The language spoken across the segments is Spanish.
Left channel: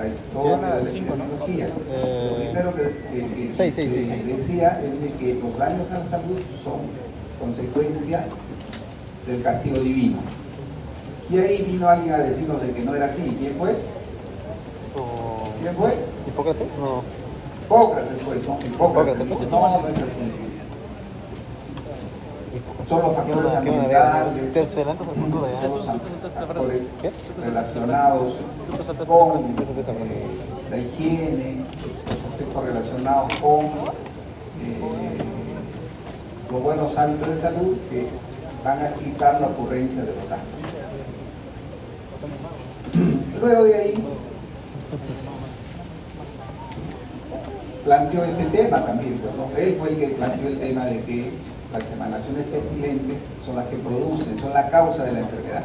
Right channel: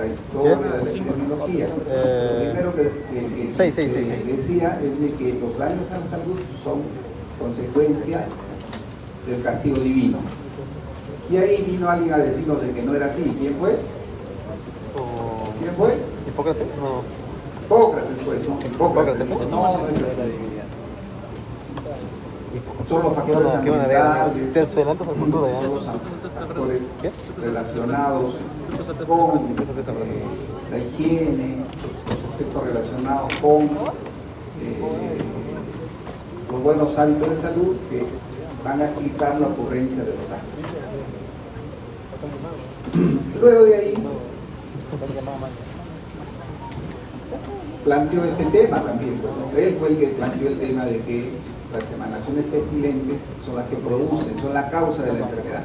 la historia de la epidemiología. Lo primero que decía es de que los daños a la salud son consecuencia del castigo divino. Y ahí vino alguien a decirnos de que no era así. ¿Quién fue? ¿Quién fue? ¿Hipócrates? No. Hipócrates, pues, ¿no? Hipócrates. No es así. Son los factores ambientales, son los factores relacionados con la higiene, los aspectos relacionados con los buenos hábitos de salud que van a explicar la ocurrencia de los daños. Luego de ahí planteó este tema también, ¿no? Él fue el que planteó el tema de que las emanaciones pestilentes son las que producen, son la causa de la enfermedad.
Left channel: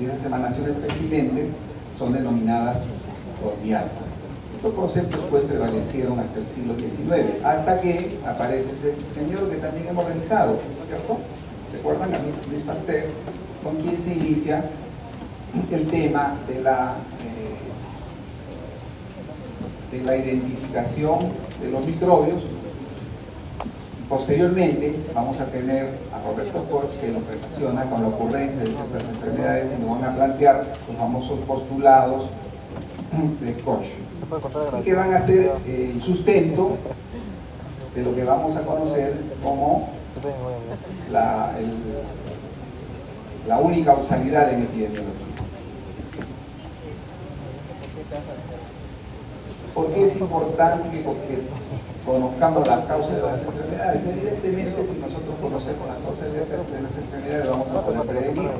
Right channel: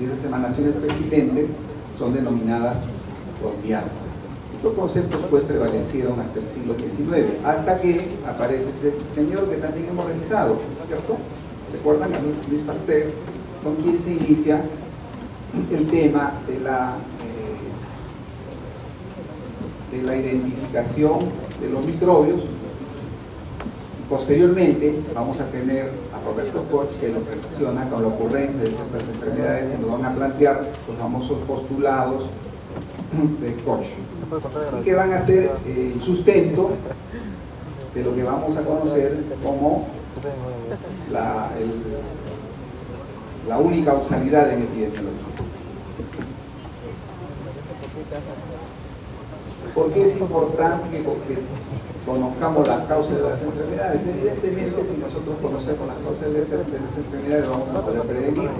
Y esas emanaciones pestilentes son denominadas zodiacas. Estos conceptos pues prevalecieron hasta el siglo XIX, hasta que aparece este señor que también hemos revisado, ¿cierto? ¿Se acuerdan? A Luis Pasteur, con quien se inicia el tema de la identificación de los microbios. Posteriormente vamos a tener a Roberto Koch, que lo relaciona con la ocurrencia de ciertas enfermedades y nos van a plantear los famosos postulados de Koch, y que van a ser el sustento de lo que vamos a conocer como la única causalidad en epidemiología. ¿Por qué es importante que conozcamos las causas de las enfermedades? Evidentemente, si nosotros conocemos las causas de las enfermedades, vamos a poder prevenir.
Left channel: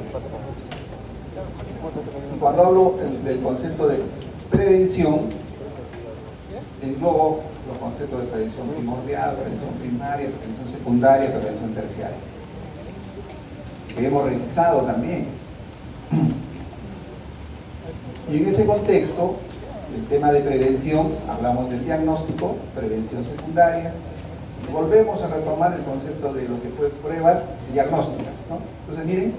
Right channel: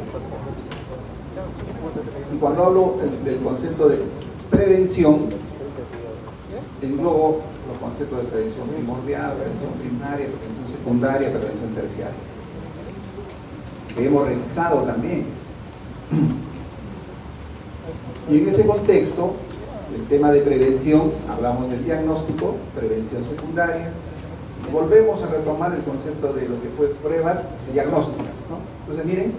Y cuando hablo del concepto de prevención, englobo los conceptos de prevención primordial, prevención primaria, prevención secundaria, prevención terciaria, que hemos revisado también. Y en ese contexto, el tema de prevención, hablamos del diagnóstico, prevención secundaria, y volvemos a retomar el concepto de lo que fue pruebas diagnósticas, ¿no? Entonces miren,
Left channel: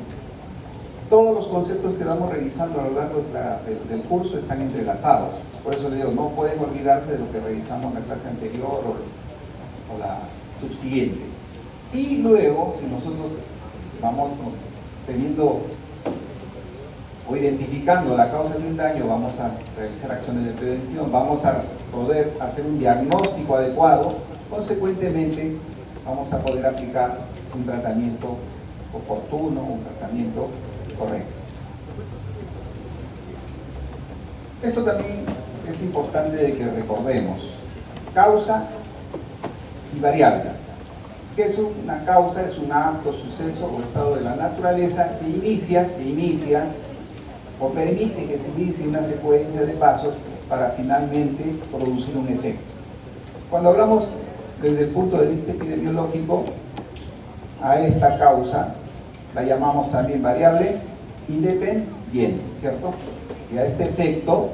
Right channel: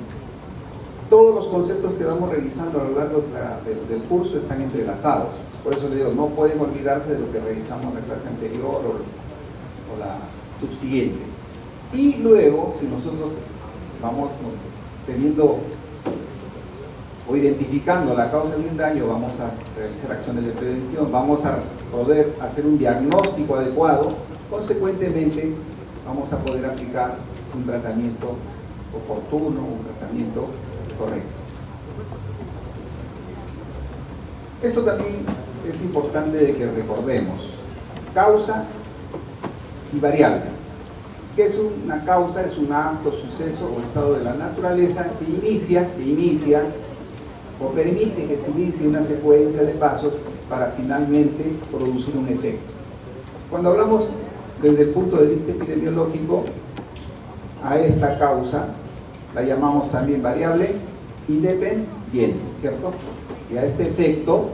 todos los conceptos que vamos revisando a lo largo del curso están entrelazados. Por eso les digo, no pueden olvidarse de lo que revisamos en la clase anterior o la subsiguiente. Y luego, si nosotros vamos teniendo o identificando la causa de un daño, vamos a realizar acciones de prevención, vamos a poder hacer un diagnóstico adecuado, consecuentemente vamos a poder aplicar un tratamiento oportuno, un tratamiento correcto. Esto también es importante de que recordemos: causa y variable. ¿Qué es una causa? Es un acto, suceso o estado de la naturaleza que inicia o permite que se inicie una secuencia de pasos para finalmente producir un efecto. Cuando hablamos desde el punto de vista epidemiológico, a esta causa la llamamos también variable independiente, ¿cierto? Y a este efecto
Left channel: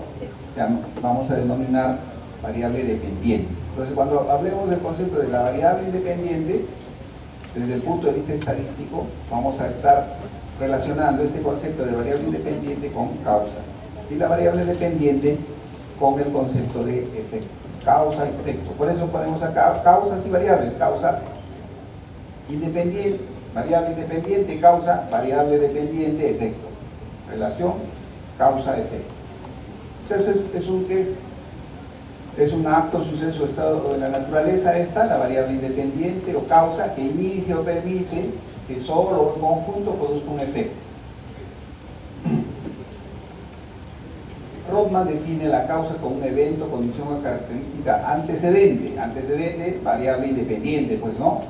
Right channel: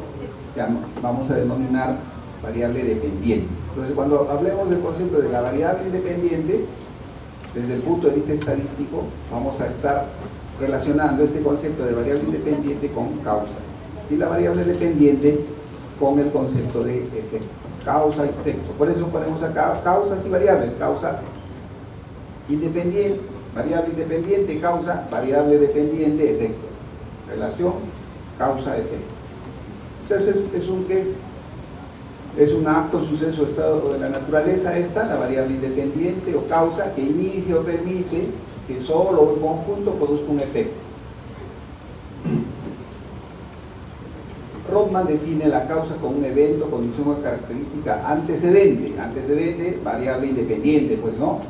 vamos a denominar variable dependiente. Entonces, cuando hablemos del concepto de la variable independiente, desde el punto de vista estadístico, vamos a estar relacionando este concepto de variable independiente con causa y la variable dependiente con el concepto de efecto, causa y efecto. Por eso ponemos acá causas y variables: causa independiente, variable independiente, causa, variable dependiente, efecto. Relación causa-efecto. Entonces es un acto, suceso, estado de la naturaleza, la variable independiente o causa que inicia o permite que solo o en conjunto produzca un efecto. Rothman define la causa como un evento, condición o característica antecedente. Antecedente, variable independiente, pues no.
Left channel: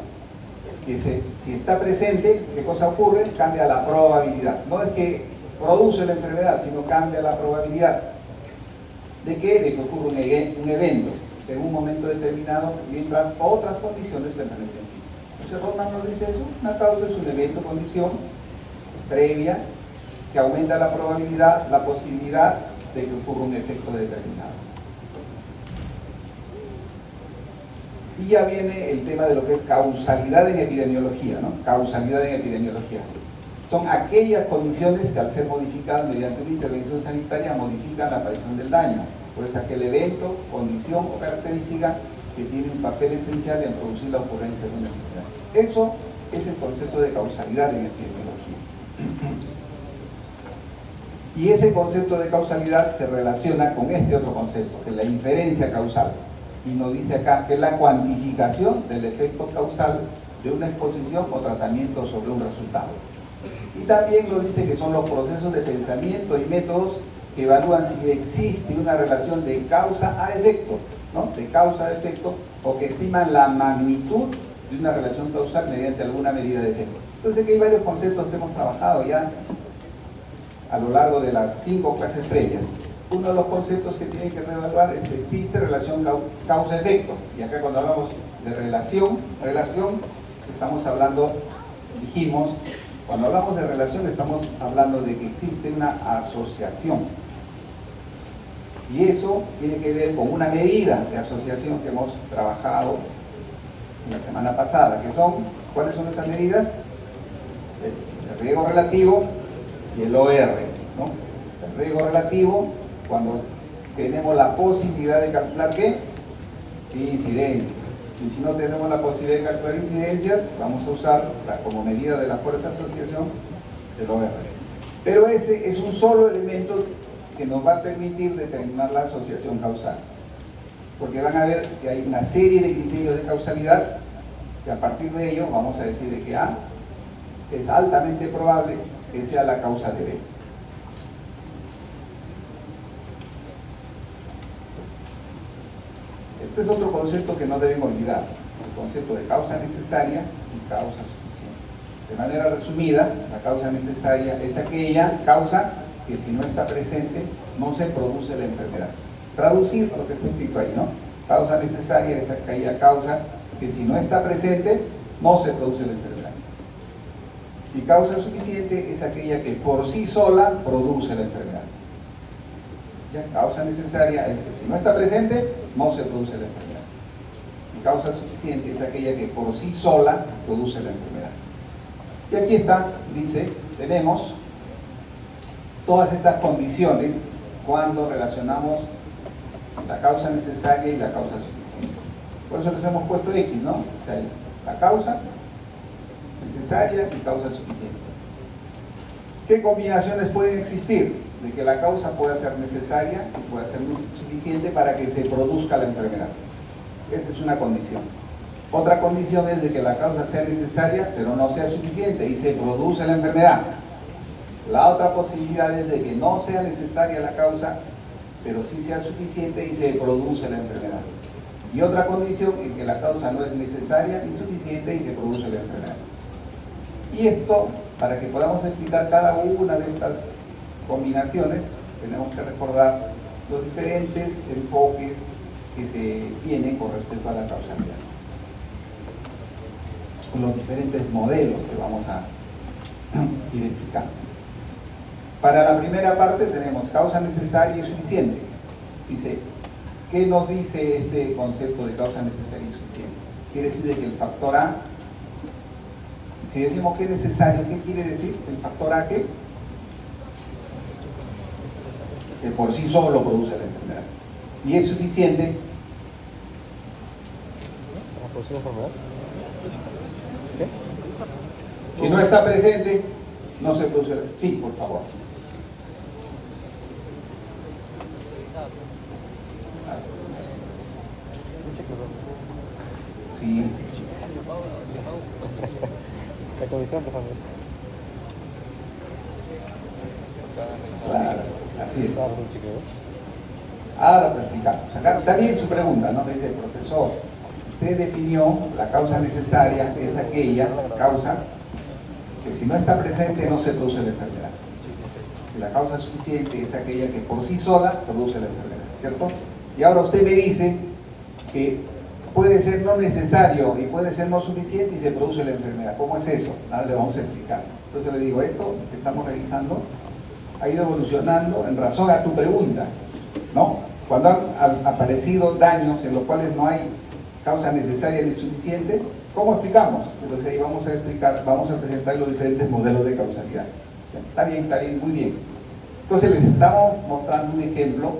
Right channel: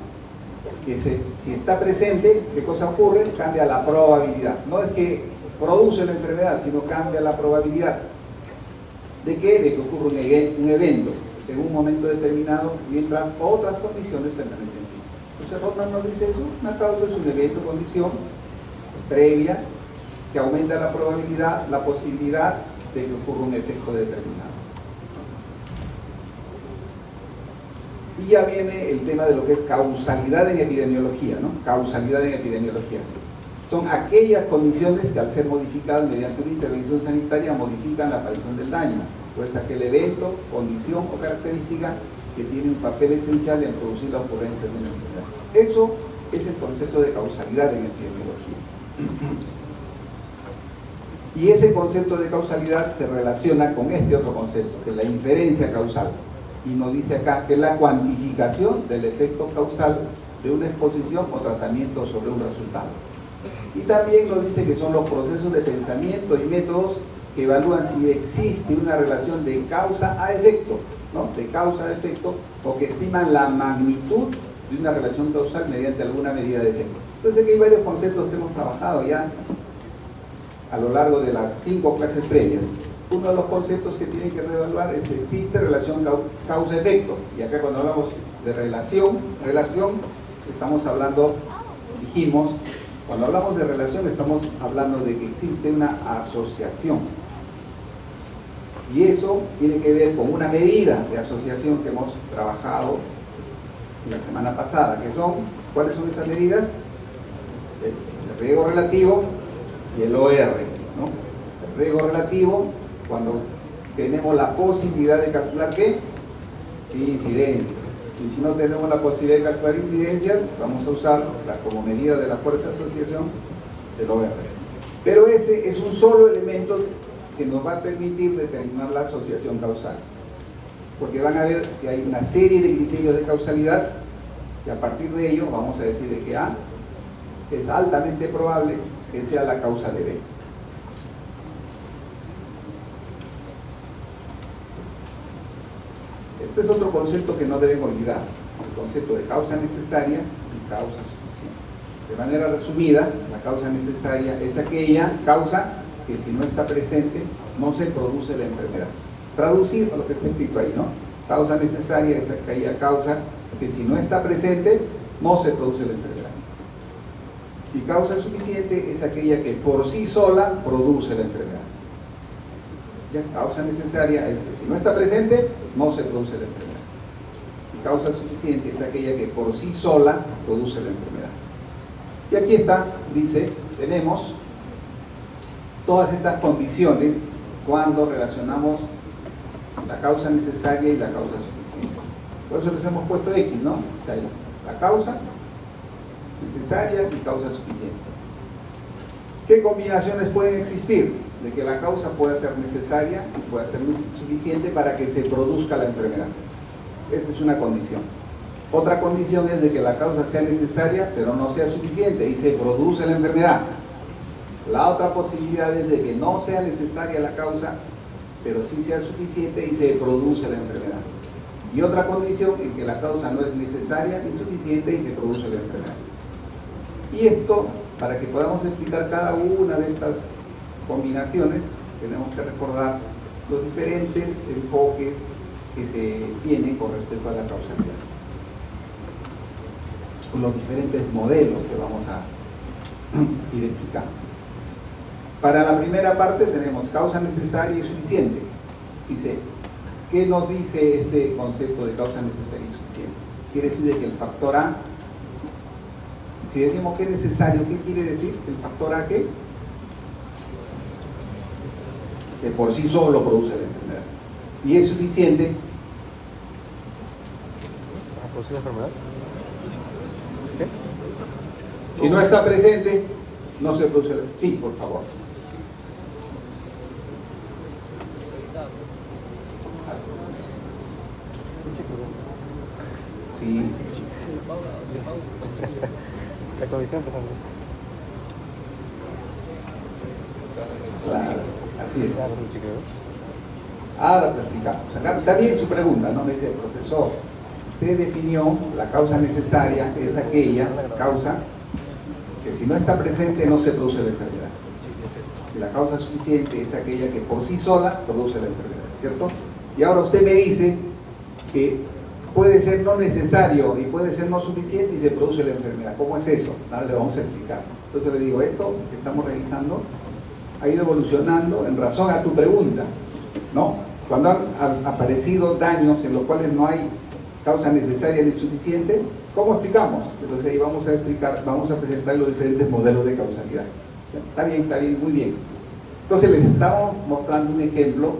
Que si está presente, ¿qué cosa ocurre? Cambia la probabilidad. No es que produce la enfermedad, sino cambia la probabilidad. ¿De qué? De que ocurra un evento en un momento determinado, mientras otras condiciones permanecen. Entonces Rothman nos dice eso: una causa es un evento, condición previa que aumenta la probabilidad, la posibilidad de que ocurra un efecto determinado. Y ya viene el tema de lo que es causalidad en epidemiología, ¿no? Causalidad en epidemiología. son aquellas condiciones que al ser modificadas mediante una intervención sanitaria modifican la aparición del daño, pues aquel evento, condición o característica que tiene un papel esencial en producir la ocurrencia de una enfermedad. Eso es el concepto de causalidad en epidemiología. Y ese concepto de causalidad se relaciona con este otro concepto, que es la inferencia causal. Y nos dice acá que es la cuantificación del efecto causal de una exposición o tratamiento sobre un resultado. Y también nos dice que son los procesos de pensamiento y métodos que evalúan si existe una relación de causa a efecto, ¿no? De causa a efecto, o que estiman la magnitud de una relación causal mediante alguna medida de efecto. Entonces aquí hay varios conceptos que hemos trabajado ya a lo largo de las 5 clases previas. Uno de los conceptos que tienen que reevaluar es que existe relación causa-efecto. Y acá cuando hablamos de relación, estamos hablando, dijimos, cuando hablamos de relación estamos hablando de que existe una asociación. Y eso tiene que ver con una medida de asociación que hemos trabajado la semana pasada, que son, ¿cuáles son esas medidas? El riesgo relativo y el OR, ¿no? El riesgo relativo, cuando tenemos la posibilidad de calcular ¿qué? Incidencias. Y si no tenemos la posibilidad de calcular incidencias, vamos a usar como medida de la fuerza de asociación el OR. Pero ese es un solo elemento que nos va a permitir determinar la asociación causal. Porque van a ver que hay una serie de criterios de causalidad y a partir de ello vamos a decir de que A es altamente probable que sea la causa de B. Este es otro concepto que no deben olvidar, el concepto de causa necesaria y causa suficiente. De manera resumida, la causa necesaria es aquella causa que si no está presente no se produce la enfermedad. Traducir lo que está escrito ahí, ¿no? Causa necesaria es aquella causa que si no está presente no se produce la enfermedad. Y causa suficiente es aquella que por sí sola produce la enfermedad. ¿Ya? Causa necesaria es que si no está presente no se produce la enfermedad. Y causa suficiente es aquella que por sí sola produce la enfermedad. Y aquí está, dice, tenemos todas estas condiciones cuando relacionamos la causa necesaria y la causa suficiente. Por eso les hemos puesto X, ¿no? O sea, la causa necesaria y causa suficiente. ¿Qué combinaciones pueden existir? De que la causa pueda ser necesaria y pueda ser suficiente para que se produzca la enfermedad. Esa es una condición. Otra condición es de que la causa sea necesaria pero no sea suficiente y se produce la enfermedad. La otra posibilidad es de que no sea necesaria la causa pero sí sea suficiente y se produce la enfermedad. Y otra condición en que la causa no es necesaria ni suficiente y se produce la enfermedad. Y esto, para que podamos explicar cada una de estas combinaciones, tenemos que recordar los diferentes enfoques que se tienen con respecto a la causalidad. Los diferentes modelos que vamos a ir explicando. Para la primera parte tenemos causa necesaria y suficiente. Dice, ¿qué nos dice este concepto de causa necesaria y suficiente? Quiere decir que el factor A, si decimos que es necesario, ¿qué quiere decir? El factor A, ¿qué? Que por sí solo produce la enfermedad. Y es suficiente. ¿Produce la enfermedad? ¿Qué? Si no está presente, no se produce la... Sí, por favor. Sí, sí, sí. La comisión, por favor. Claro, así es. Ahora practicamos. Acá está bien su pregunta, ¿no? Me dice, profesor, usted definió la causa necesaria, es aquella causa que si no está presente no se produce la enfermedad. Y la causa suficiente es aquella que por sí sola produce la enfermedad, ¿cierto? Y ahora usted me dice que puede ser no necesario y puede ser no suficiente y se produce la enfermedad. ¿Cómo es eso? Ahora le vamos a explicar. Entonces le digo, esto que estamos revisando ha ido evolucionando en razón a tu pregunta, ¿no? Cuando han aparecido daños en los cuales no hay causa necesaria y suficiente, ¿cómo explicamos? Entonces ahí vamos a presentar los diferentes modelos de causalidad. Está bien, muy bien. Entonces les estamos mostrando un ejemplo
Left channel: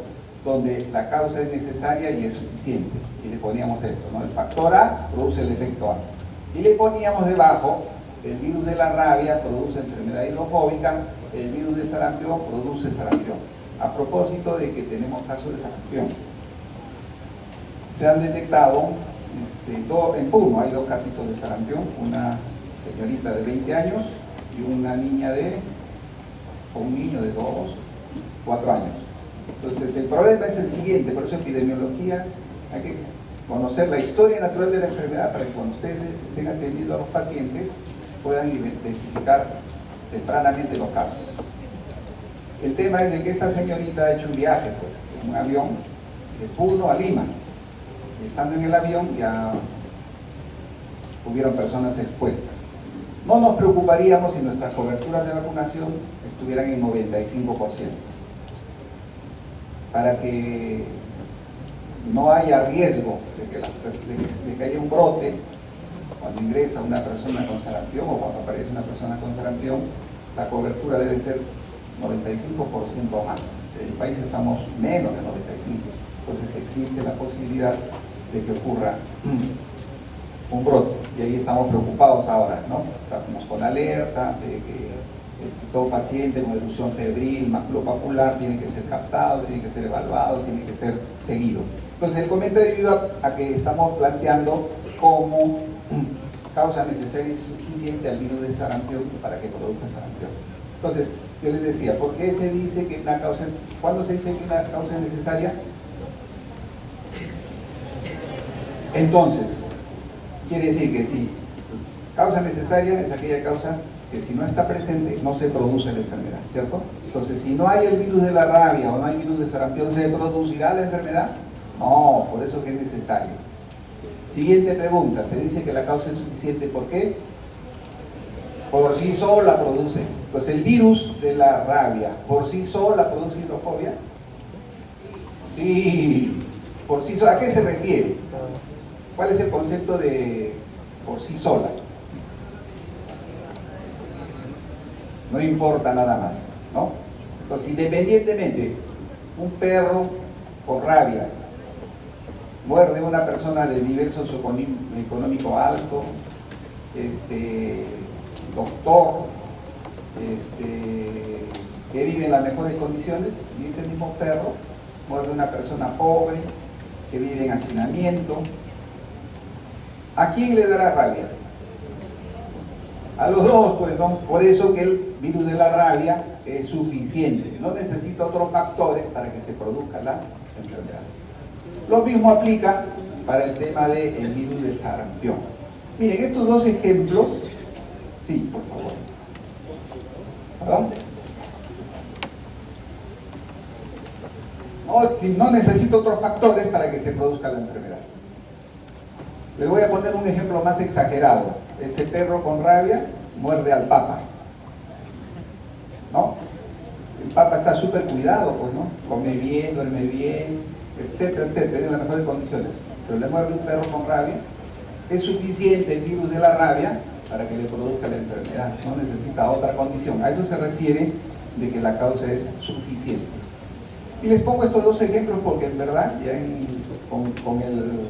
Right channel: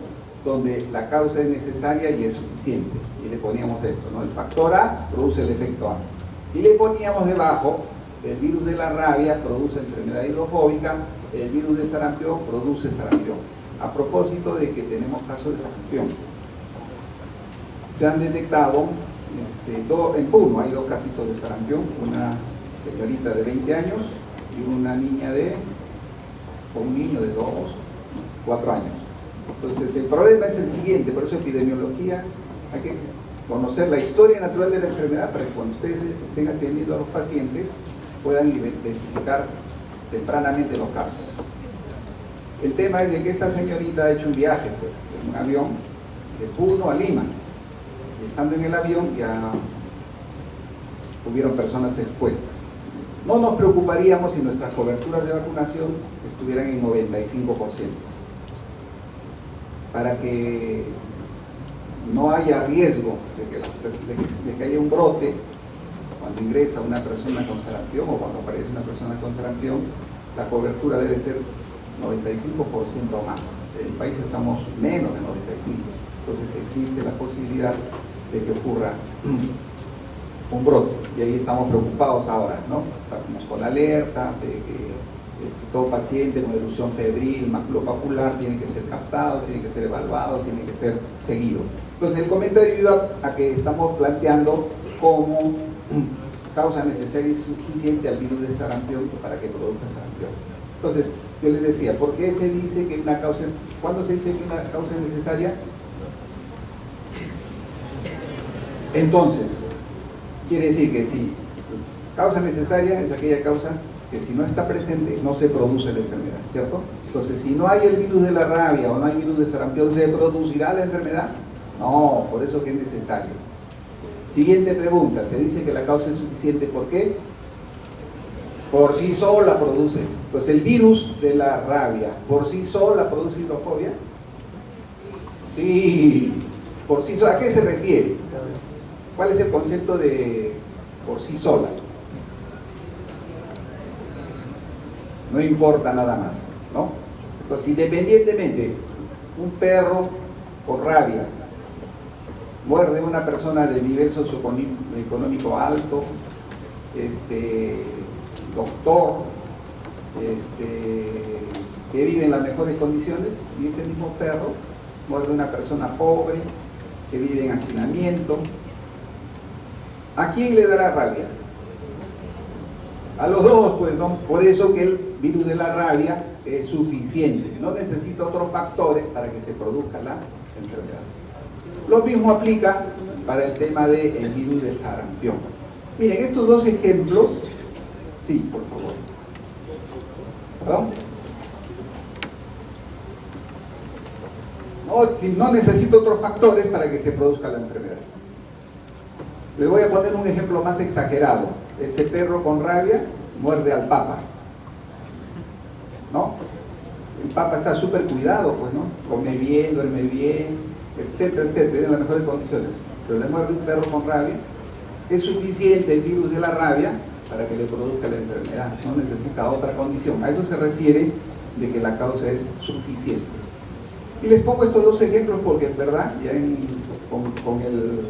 donde la causa es necesaria y es suficiente. Y le poníamos esto, ¿no? El factor A produce el efecto A. Y le poníamos debajo, el virus de la rabia produce enfermedad hidrofóbica, el virus de sarampión produce sarampión. A propósito de que tenemos casos de sarampión. Se han detectado en Puno hay 2 casitos de sarampión, una señorita de 20 años y una niña o un niño de 4 años. Entonces el problema es el siguiente, por eso epidemiología, hay que conocer la historia natural de la enfermedad para que cuando ustedes estén atendiendo a los pacientes puedan identificar tempranamente los casos. El tema es de que esta señorita ha hecho un viaje, pues, en un avión de Puno a Lima. Y estando en el avión ya hubieron personas expuestas. No nos preocuparíamos si nuestras coberturas de vacunación estuvieran en 95%. Para que no haya riesgo de que haya un brote cuando ingresa una persona con sarampión o cuando aparece una persona con sarampión, la cobertura debe ser 95% más. En el país estamos menos de 95%. Entonces existe la posibilidad de que ocurra un brote, y ahí estamos preocupados ahora, ¿no? Estamos con la alerta de que todo paciente con erupción febril, maculopapular, tiene que ser captado, tiene que ser evaluado, tiene que ser seguido. Entonces el comentario iba a que estamos planteando como causa necesaria y suficiente al virus de sarampión para que produzca sarampión. Entonces, yo les decía, ¿por qué se dice que una causa, cuándo se dice que una causa es necesaria? Entonces, quiere decir que si causa necesaria es aquella causa que si no está presente no se produce la enfermedad, ¿cierto? Entonces, si no hay el virus de la rabia o no hay virus de sarampión, ¿se producirá la enfermedad? No, por eso que es necesario. Siguiente pregunta, se dice que la causa es suficiente, ¿por qué? Por sí sola produce. Pues el virus de la rabia, ¿por sí sola produce hidrofobia? Sí, por sí sola. ¿A qué se refiere? ¿Cuál es el concepto de por sí sola? No importa nada más, ¿no? Entonces, independientemente, un perro con rabia muerde a una persona de nivel socioeconómico alto, doctor, que vive en las mejores condiciones, y ese mismo perro muerde a una persona pobre, que vive en hacinamiento. ¿A quién le dará rabia? A los dos, pues, ¿no? Por eso que el virus de la rabia es suficiente, no necesita otros factores para que se produzca la enfermedad. Lo mismo aplica para el tema del virus del sarampión. Miren, estos dos ejemplos, sí, por favor. ¿Perdón? No necesita otros factores para que se produzca la enfermedad. Les voy a poner un ejemplo más exagerado. Este perro con rabia muerde al papa, ¿no? El papa está súper cuidado, pues, ¿no? Come bien, duerme bien, etcétera, etcétera, en las mejores condiciones. Pero le muerde un perro con rabia, es suficiente el virus de la rabia para que le produzca la enfermedad. No necesita otra condición. A eso se refiere de que la causa es suficiente. Y les pongo estos dos ejemplos porque, en verdad, ya con el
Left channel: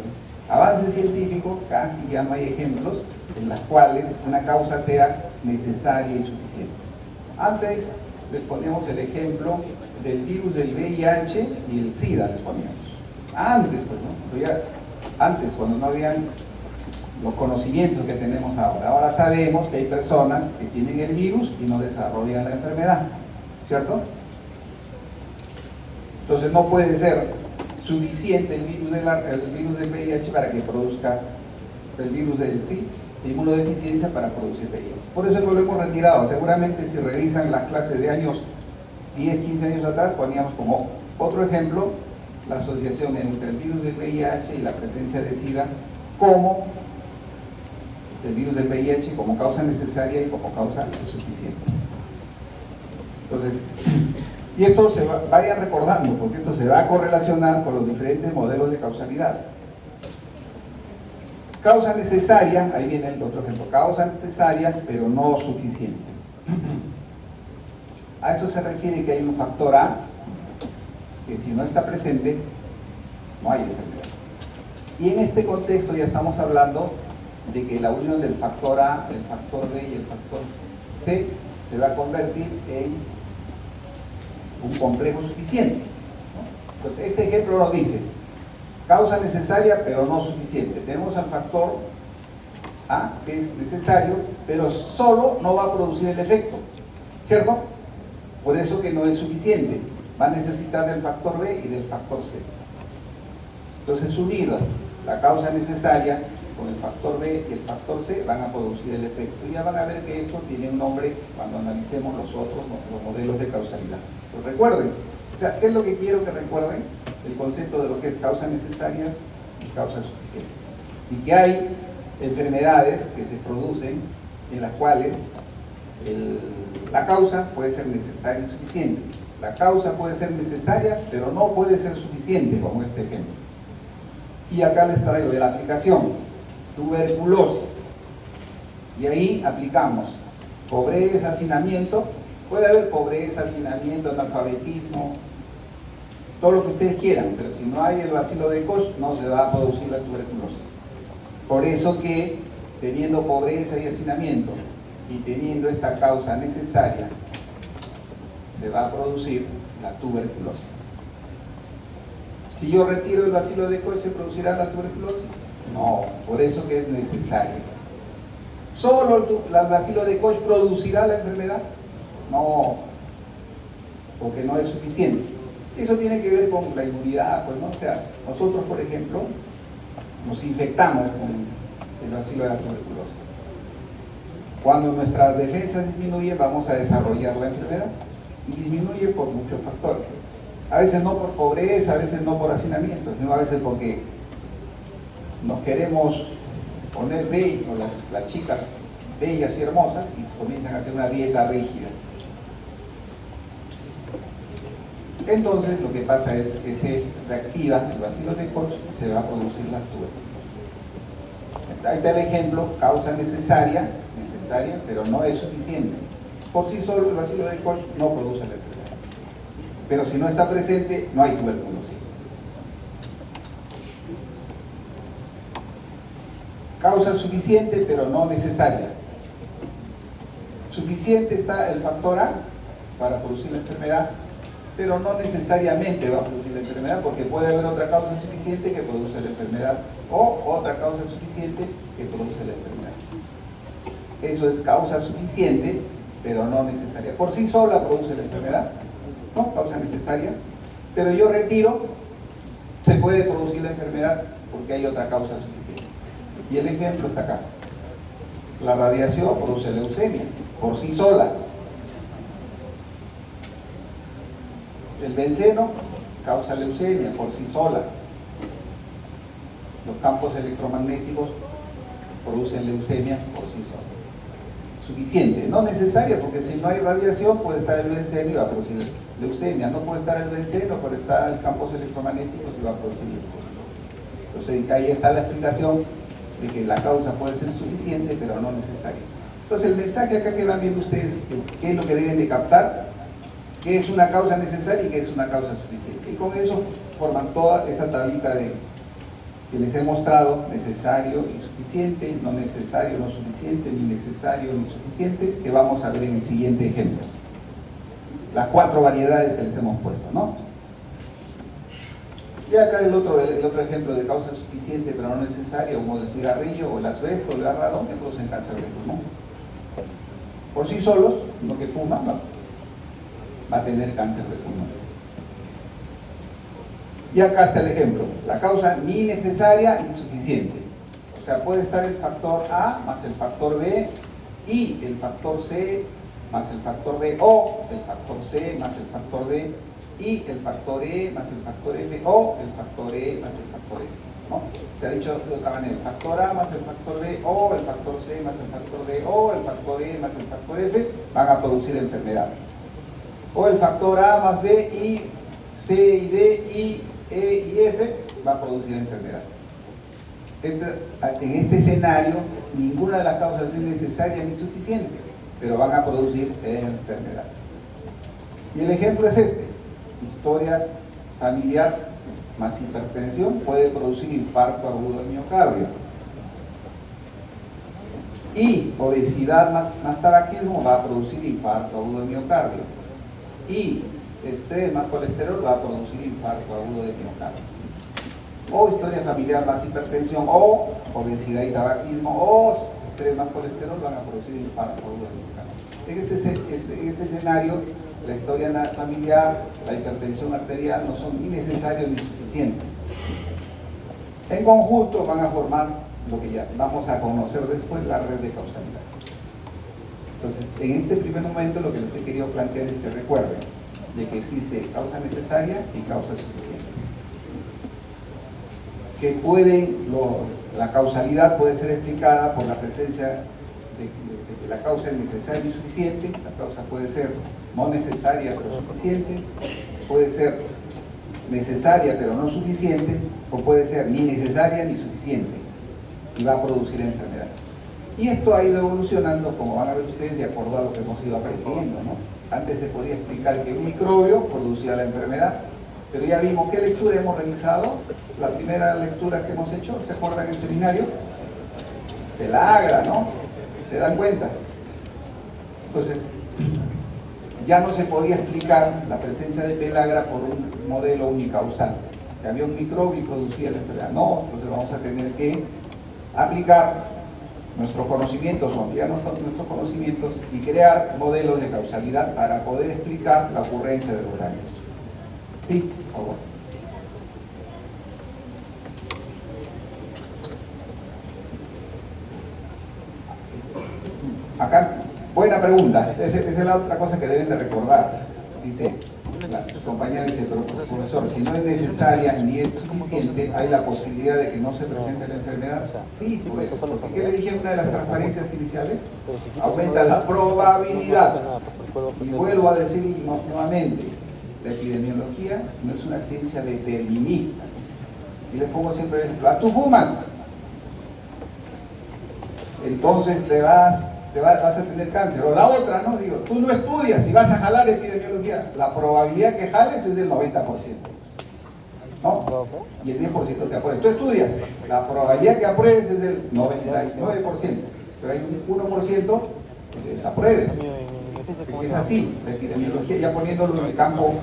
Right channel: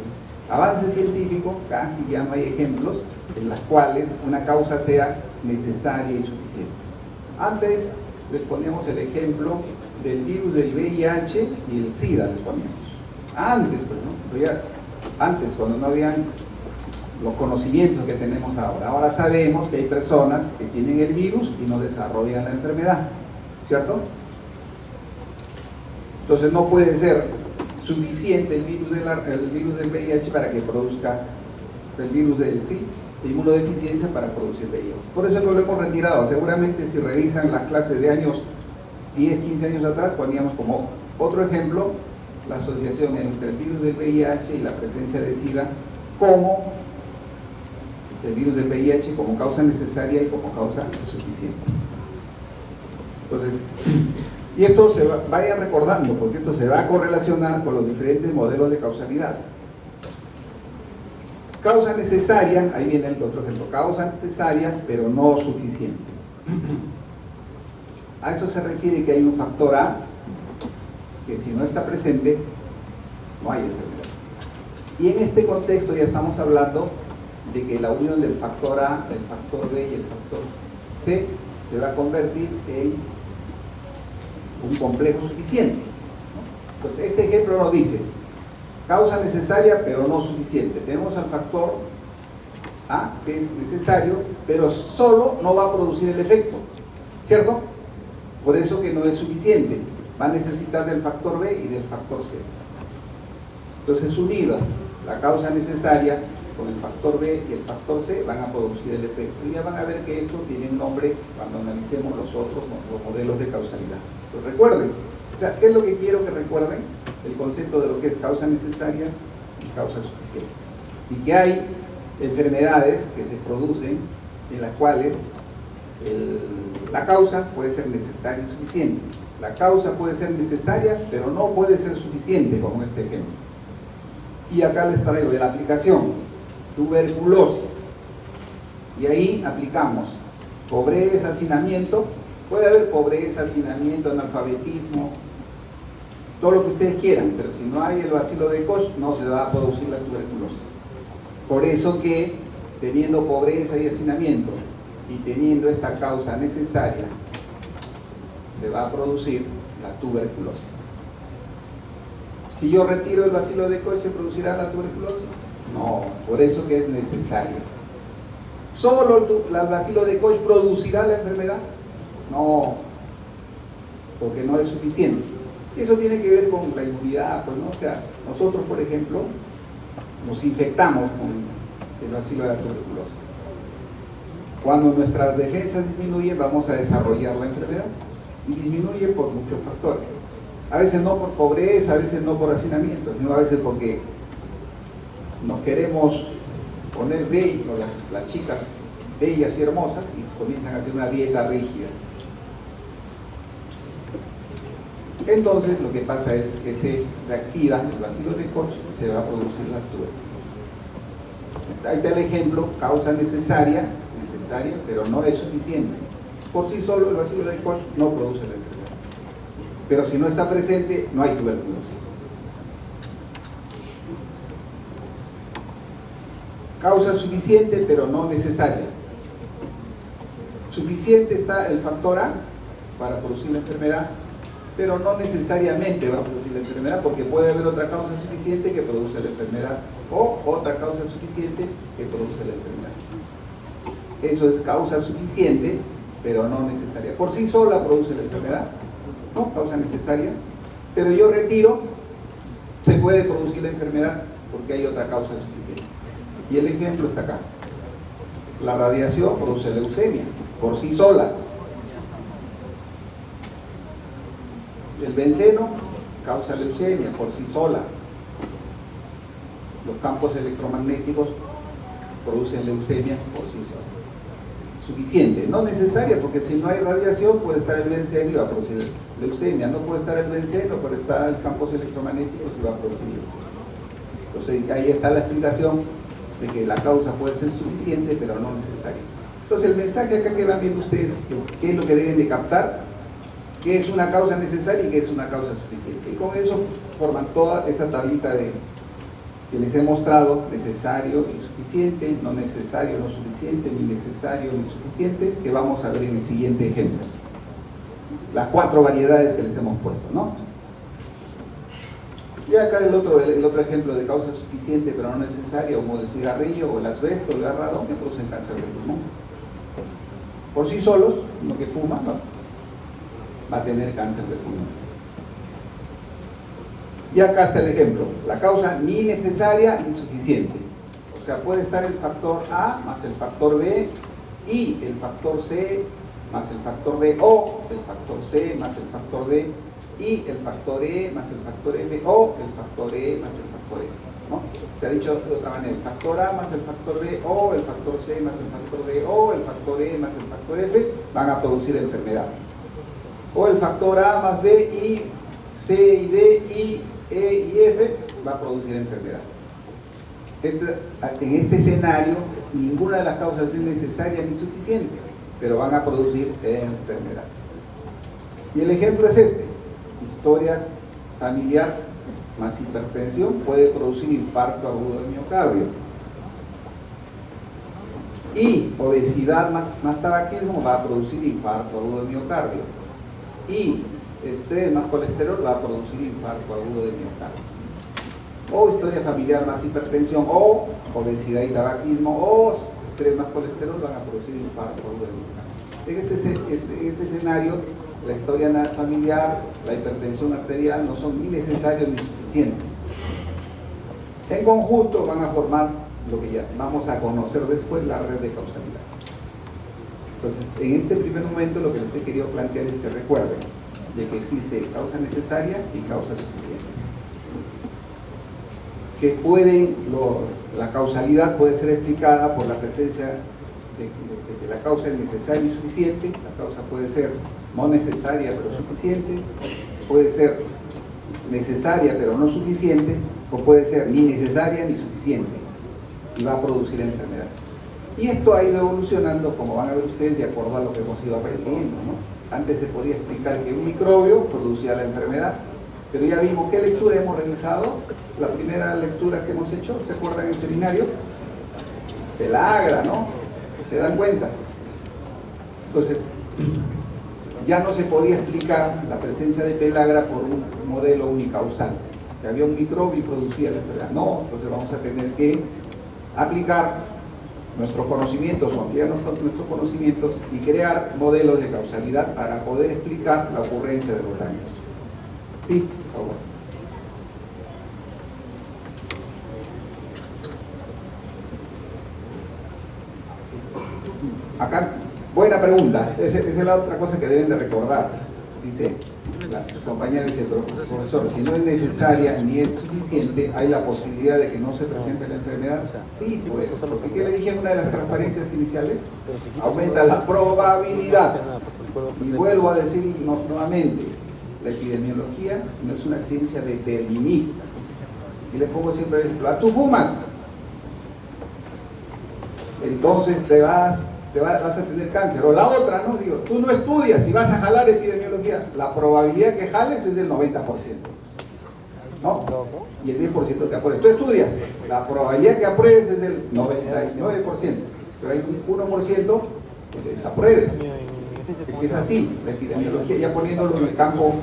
avance científico casi ya no hay ejemplos en las cuales una causa sea necesaria y suficiente. Antes les poníamos el ejemplo del virus del VIH y el SIDA, les poníamos. Antes, pues, ¿no? Antes, cuando no habían los conocimientos que tenemos ahora. Ahora sabemos que hay personas que tienen el virus y no desarrollan la enfermedad, ¿cierto? Entonces no puede ser suficiente el virus del VIH para que produzca el virus del inmunodeficiencia para producir VIH. Por eso lo hemos retirado. Seguramente si revisan las clases de años 10, 15 años atrás, poníamos como otro ejemplo la asociación entre el virus del VIH y la presencia de SIDA como el virus del VIH como causa necesaria y como causa suficiente. Entonces, y esto vayan recordando, porque esto se va a correlacionar con los diferentes modelos de causalidad. Causa necesaria, ahí viene el otro ejemplo, causa necesaria pero no suficiente. A eso se refiere que hay un factor A que si no está presente, no hay enfermedad. Y en este contexto ya estamos hablando de que la unión del factor A, el factor B y el factor C se va a convertir en un complejo suficiente. Entonces, este ejemplo nos dice causa necesaria pero no suficiente. Tenemos al factor A, que es necesario, pero solo no va a producir el efecto, ¿cierto? Por eso que no es suficiente. Va a necesitar del factor B y del factor C. Entonces, unidos la causa necesaria con el factor B y el factor C van a producir el efecto. Y ya van a ver que esto tiene un nombre cuando analicemos los modelos de causalidad. Pero recuerden, o sea, ¿qué es lo que quiero que recuerden? El concepto de lo que es causa necesaria y causa suficiente. Y que hay enfermedades que se producen en las cuales la causa puede ser necesaria y suficiente. La causa puede ser necesaria, pero no puede ser suficiente, como este ejemplo. Y acá les traigo de la aplicación, tuberculosis. Y ahí aplicamos pobreza, hacinamiento. Puede haber pobreza, hacinamiento, analfabetismo, todo lo que ustedes quieran, pero si no hay el bacilo de Koch, no se va a producir la tuberculosis. Por eso que, teniendo pobreza y hacinamiento, y teniendo esta causa necesaria, se va a producir la tuberculosis. Si yo retiro el bacilo de Koch, ¿se producirá la tuberculosis? No, por eso que es necesario. ¿Solo el bacilo de Koch producirá la enfermedad? No, porque no es suficiente. Y eso tiene que ver con la inmunidad, pues, ¿no? O sea, nosotros, por ejemplo, nos infectamos con el bacilo de la tuberculosis. Cuando nuestras defensas disminuyen, vamos a desarrollar la enfermedad. Y disminuye por muchos factores. A veces no por pobreza, a veces no por hacinamiento, sino a veces porque nos queremos poner bellos, las chicas bellas y hermosas, y comienzan a hacer una dieta rígida. Entonces lo que pasa es que se reactiva el bacilo de Koch y se va a producir la tuberculosis. Ahí está el ejemplo, causa necesaria, pero no es suficiente. Por sí solo el bacilo de Koch no produce la enfermedad. Pero si no está presente, no hay tuberculosis. Causa suficiente, pero no necesaria. Suficiente está el factor A para producir la enfermedad, pero no necesariamente va a producir la enfermedad, porque puede haber otra causa suficiente que produce la enfermedad, o otra causa suficiente que produce la enfermedad. Eso es causa suficiente, pero no necesaria. Por sí sola produce la enfermedad, no causa necesaria, pero yo retiro, se puede producir la enfermedad porque hay otra causa suficiente. Y el ejemplo está acá. La radiación produce leucemia, por sí sola. El benceno causa leucemia, por sí sola. Los campos electromagnéticos producen leucemia por sí sola. Suficiente, no necesaria, porque si no hay radiación puede estar el benceno y va a producir leucemia. No puede estar el benceno, puede estar los campos electromagnéticos y va a producir leucemia. Entonces ahí está la explicación de que la causa puede ser suficiente, pero no necesaria. Entonces el mensaje acá que van viendo ustedes, ¿qué es lo que deben de captar? ¿Qué es una causa necesaria y qué es una causa suficiente? Y con eso forman toda esa tablita que les he mostrado: necesario y suficiente, no necesario, no suficiente, ni necesario ni suficiente, que vamos a ver en el siguiente ejemplo. Las 4 variedades que les hemos puesto, ¿no? Y acá el otro ejemplo de causa suficiente pero no necesaria, como el cigarrillo o el asbesto, el gas radón, que producen cáncer de pulmón. Por sí solos, uno que fuma, no, va a tener cáncer de pulmón. Y acá está el ejemplo, la causa ni necesaria ni suficiente. O sea, puede estar el factor A más el factor B y el factor C más el factor D, o el factor C más el factor D y el factor E más el factor F, o el factor E más el factor F, ¿no? Se ha dicho de otra manera: el factor A más el factor B, o el factor C más el factor D, o el factor E más el factor F van a producir enfermedad. O el factor A más B y C y D y E y F va a producir enfermedad. En este escenario, ninguna de las causas es necesaria ni suficiente, pero van a producir enfermedad. Y el ejemplo es este: historia familiar más hipertensión puede producir infarto agudo de miocardio. Y obesidad más tabaquismo va a producir infarto agudo de miocardio. Y estrés más colesterol va a producir infarto agudo de miocardio. O historia familiar más hipertensión, o obesidad y tabaquismo, o estrés más colesterol van a producir infarto agudo de miocardio. En este escenario, la historia familiar, la hipertensión arterial no son ni necesarios ni suficientes. En conjunto van a formar lo que ya vamos a conocer después, la red de causalidad. Entonces, en este primer momento lo que les he querido plantear es que recuerden de que existe causa necesaria y causa suficiente. Que la causalidad puede ser explicada por la presencia de que la causa es necesaria y suficiente. La causa puede ser no necesaria pero suficiente, puede ser necesaria pero no suficiente, o puede ser ni necesaria ni suficiente y va a producir enfermedad. Y esto ha ido evolucionando, como van a ver ustedes, de acuerdo a lo que hemos ido aprendiendo, ¿no? Antes se podía explicar que un microbio producía la enfermedad, pero ya vimos qué lectura hemos realizado. La primera lectura que hemos hecho, ¿se acuerdan en el seminario? Pelagra, ¿no? ¿Se dan cuenta? Entonces, ya no se podía explicar la presencia de pelagra por un modelo unicausal, que había un microbio y producía la enfermedad. No, entonces vamos a tener que aplicar nuestros conocimientos o ampliar nuestros conocimientos y crear modelos de causalidad para poder explicar la ocurrencia de los daños. Sí, por favor. Acá, buena pregunta. Esa es la otra cosa que deben de recordar. Dice, su compañera dice, pero profesor, si no es necesaria ni es suficiente, ¿hay la posibilidad de que no se presente la enfermedad? Sí, pues, porque ¿qué le dije en una de las transparencias iniciales? Aumenta la probabilidad. Y vuelvo a decir nuevamente, la epidemiología no es una ciencia determinista. Y les pongo siempre el ejemplo: tú fumas, entonces vas a tener cáncer. O la otra, ¿no? Digo, tú no estudias y vas a jalar epidemiología. La probabilidad que jales es del 90%, ¿no? Y el 10% que apruebes. Tú estudias, la probabilidad que apruebes es del 99%, pero hay un 1% que desapruebes. Que es así, la epidemiología, ya poniéndolo en el campo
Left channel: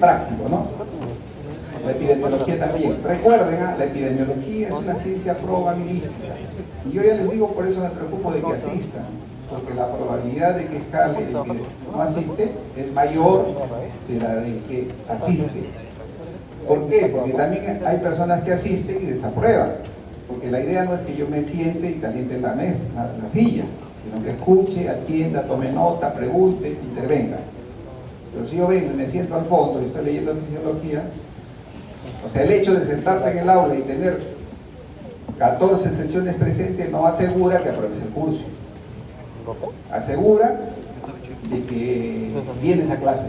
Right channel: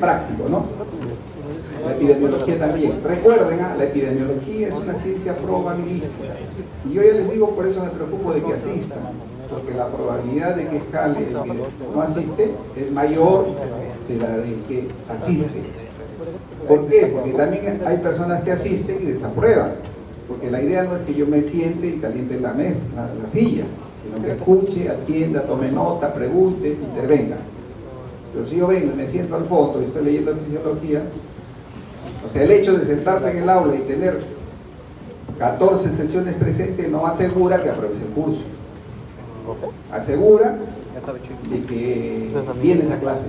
práctico, ¿no? La epidemiología también. Recuerden, la epidemiología es una ciencia probabilística. Y yo ya les digo, por eso me preocupo de que asistan, porque la probabilidad de que jale el que no asiste es mayor que la de que asiste. ¿Por qué? Porque también hay personas que asisten y desaprueban. Porque la idea no es que yo me siente y caliente la mesa, la silla, sino que escuche, atienda, tome nota, pregunte, intervenga. Pero si yo vengo y me siento al fondo y estoy leyendo fisiología, o sea, el hecho de sentarte en el aula y tener 14 sesiones presentes no asegura que apruebes el curso. Asegura de que vienes a clase.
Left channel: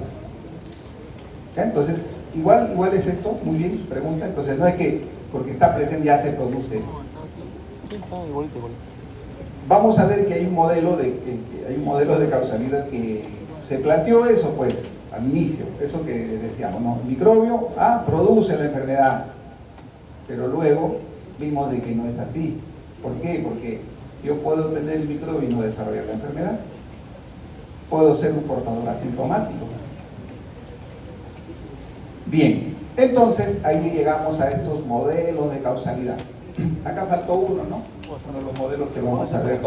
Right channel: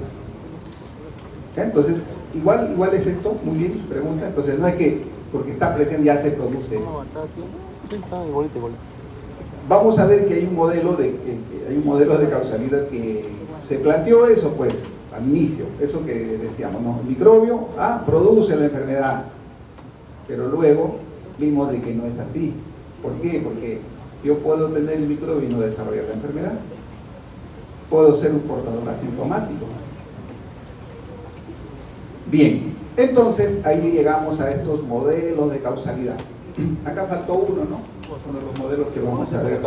¿Ya? Entonces, igual es esto, muy bien, pregunta. Entonces, no es que porque está presente ya se produce. Vamos a ver que hay un modelo de causalidad que se planteó eso, pues, al inicio, eso que decíamos, ¿no? El microbio produce la enfermedad, pero luego vimos de que no es así. ¿Por qué? Porque yo puedo tener el microbio y no desarrollar la enfermedad. Puedo ser un portador asintomático. Bien, entonces ahí llegamos a estos modelos de causalidad. Acá faltó uno, ¿no? Uno de los modelos que vamos a ver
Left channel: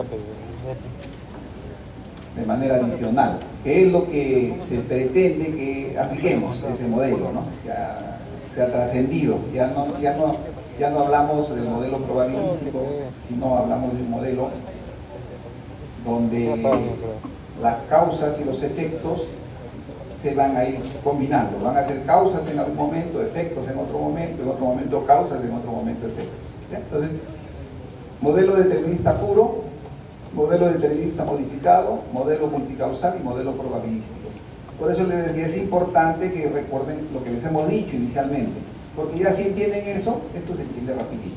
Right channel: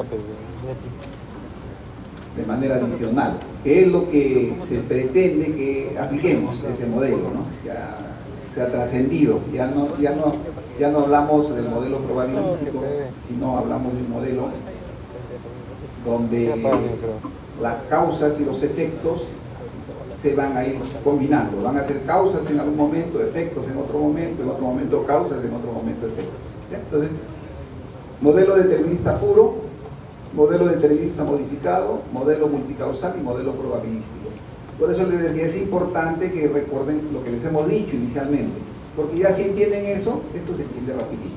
de manera adicional, que es lo que se pretende que apliquemos ese modelo, ¿no? Ya se ha trascendido, ya no hablamos del modelo probabilístico, sino hablamos de un modelo donde las causas y los efectos se van a ir combinando, van a ser causas en algún momento, efectos en otro momento causas, en otro momento efectos. ¿Ya? Entonces, modelo determinista puro, modelo determinista modificado, modelo multicausal y modelo probabilístico. Por eso les decía, es importante que recuerden lo que les hemos dicho inicialmente, porque ya si entienden eso, esto se entiende rapidito.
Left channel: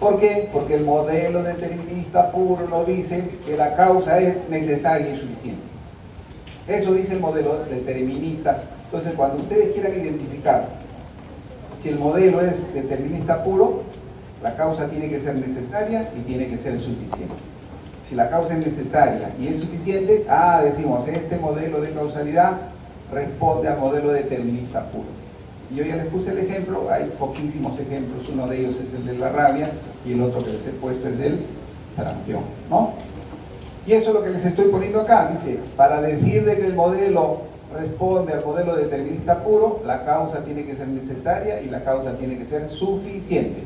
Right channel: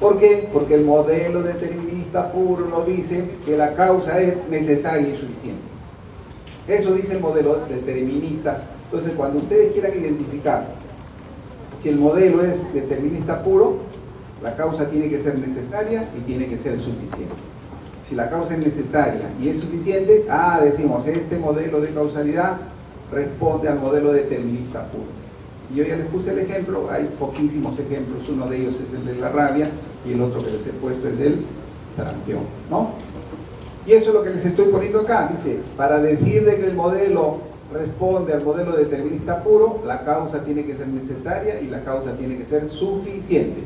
¿Por qué? Porque el modelo determinista puro nos dice que la causa es necesaria y suficiente. Eso dice el modelo determinista. Entonces, cuando ustedes quieran identificar si el modelo es determinista puro, la causa tiene que ser necesaria y tiene que ser suficiente. Si la causa es necesaria y es suficiente, decimos, este modelo de causalidad responde al modelo determinista puro. Y yo ya les puse el ejemplo, hay poquísimos ejemplos, uno de ellos es el de la rabia y el otro que les he puesto es del sarampión, ¿no? Y eso es lo que les estoy poniendo acá, dice, para decir de que el modelo responde al modelo determinista puro, la causa tiene que ser necesaria y la causa tiene que ser suficiente.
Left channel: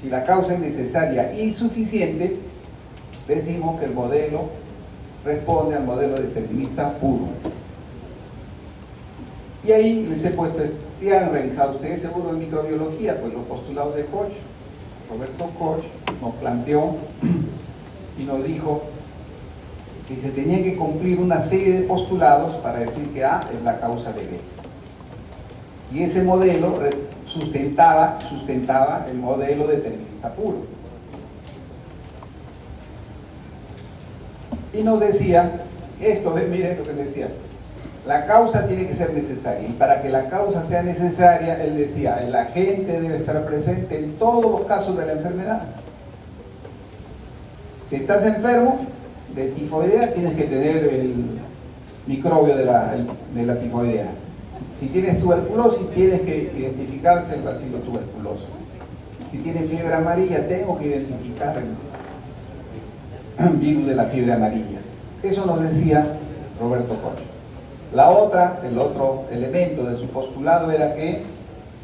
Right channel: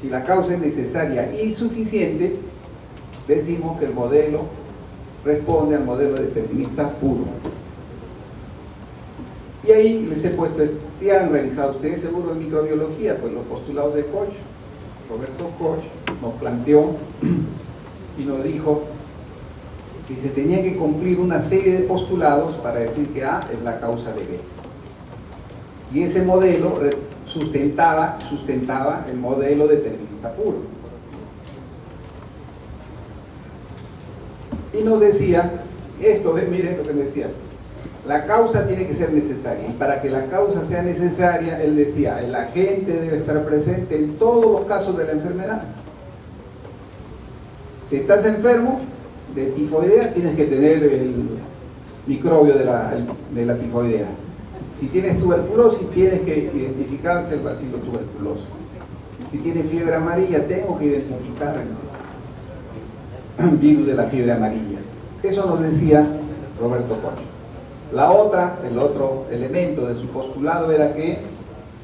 Si la causa es necesaria y suficiente, decimos que el modelo responde al modelo determinista puro. Y ahí les he puesto, ya han revisado ustedes seguro en microbiología, pues los postulados de Koch. Roberto Koch nos planteó y nos dijo que se tenía que cumplir una serie de postulados para decir que A es la causa de B. Y ese modelo sustentaba el modelo determinista puro. Y nos decía, miren lo que decía, la causa tiene que ser necesaria, y para que la causa sea necesaria, él decía, el agente debe estar presente en todos los casos de la enfermedad. Si estás enfermo de tifoidea, tienes que tener el microbio de la tifoidea. Si tienes tuberculosis, tienes que identificarse el bacilo tuberculoso. Si tienes fiebre amarilla, tengo que identificar el virus de la fiebre amarilla. Eso nos decía Roberto Koch. El otro elemento de su postulado era que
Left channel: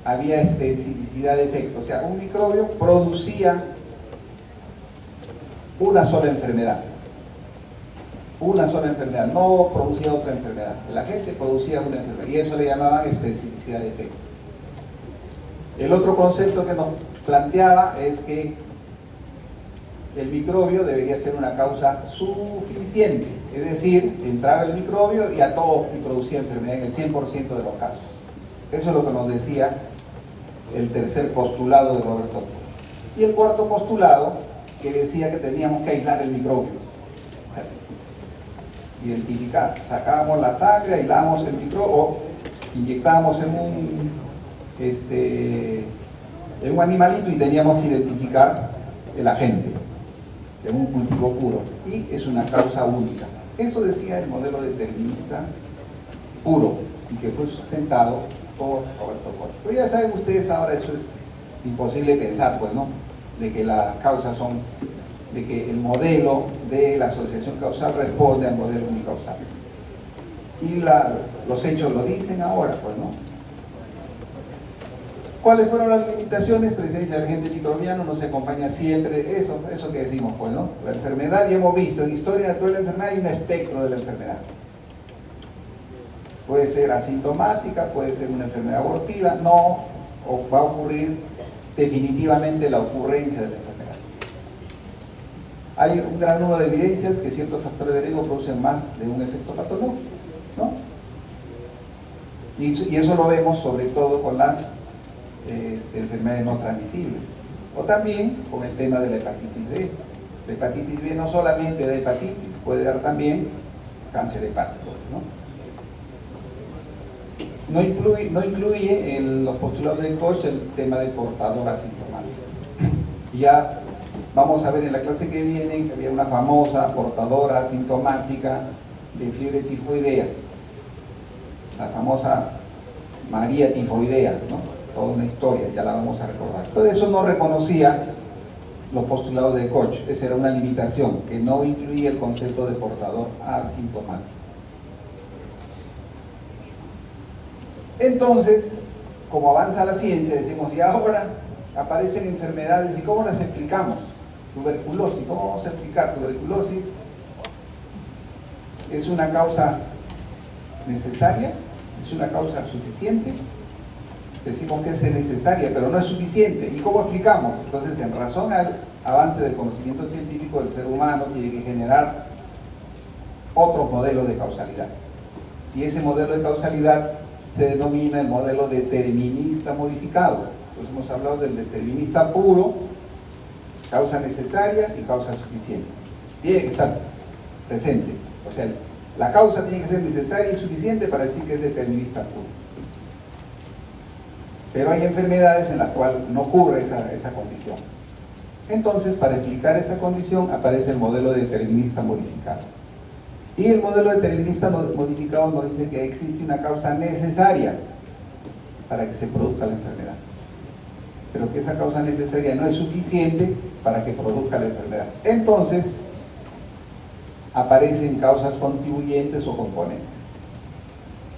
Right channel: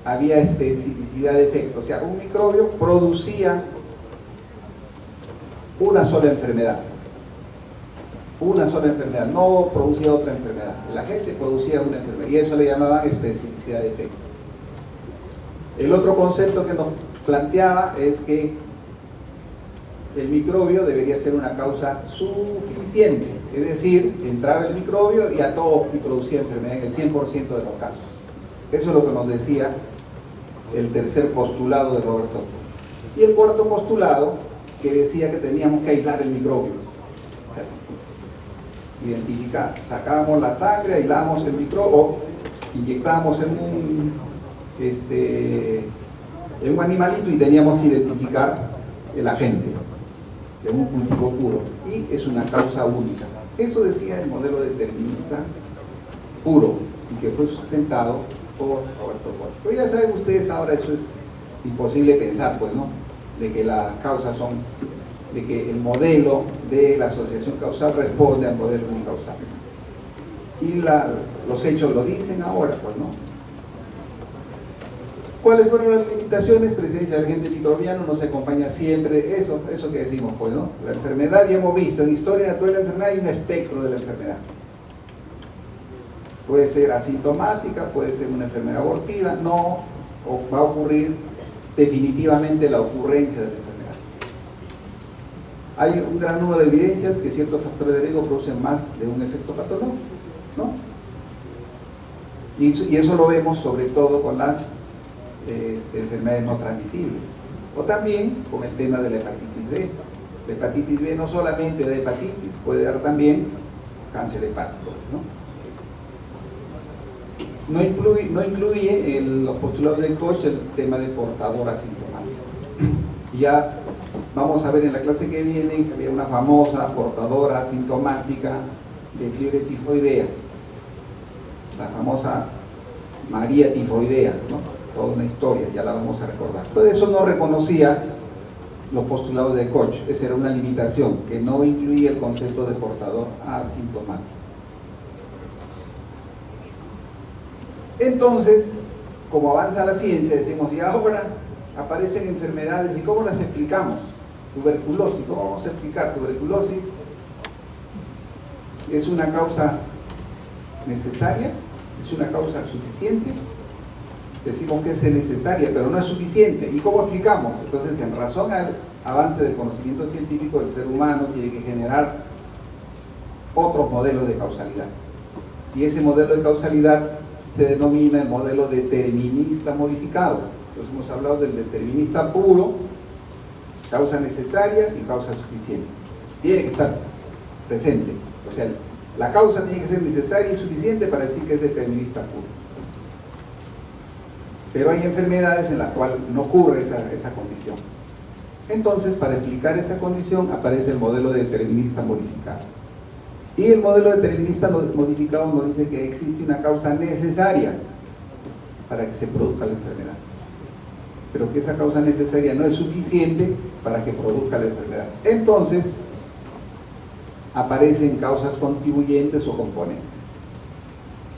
había especificidad de efecto, o sea, un microbio producía una sola enfermedad, no producía otra enfermedad. El agente producía una enfermedad y eso le llamaban especificidad de efecto. El otro concepto que nos planteaba es que el microbio debería ser una causa suficiente, es decir, entraba el microbio y a todos y producía enfermedad en el 100% de los casos. Eso es lo que nos decía el tercer postulado de Roberto Koch. Y el cuarto postulado, que decía que teníamos que aislar el microbio, o sea, identificar, sacábamos la sangre, aislábamos el microbio, o inyectábamos en un animalito y teníamos que identificar el agente de un cultivo puro, y es una causa única. Eso decía el modelo determinista puro y que fue sustentado por Roberto Koch. Pero ya saben ustedes ahora, eso es imposible pensar, pues, ¿no? De que las causas de que el modelo de la asociación causal responde al modelo unicausal. Y los hechos lo dicen ahora, pues, ¿no? ¿Cuáles fueron las limitaciones? Presencia del agente microbiano no se acompaña siempre, eso que decimos, pues, ¿no? La enfermedad, ya hemos visto, en historia natural de la enfermedad hay un espectro de la enfermedad. Puede ser asintomática, puede ser una enfermedad abortiva, o va a ocurrir definitivamente la ocurrencia de la enfermedad. Hay un gran número de evidencias que ciertos factores de riesgo producen más de un efecto patológico, ¿no? Y eso lo vemos sobre todo con las enfermedades no transmisibles, o también con el tema de la hepatitis B. La hepatitis B no solamente de hepatitis, puede dar también cáncer hepático, ¿no? No incluye en los postulados de Koch el tema del portador asintomático. Y ya vamos a ver en la clase que viene que había una famosa portadora asintomática de fiebre tifoidea, la famosa María tifoidea, ¿no? Toda una historia, ya la vamos a recordar. Pero eso no reconocía los postulados de Koch, esa era una limitación, que no incluía el concepto de portador asintomático. Entonces, como avanza la ciencia, decimos, y ahora aparecen enfermedades, ¿y cómo las explicamos? Tuberculosis, ¿cómo vamos a explicar? Tuberculosis es una causa necesaria, es una causa suficiente. Decimos que es necesaria, pero no es suficiente. ¿Y cómo explicamos? Entonces, en razón al avance del conocimiento científico, el ser humano tiene que generar otros modelos de causalidad. Y ese modelo de causalidad se denomina el modelo determinista modificado. Entonces hemos hablado del determinista puro, causa necesaria y causa suficiente. Tiene que estar presente. O sea, la causa tiene que ser necesaria y suficiente para decir que es determinista puro. Pero hay enfermedades en las cuales no ocurre esa condición. Entonces, para explicar esa condición, aparece el modelo determinista modificado. Y el modelo determinista modificado nos dice que existe una causa necesaria para que se produzca la enfermedad, pero que esa causa necesaria no es suficiente para que produzca la enfermedad. Entonces, aparecen causas contribuyentes o componentes.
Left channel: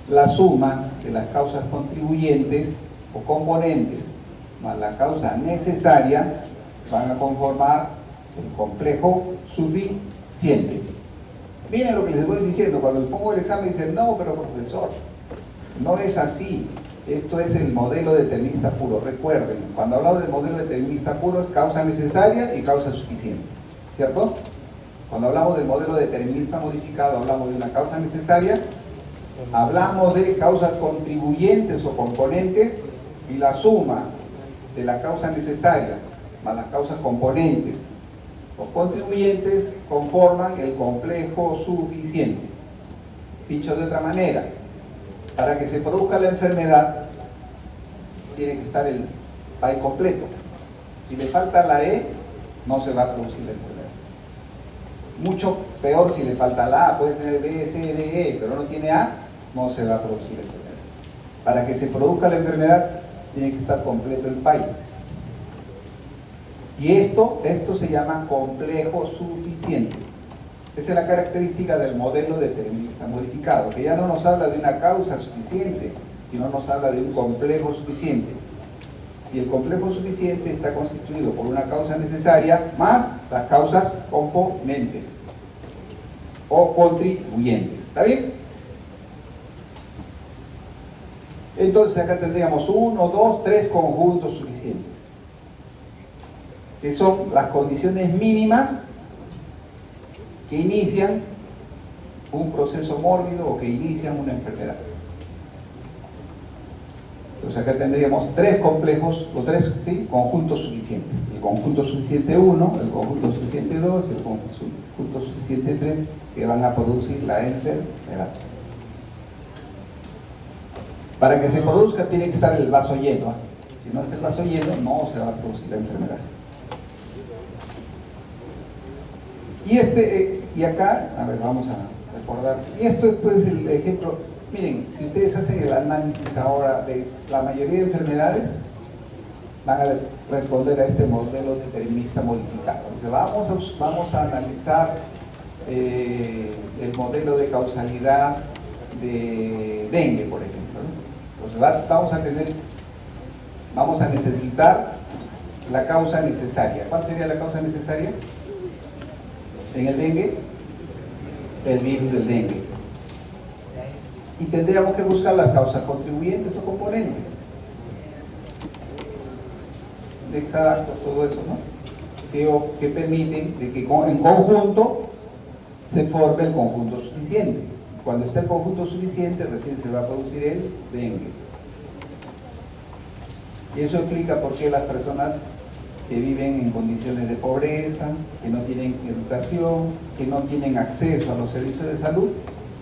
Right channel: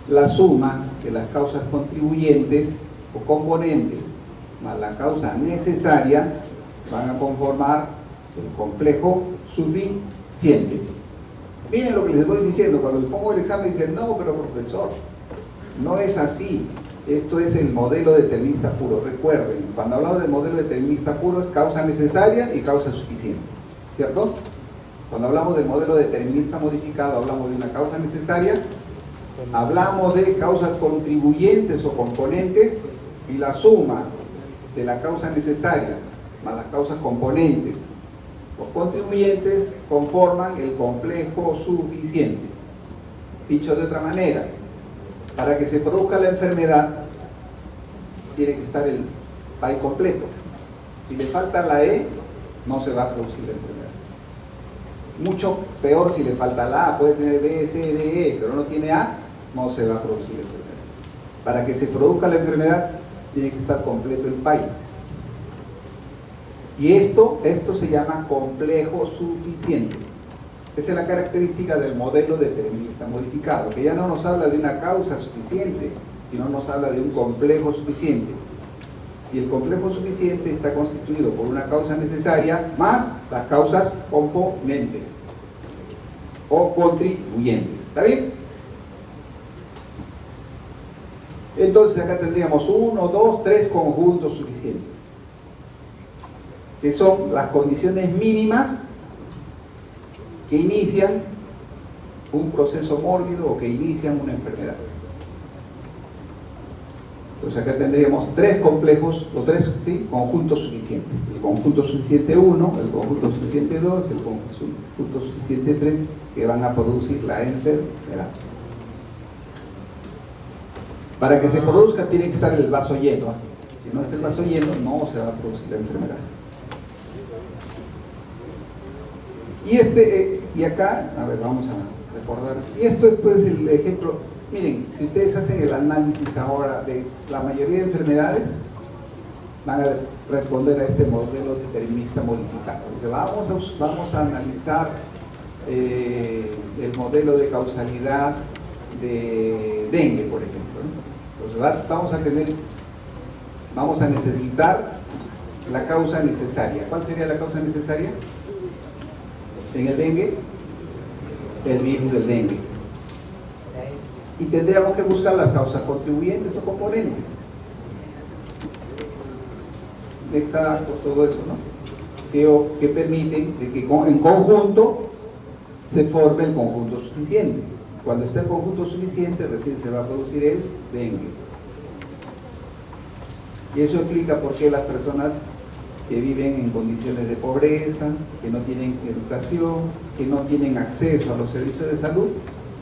La suma de las causas contribuyentes o componentes más la causa necesaria van a conformar el complejo suficiente. Miren lo que les voy diciendo, cuando les pongo el examen dicen, no, pero profesor, no es así. Esto es el modelo determinista puro. Recuerden, cuando hablamos del modelo determinista puro es causa necesaria y causa suficiente, ¿cierto? Cuando hablamos del modelo determinista modificado, hablamos de una causa necesaria, hablamos de causas contribuyentes o componentes, y la suma de la causa necesaria más las causas componentes o contribuyentes conforman el complejo suficiente. Dicho de otra manera, para que se produzca la enfermedad tiene que estar el PAI completo. Si le falta la E, no se va a producir la enfermedad. Mucho peor si le falta la A, puede tener B, C, D, E, pero no tiene A, no se va a producir la enfermedad. Para que se produzca la enfermedad tiene que estar completo el PAI. Y esto se llama complejo suficiente. Esa es la característica del modelo determinista modificado, que ya no nos habla de una causa suficiente, sino nos habla de un complejo suficiente. Y el complejo suficiente está constituido por una causa necesaria más las causas componentes o contribuyentes. ¿Está bien? Entonces acá tendríamos 1, 2, 3 conjuntos suficientes, que son las condiciones mínimas que inician un proceso mórbido o que inician una enfermedad. Entonces acá tendríamos 3 complejos, o 3 conjuntos suficientes. El conjunto suficiente 1, el conjunto suficiente 2, el conjunto suficiente 3, que van a producir la enfermedad. Para que se produzca tiene que estar el vaso lleno. Si no está el vaso lleno, no se va a producir la enfermedad. Y acá, a ver, vamos a recordar. Y esto es pues el ejemplo. Miren, si ustedes hacen el análisis ahora de la mayoría de enfermedades, van a responder a este modelo determinista modificado. Dice, vamos a analizar el modelo de causalidad de dengue, por ejemplo, ¿no? Entonces vamos a necesitar la causa necesaria. ¿Cuál sería la causa necesaria en el dengue? El virus del dengue. Y tendríamos que buscar las causas contribuyentes o componentes. Exacto, todo eso, ¿no? Que permiten de que en conjunto se forme el conjunto suficiente. Cuando esté el conjunto suficiente, recién se va a producir el dengue. Y eso explica por qué las personas que viven en condiciones de pobreza, que no tienen educación, que no tienen acceso a los servicios de salud,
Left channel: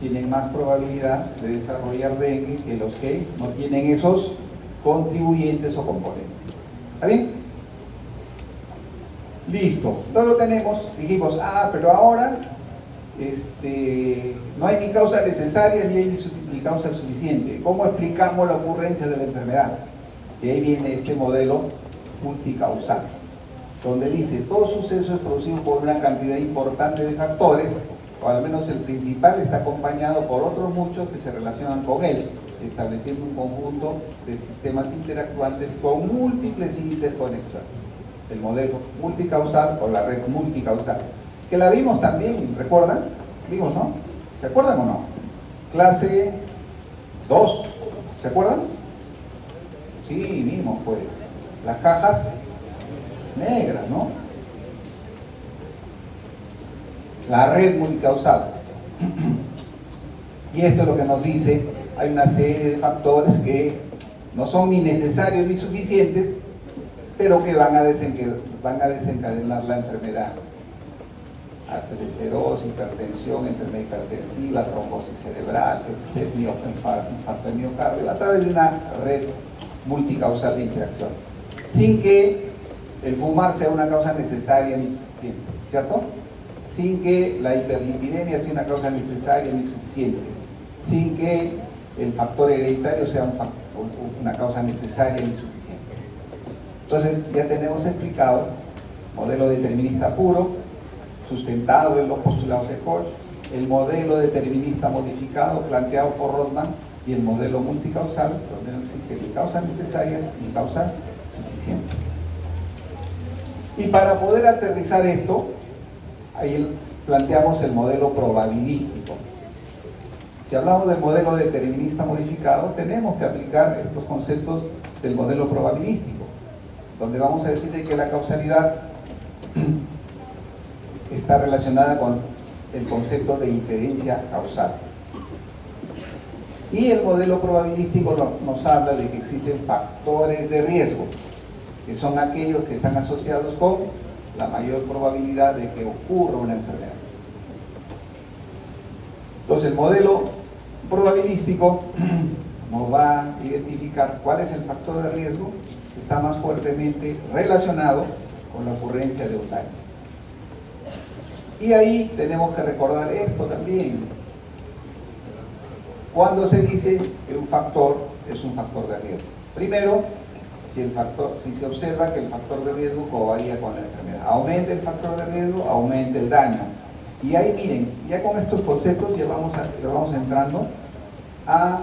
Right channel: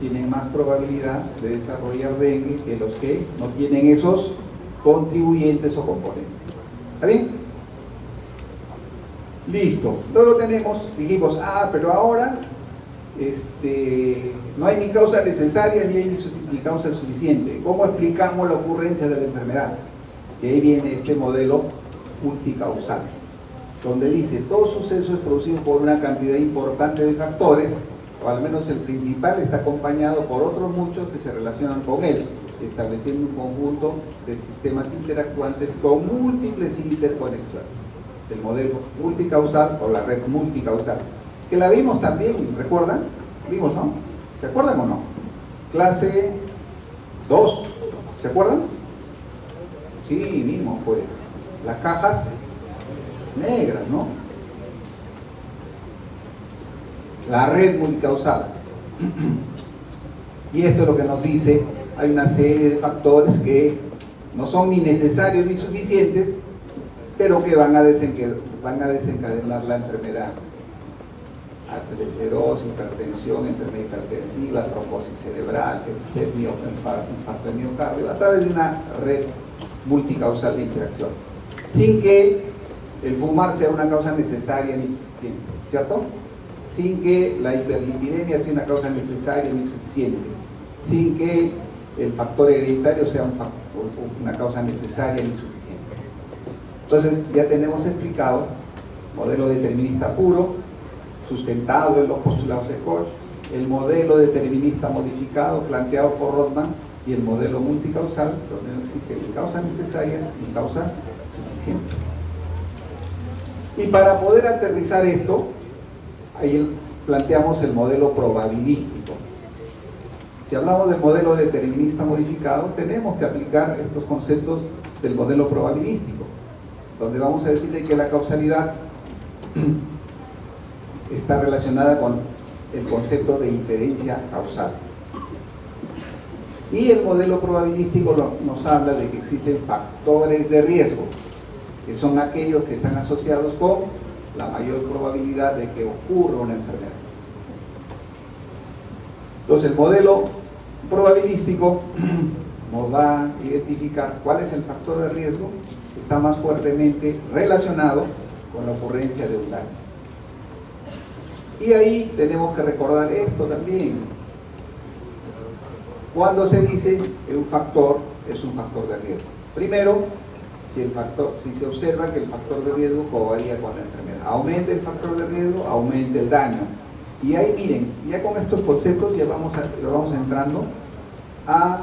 tienen más probabilidad de desarrollar dengue que los que no tienen esos contribuyentes o componentes. ¿Está bien? Listo. Luego tenemos, dijimos, pero ahora no hay ni causa necesaria ni causa suficiente. ¿Cómo explicamos la ocurrencia de la enfermedad? De ahí viene este modelo multicausal, donde dice todo suceso es producido por una cantidad importante de factores, o al menos el principal está acompañado por otros muchos que se relacionan con él, estableciendo un conjunto de sistemas interactuantes con múltiples interconexiones. El modelo multicausal o la red multicausal, que la vimos también, ¿recuerdan? Vimos, ¿no? ¿Se acuerdan o no? Clase 2, ¿se acuerdan? Sí, vimos pues las cajas negras, ¿no? La red multicausal. Y esto es lo que nos dice, hay una serie de factores que no son ni necesarios ni suficientes, pero que van a desencadenar la enfermedad. Arteriosclerosis, hipertensión, enfermedad hipertensiva, trombosis cerebral, infarto de miocardio, a través de una red multicausal de interacción, sin que el fumar sea una causa necesaria ni suficiente, ¿cierto? Sin que la hiperlipidemia sea una causa necesaria ni suficiente, sin que el factor hereditario sea una causa necesaria ni suficiente. Entonces ya tenemos explicado modelo determinista puro, sustentado en los postulados de Koch, el modelo determinista modificado planteado por Rotman y el modelo multicausal, donde no existen ni causas necesarias ni causas suficientes. Y para poder aterrizar esto, ahí planteamos el modelo probabilístico. Si hablamos del modelo determinista modificado, tenemos que aplicar estos conceptos del modelo probabilístico, donde vamos a decirle que la causalidad está relacionada con el concepto de inferencia causal. Y el modelo probabilístico nos habla de que existen factores de riesgo, que son aquellos que están asociados con la mayor probabilidad de que ocurra una enfermedad. Entonces el modelo probabilístico nos va a identificar cuál es el factor de riesgo que está más fuertemente relacionado con la ocurrencia de un daño. Y ahí tenemos que recordar esto también. Cuando se dice que un factor es un factor de riesgo. Primero, si se observa que el factor de riesgo covaría con la enfermedad. Aumenta el factor de riesgo, aumenta el daño. Y ahí miren, ya con estos conceptos ya vamos entrando a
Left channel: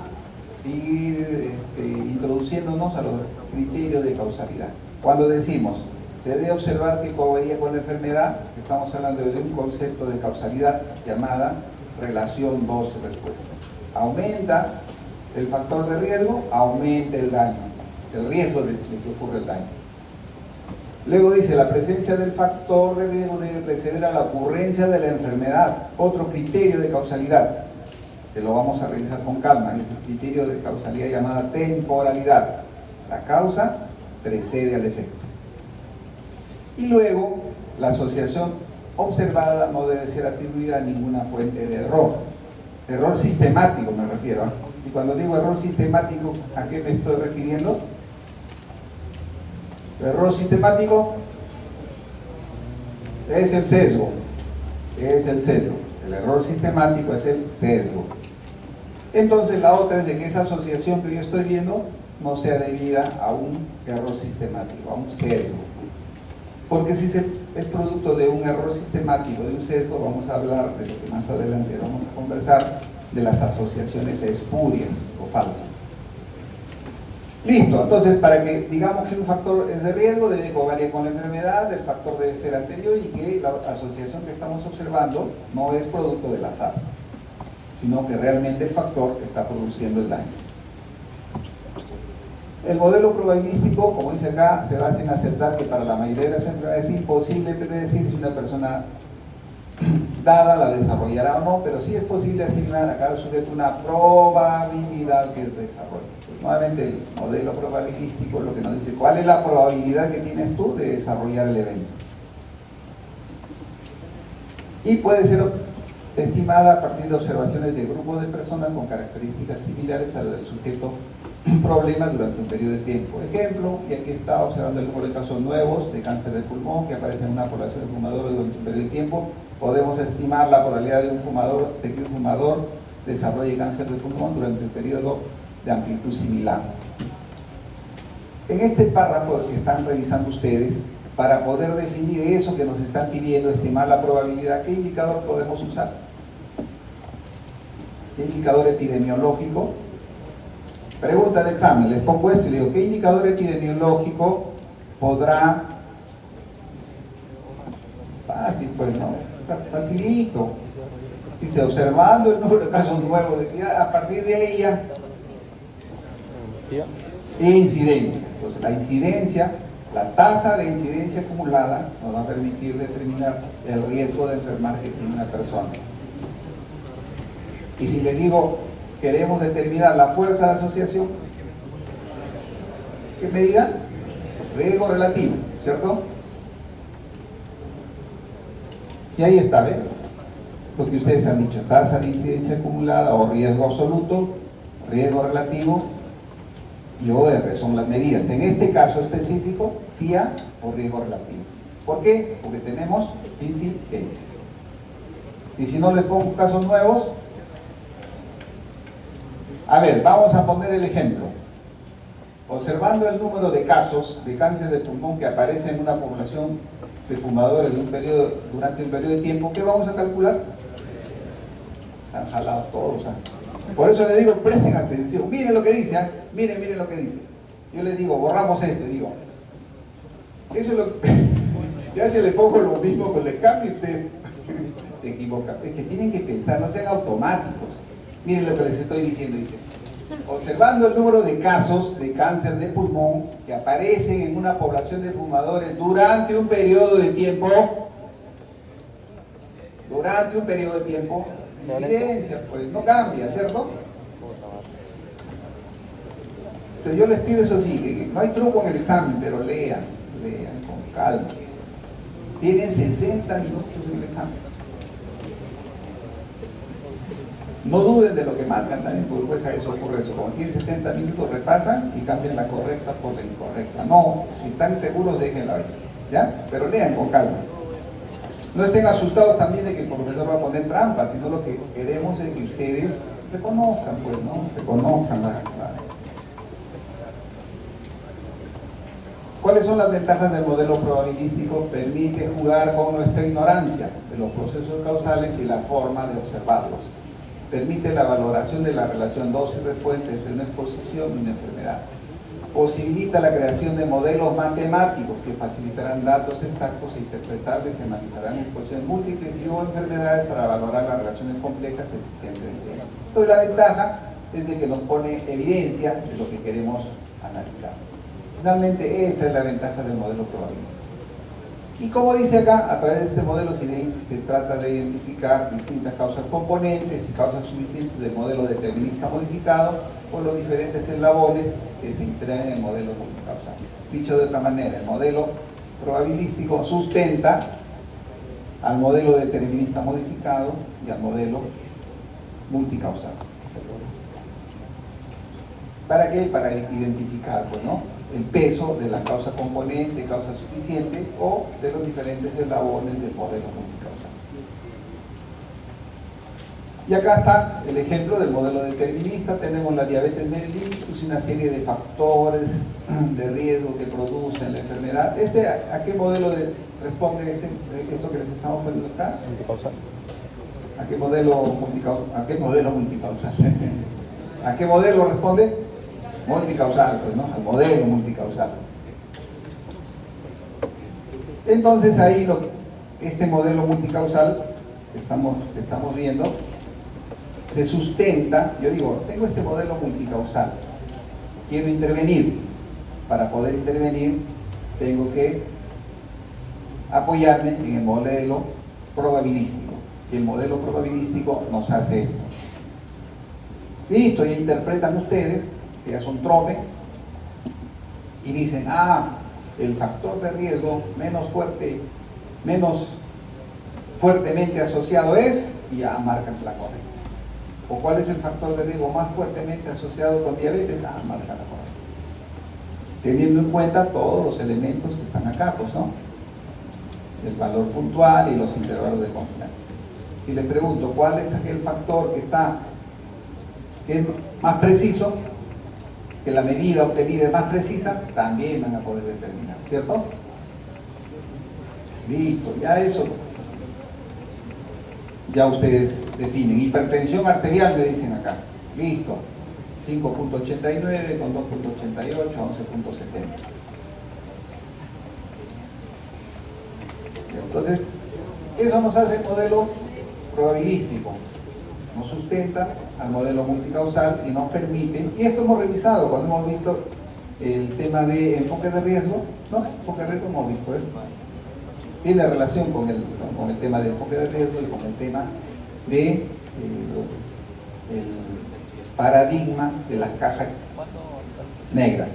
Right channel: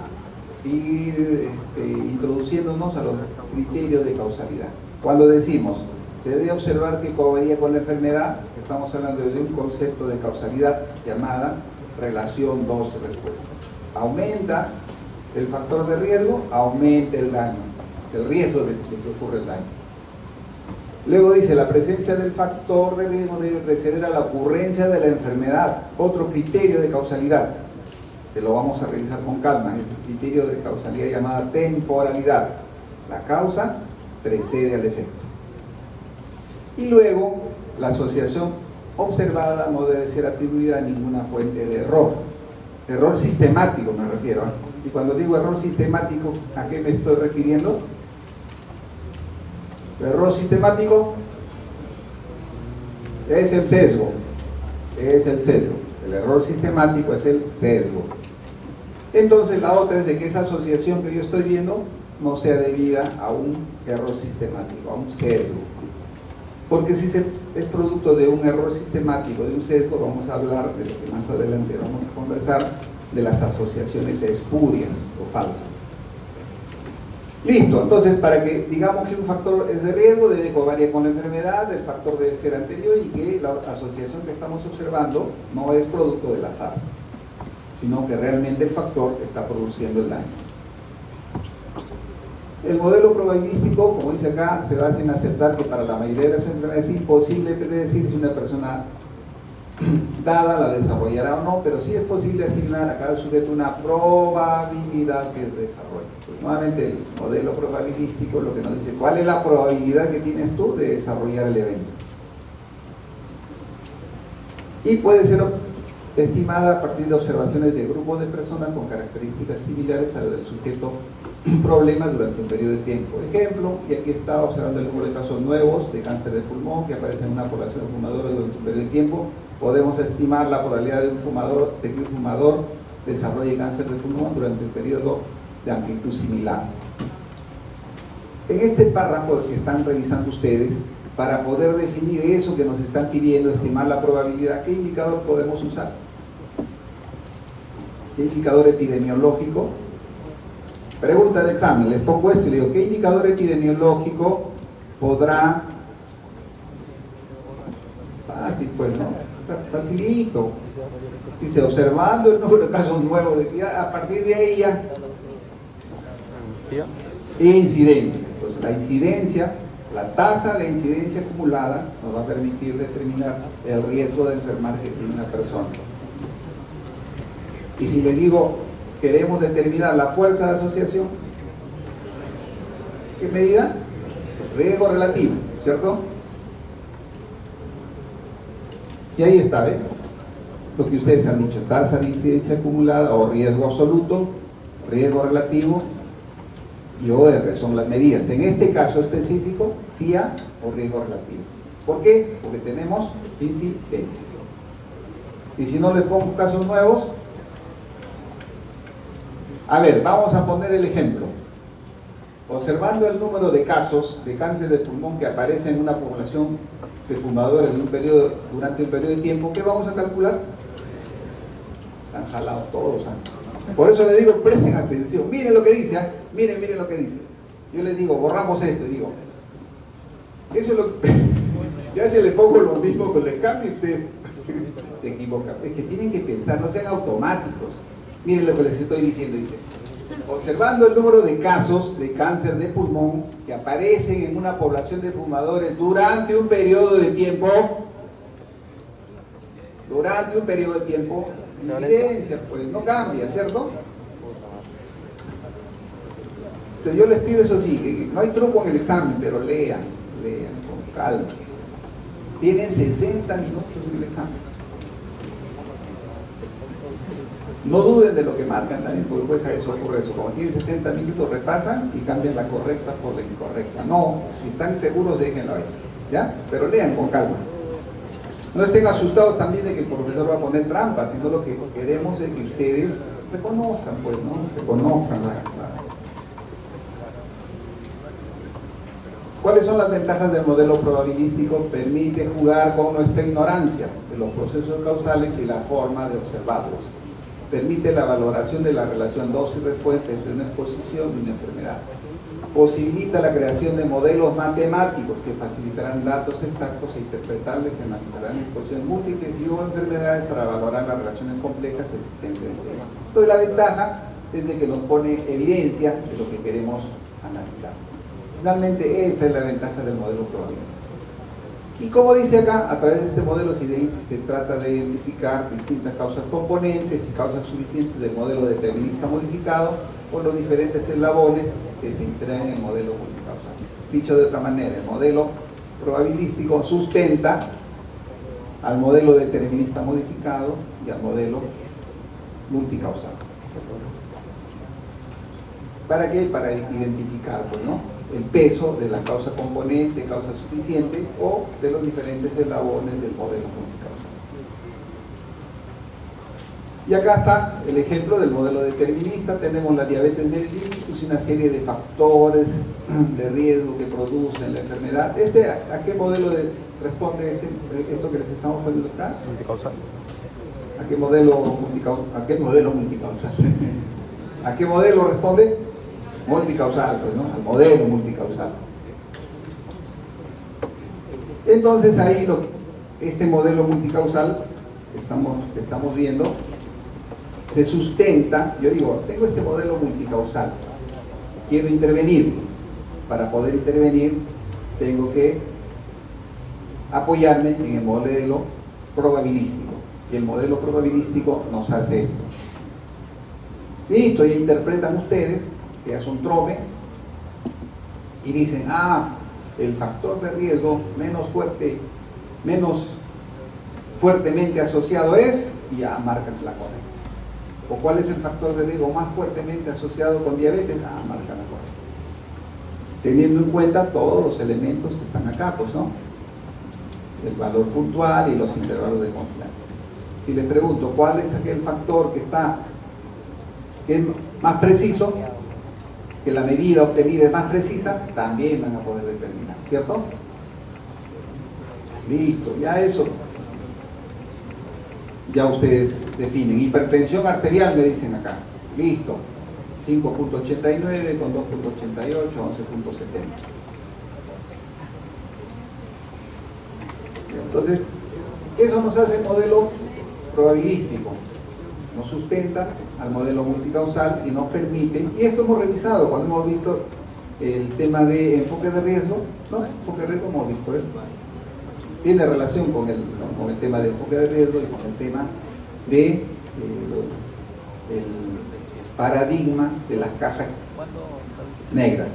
ir introduciéndonos a los criterios de causalidad. Cuando decimos se debe observar que covaría con la enfermedad, estamos hablando de un concepto de causalidad llamada relación dosis-respuesta. Aumenta el factor de riesgo, aumenta el daño, el riesgo de que ocurra el daño. Luego dice, la presencia del factor de riesgo debe preceder a la ocurrencia de la enfermedad. Otro criterio de causalidad, que lo vamos a revisar con calma, es el criterio de causalidad llamada temporalidad. La causa precede al efecto. Y luego, la asociación observada no debe ser atribuida a ninguna fuente de error. Error sistemático me refiero. Y cuando digo error sistemático, ¿a qué me estoy refiriendo? El error sistemático es el sesgo. Es el sesgo. El error sistemático es el sesgo. Entonces la otra es de que esa asociación que yo estoy viendo no sea debida a un error sistemático, a un sesgo. Porque si es producto de un error sistemático, de un sesgo, vamos a hablar de lo que más adelante vamos a conversar, de las asociaciones espurias o falsas. Listo, entonces para que digamos que un factor es de riesgo, debe covariar con la enfermedad, el factor debe ser anterior y que la asociación que estamos observando no es producto del azar, sino que realmente el factor está produciendo el daño. El modelo probabilístico, como dice acá, se basa en aceptar que para la mayoría de las enfermedades es imposible predecir si una persona dada la desarrollará o no, pero sí es posible asignar a cada sujeto una probabilidad que desarrolle. Pues, nuevamente, el modelo probabilístico lo que nos dice, ¿cuál es la probabilidad que tienes tú de desarrollar el evento? Y puede ser estimada a partir de observaciones de grupos de personas con características similares al del sujeto problema durante un periodo de tiempo. Por ejemplo, y aquí está observando el número de casos nuevos de cáncer de pulmón que aparecen en una población de fumadores durante un periodo de tiempo. Podemos estimar la probabilidad de que un fumador desarrolle cáncer de pulmón durante un periodo de amplitud similar. En este párrafo que están revisando ustedes, para poder definir eso que nos están pidiendo, estimar la probabilidad, ¿qué indicador podemos usar? ¿Qué indicador epidemiológico? Pregunta de examen, les pongo esto y les digo, ¿qué indicador epidemiológico podrá? Fácil, pues, ¿no? Facilito. Dice, observando el número de casos nuevos, a partir de ahí ya. Incidencia. Entonces, la incidencia, la tasa de incidencia acumulada nos va a permitir determinar el riesgo de enfermar que tiene una persona. Y si le digo, queremos determinar la fuerza de asociación. ¿Qué medida? Riesgo relativo, ¿cierto? Y ahí está, ¿ven? Lo que ustedes han dicho, tasa de incidencia acumulada o riesgo absoluto, riesgo relativo y OR son las medidas. En este caso específico, TIA o riesgo relativo. ¿Por qué? Porque tenemos incidencias. Y si no les pongo casos nuevos, a ver, vamos a poner el ejemplo. Observando el número de casos de cáncer de pulmón que aparece en una población de fumadores durante un periodo de tiempo, ¿qué vamos a calcular? Están jalados todos. Por eso les digo, presten atención. Miren lo que dice, miren lo que dice. Yo les digo, borramos esto, y digo, eso es lo que... Ya se le pongo lo mismo, pues le cambio y usted se equivoca. Es que tienen que pensar, no sean automáticos. Miren lo que les estoy diciendo, dice. Observando el número de casos de cáncer de pulmón que aparecen en una población de fumadores durante un periodo de tiempo, incidencia, pues no cambia, ¿cierto? Entonces yo les pido eso sí, no hay truco en el examen, pero lean con calma. Tienen 60 minutos en el examen. No duden de lo que marcan también, porque pues a eso ocurre eso. Como tienen 60 minutos, repasan y cambian la correcta por la incorrecta. No, si están seguros, déjenlo ahí, ¿ya? Pero lean con calma. No estén asustados también de que el profesor va a poner trampas, sino lo que queremos es que ustedes reconozcan, pues, ¿no? Reconozcan la... ¿Cuáles son las ventajas del modelo probabilístico? Permite jugar con nuestra ignorancia de los procesos causales y la forma de observarlos. Permite la valoración de la relación dosis-respuesta entre una exposición y una enfermedad. Posibilita la creación de modelos matemáticos que facilitarán datos exactos e interpretables y analizarán exposiciones múltiples y o enfermedades para valorar las relaciones complejas existentes entre ellas. Entonces la ventaja es de que nos pone evidencia de lo que queremos analizar. Finalmente, esa es la ventaja del modelo probabilístico. Y como dice acá, a través de este modelo se trata de identificar distintas causas componentes y causas suficientes del modelo determinista modificado por los diferentes eslabones que se integran en el modelo multicausal. Dicho de otra manera, el modelo probabilístico sustenta al modelo determinista modificado y al modelo multicausal. ¿Para qué? Para identificar, pues, ¿no?, el peso de la causa componente, causa suficiente o de los diferentes eslabones del modelo multicausal. Y acá está el ejemplo del modelo determinista. Tenemos la diabetes mellitus y una serie de factores de riesgo que producen la enfermedad. ¿A qué modelo responde esto que les estamos poniendo acá? Multicausal. ¿A qué modelo multicausal? ¿A qué modelo multicausal? ¿A qué modelo responde? Multicausal, pues, ¿no? Al modelo multicausal. Entonces ahí este modelo multicausal que estamos viendo se sustenta. Yo digo, tengo este modelo multicausal, quiero intervenir. Para poder intervenir tengo que apoyarme en el modelo probabilístico, y el modelo probabilístico nos hace esto. Listo, ya interpretan ustedes que ya son tromes y dicen, el factor de riesgo menos fuertemente asociado es, y ya marcan la correcta. ¿O cuál es el factor de riesgo más fuertemente asociado con diabetes? Marcan la correcta. Teniendo en cuenta todos los elementos que están acá, pues, ¿no? El valor puntual y los intervalos de confianza. Si les pregunto, ¿cuál es aquel factor que es más preciso? Que la medida obtenida es más precisa, también van a poder determinar, ¿cierto? Listo, ya eso. Ya ustedes definen. Hipertensión arterial, me dicen acá. Listo. 5.89 con 2.88, 11.70. Entonces, eso nos hace el modelo probabilístico. Nos sustenta al modelo multicausal y nos permite, y esto hemos revisado cuando hemos visto el tema de enfoque de riesgo, ¿no? Enfoque de riesgo hemos visto esto. Tiene relación con el tema de enfoque de riesgo y con el tema de paradigma de las cajas negras.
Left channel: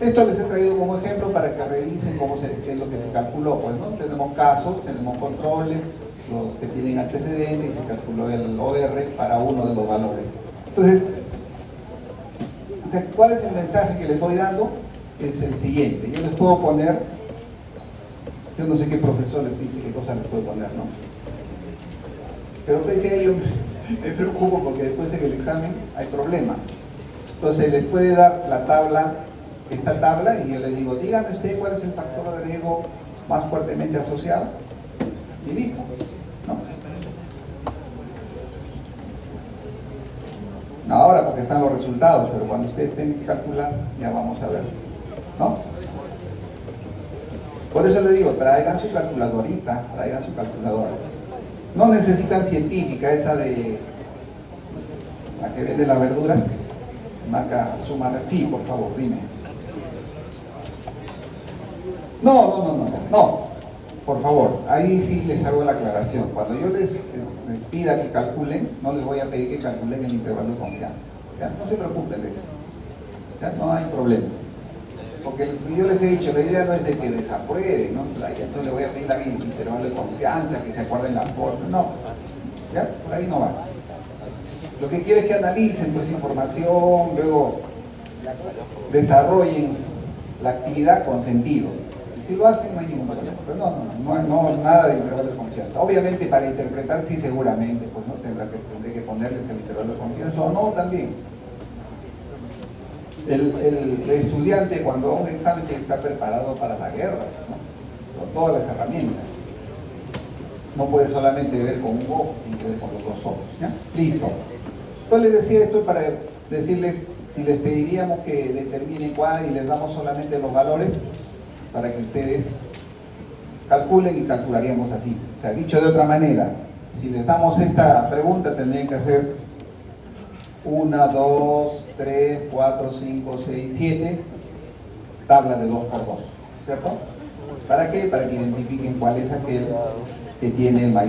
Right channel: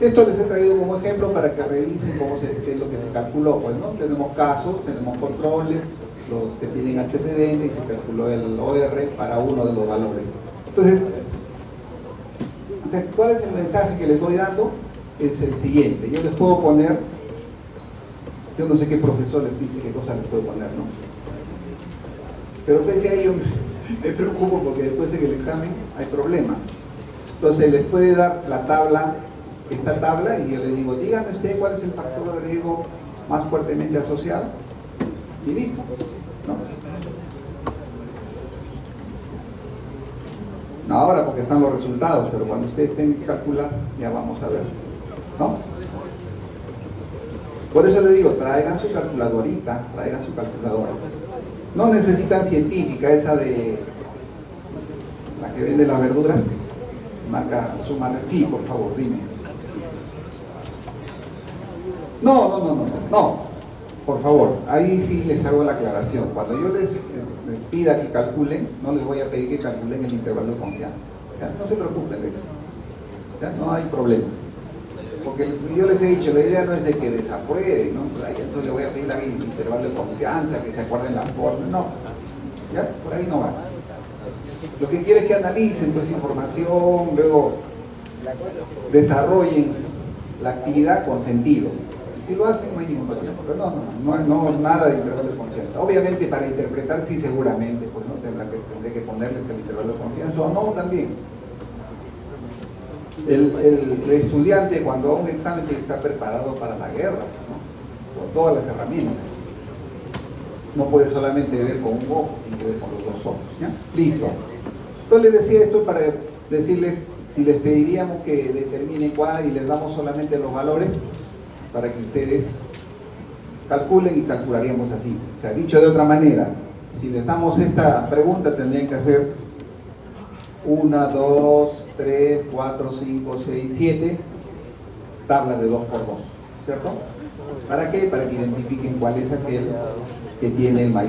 Esto les he traído como ejemplo para que revisen qué es lo que se calculó. Pues, ¿no? Tenemos casos, tenemos controles, los que tienen antecedentes, y se calculó el OR para uno de los valores. Entonces, ¿cuál es el mensaje que les voy dando? Es el siguiente. Yo les puedo poner, yo no sé qué profesor les dice qué cosa les puedo poner, ¿no? Pero pese a ello me preocupo porque después en el examen hay problemas. Entonces les puede dar la tabla, esta tabla, y yo les digo, dígame usted cuál es el factor de riesgo más fuertemente asociado, y listo, ¿no? No ahora porque están los resultados, pero cuando ustedes tengan que calcular, ya vamos a ver, ¿no? Por eso le digo, traigan su calculadorita, traigan su calculadora. No necesitan científica, esa de la que vende las verduras. Marca, súmala. Sí, por favor, dime. No, por favor, ahí sí les hago la aclaración. Cuando yo les pida que calculen, no les voy a pedir que calculen el intervalo de confianza. ¿Ya? No se preocupen de eso. ¿Ya? No hay problema. Porque yo les he dicho, la idea no es de que desaprueben, ¿no? Entonces le voy a pedir a alguien el intervalo de confianza, que se acuerden la forma. No, ¿ya? Por ahí no va. Lo que quiero es que analicen pues información, luego desarrollen la actividad con sentido. Y si lo hacen no hay ningún problema. Pero no nada de intervalo de confianza. Obviamente para interpretar sí seguramente, pues no tendré que ponerles el intervalo de confianza o no también. El estudiante cuando da un examen está preparado para la guerra, ¿no? Con todas las herramientas. No puede solamente ver con un ojo, tiene que ver con los dos ojos. ¿Ya? Listo. Entonces les decía esto para decirles si les pediríamos que determinen cuál y les damos solamente los valores para que ustedes calculen y calcularíamos así. O sea, dicho de otra manera, si les damos esta pregunta tendrían que hacer 1, 2, 3, 4, 5, 6, 7 tablas de 2 por 2, ¿cierto? ¿Para qué? Para que identifiquen cuál es aquel que tiene la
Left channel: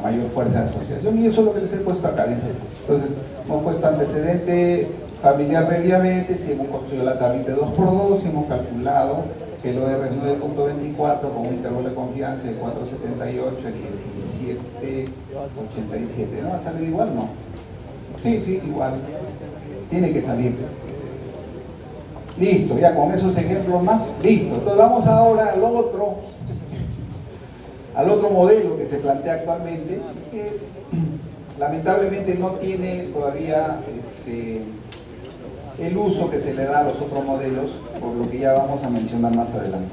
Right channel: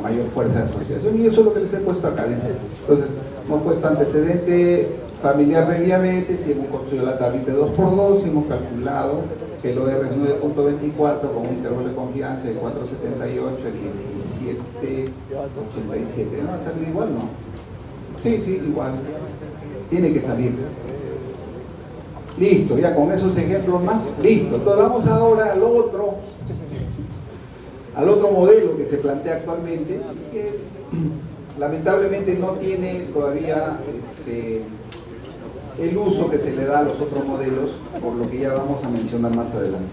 mayor fuerza de asociación, y eso es lo que les he puesto acá, dice. Entonces, hemos puesto antecedente familiar de diabetes y hemos construido la tablita de 2 por 2 y hemos calculado que el OR es 9.24 con un intervalo de confianza de 4.78 a 17.87. ¿No va a salir igual? No. Sí, igual. Tiene que salir. Listo, ya con esos ejemplos más, listo. Entonces vamos ahora al otro modelo que se plantea actualmente, que lamentablemente no tiene todavía el uso que se le da a los otros modelos, por lo que ya vamos a mencionar más adelante.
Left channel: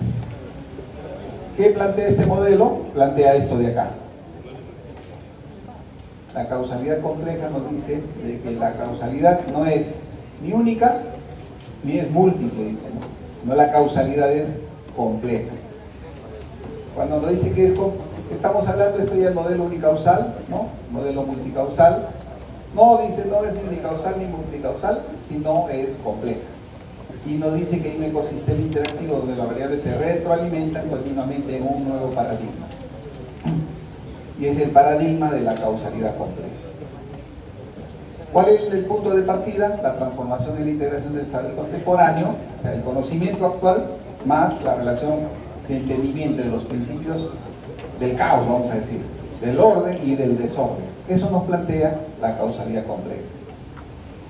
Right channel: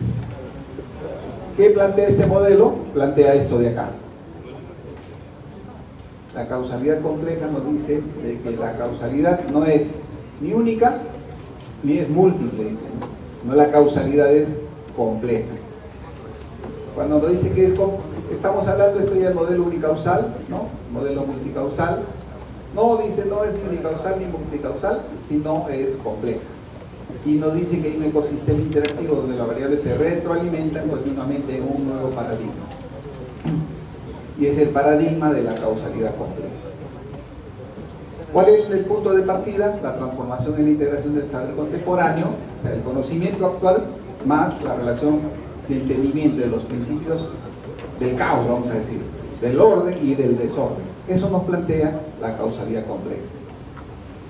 ¿Qué plantea este modelo? Plantea esto de acá. La causalidad compleja nos dice de que la causalidad no es ni única ni es múltiple, dice, ¿no? La causalidad es compleja. Cuando nos dice que estamos hablando, esto ya es modelo unicausal, ¿no? Modelo multicausal. No, dice, no es ni unicausal ni multicausal, sino es compleja. Y nos dice que hay un ecosistema interactivo donde las variables se retroalimentan continuamente en un nuevo paradigma. Y es el paradigma de la causalidad compleja. ¿Cuál es el punto de partida? La transformación y la integración del saber contemporáneo, o sea, el conocimiento actual, más la relación de entendimiento de los principios del caos, vamos a decir, del orden y del desorden. Eso nos plantea la causalidad compleja.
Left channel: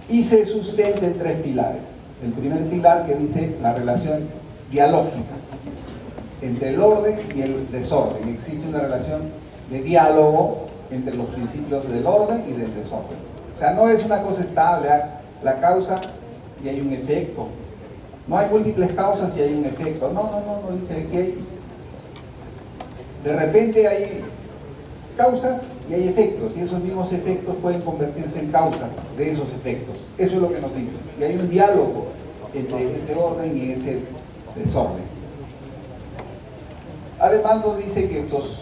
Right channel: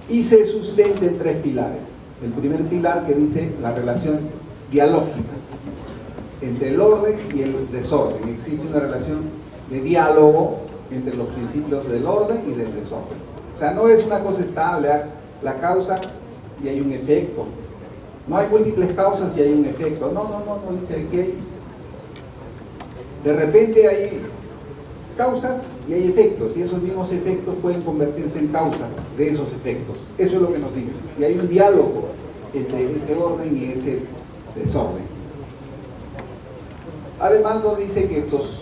Y se sustenta en 3 pilares. El primer pilar que dice la relación dialógica entre el orden y el desorden. Existe una relación de diálogo entre los principios del orden y del desorden. O sea, no es una cosa estable, la causa y hay un efecto. No hay múltiples causas y hay un efecto. No dice que de repente hay causas y hay efectos, y esos mismos efectos pueden convertirse en causas de esos efectos. Eso es lo que nos dice. Y hay un diálogo entre ese orden y ese desorden. Además nos dice que estos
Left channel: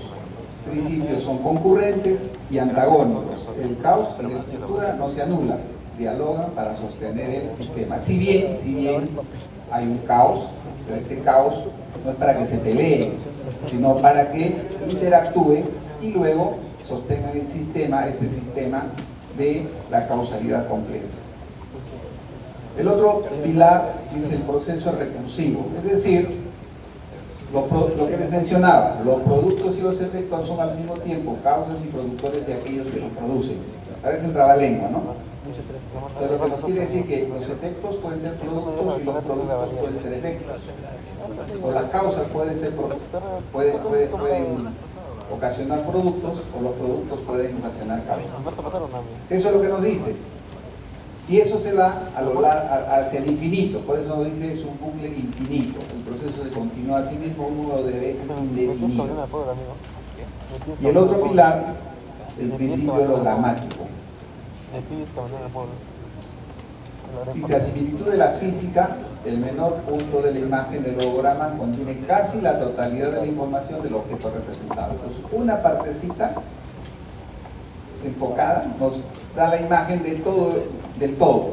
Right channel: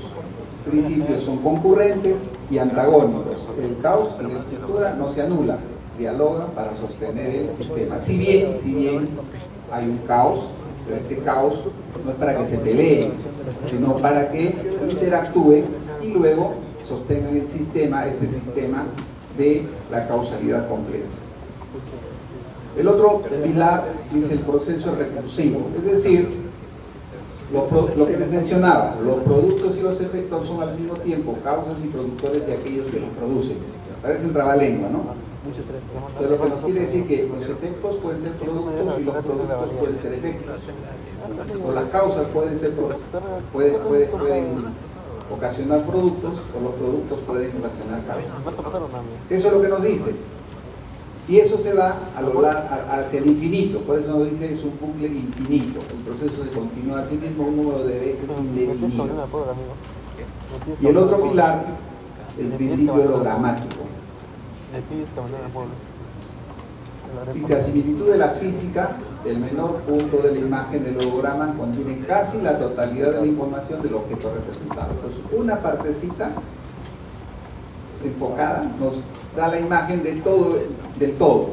principios son concurrentes y antagónicos. El caos y la estructura no se anulan, dialogan para sostener el sistema. Si bien hay un caos, pero este caos no es para que se peleen, sino para que interactúe y luego sostengan el sistema, este sistema de la causalidad compleja. El otro pilar dice el proceso recursivo, es decir, lo que les mencionaba, los productos y los efectos son al mismo tiempo causas y productores de aquellos que los producen. Parece un trabalengua, ¿no? Pero lo que nos quiere decir que los efectos pueden ser productos y los productos pueden ser efectos. O las causas pueden ocasionar productos o los productos pueden ocasionar causas. Eso es lo que nos dice. Y eso se va a lograr hacia el infinito, por eso nos dice es un bucle infinito. El proceso se continúa a sí mismo un número de veces indefinido. Y el otro pilar, el principio hologramático. Dice, a similitud de la física, el menor punto de la imagen del holograma contiene casi la totalidad de la información del objeto representado. Entonces, una partecita enfocada nos da la imagen del todo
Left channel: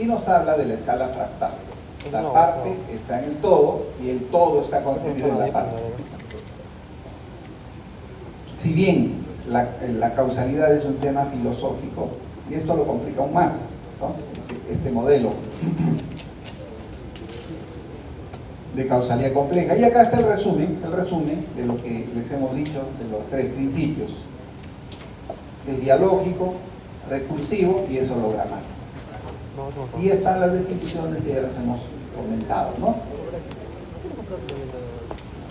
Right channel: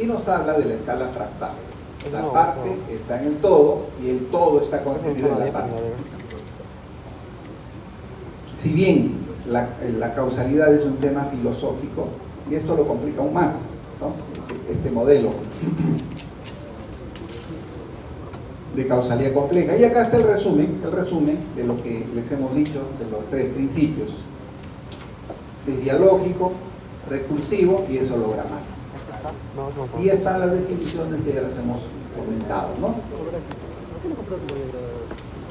y nos habla de la escala fractal. La parte está en el todo y el todo está contenido en la parte. Si bien la causalidad es un tema filosófico, y esto lo complica aún más, ¿no? Este modelo de causalidad compleja. Y acá está el resumen de lo que les hemos dicho de los tres principios. Es dialógico, recursivo y es hologramático. Y están las definiciones que ya las hemos comentado, ¿no?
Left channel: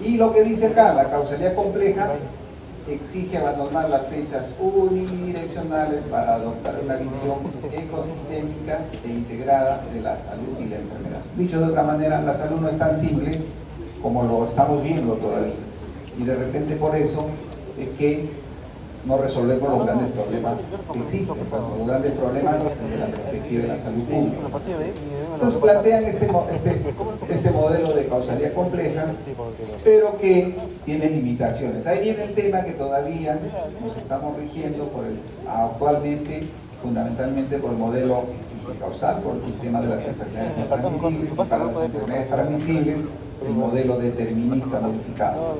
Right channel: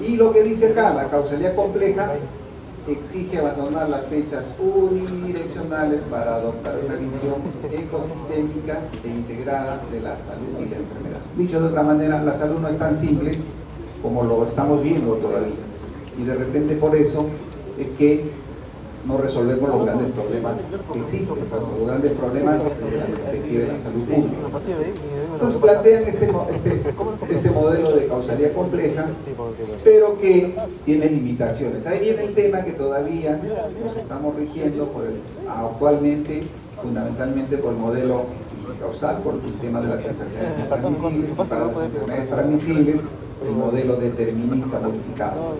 Y lo que dice acá, la causalidad compleja exige abandonar las flechas unidireccionales para adoptar una visión ecosistémica e integrada de la salud y la enfermedad. Dicho de otra manera, la salud no es tan simple como lo estamos viendo todavía. Y de repente por eso es que no resolvemos los grandes problemas que existen, los grandes problemas desde la perspectiva de la salud pública. Entonces plantean este modelo de causalidad compleja, pero que tiene limitaciones. Ahí viene el tema que todavía nos estamos rigiendo actualmente, fundamentalmente por el modelo causal, por el tema de las enfermedades no transmisibles, y para las enfermedades transmisibles, el modelo determinista modificado,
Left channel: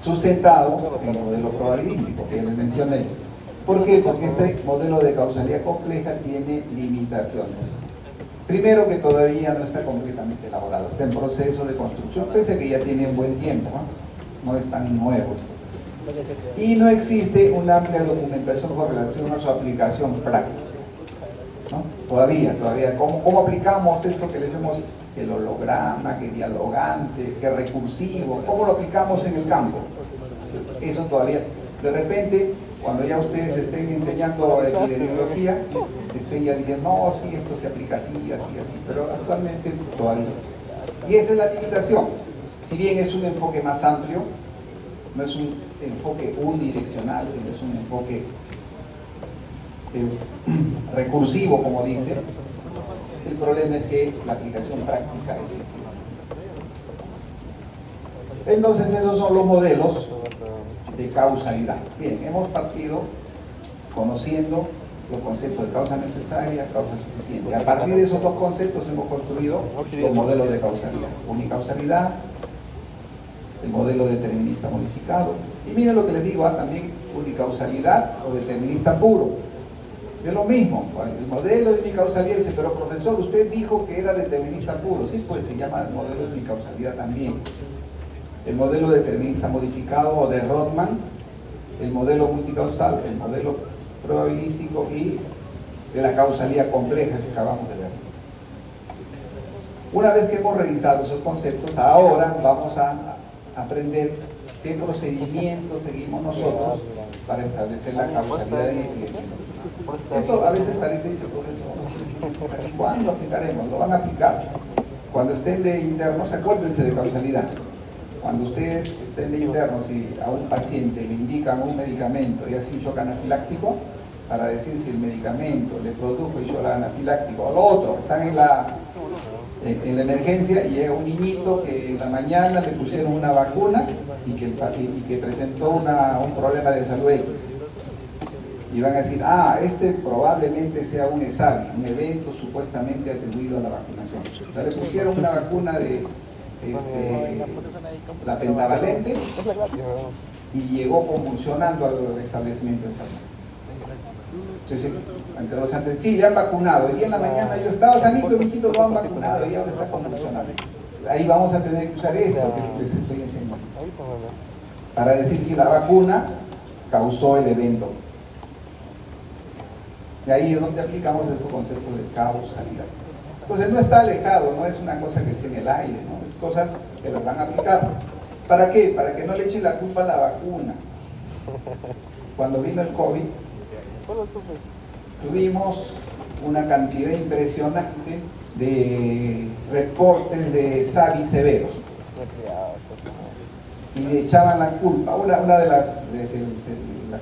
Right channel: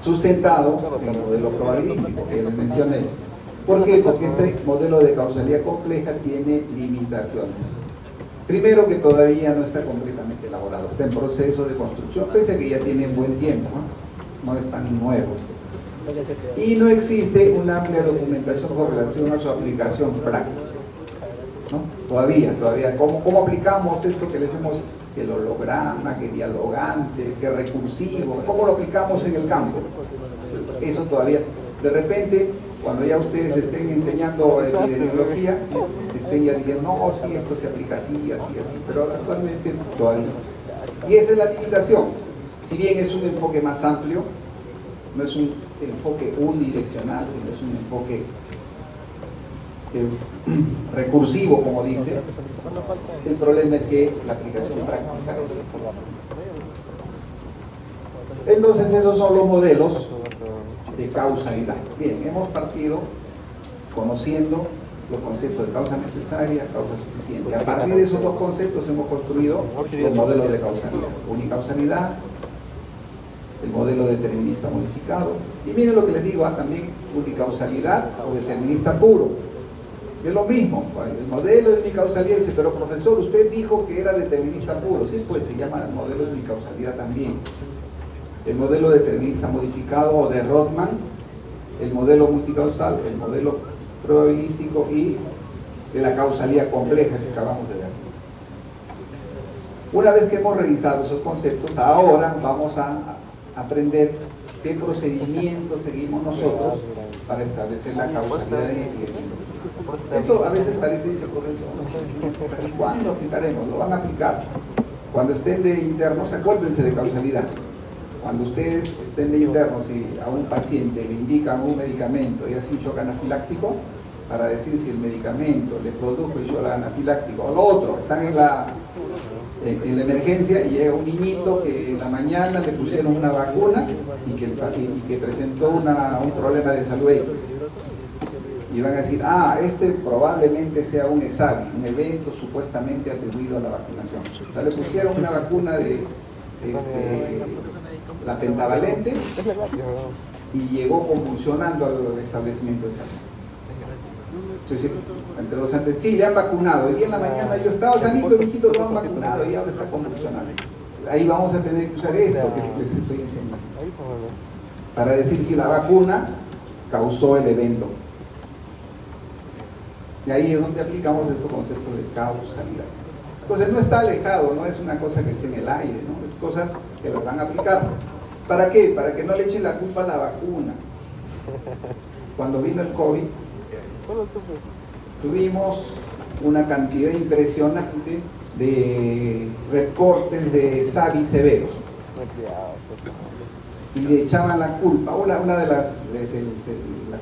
sustentado en el modelo probabilístico que les mencioné. ¿Por qué? Porque este modelo de causalidad compleja tiene limitaciones. Primero, que todavía no está completamente elaborado, está en proceso de construcción, pese a que ya tiene un buen tiempo, no es tan nuevo. Y no existe una amplia documentación con relación a su aplicación práctica, ¿no? Todavía, ¿cómo aplicamos esto que les hemos, que el holograma, que dialogante, que recursivo, cómo lo aplicamos en el campo? Eso todavía, de repente, cuando ya ustedes estén enseñando epidemiología, estén ya diciendo, no, sí, esto se aplica así, pero actualmente todavía. Y esa es la limitación. Si bien es un enfoque más amplio, no es un enfoque unidireccional, sino es un enfoque recursivo, como dice, el problema es que la aplicación práctica es difícil. Entonces esos son los modelos de causalidad. Bien, hemos partido conociendo los conceptos de causa necesaria, causa suficiente. A partir de esos dos conceptos hemos construido los modelos de causalidad. Unicausalidad, el modelo determinista modificado. Y miren lo que les digo, también unicausalidad o determinista puro. Es lo mismo, el modelo de unicausalidad dice, pero profesor, usted dijo que era determinista puro. Sí, pues se llama el modelo de unicausalidad también. El modelo determinista modificado o de Rothman, el modelo multicausal, el modelo probabilístico y de la causalidad compleja que acabamos de ver. Una vez que hemos revisado esos conceptos, ahora vamos a aprender qué procedimiento seguimos nosotros para establecer la causalidad en epidemiología. Esto a veces parece, dice el profesor, ¿cuándo aplicaremos? Lo van a aplicar. Cuando estén de internos, acuérdense de causalidad. Cuando ustedes estén de internos y a un paciente le indican un medicamento y hace un shock anafiláctico, para decir si el medicamento le produjo el shock anafiláctico o lo otro, están en la emergencia y llega un niñito que en la mañana le pusieron una vacuna y que presentó un problema de salud X. Y van a decir, este probablemente sea un ESAVI, un evento supuestamente atribuido a la vacunación. O sea, le pusieron una vacuna de la pentavalente, Es verdad, tío. y llegó convulsionando al establecimiento de salud. Entonces, entre los antes, sí, le han vacunado. Hoy día en la mañana yo estaba sanito, mijito, lo han vacunado y ahora está convulsionando. Ahí vamos a tener que usar esto que les estoy enseñando, Ahí está, ¿no? para decir si la vacuna causó el evento. Y ahí es donde aplicamos este concepto de causalidad. Entonces no está alejado, no es una cosa que esté en el aire, ¿no? Es cosas que las van a aplicar. ¿Para qué? Para que no le echen la culpa a la vacuna. Cuando vino el COVID, Bueno, entonces, tuvimos una cantidad impresionante de reportes de SARI severos y le echaban la culpa. Una de las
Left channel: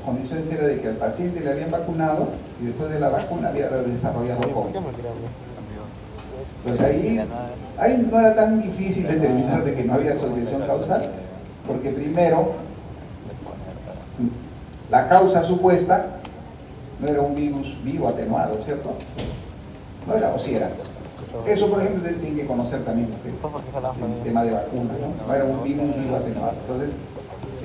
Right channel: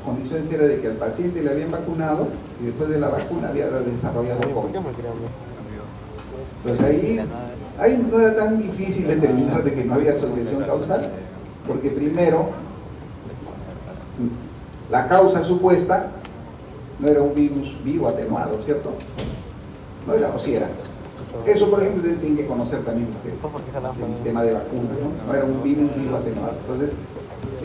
condiciones era de que al paciente le habían vacunado y después de la vacuna había desarrollado ¿por qué COVID. me crean? Entonces ahí no era tan difícil determinar de que no había asociación causal, porque primero la causa supuesta no era un virus vivo atenuado, ¿cierto? No era, o sí era. Eso, por ejemplo, tienen que conocer también ustedes, el tema de vacunas, ¿no? No era un virus vivo atenuado. Entonces,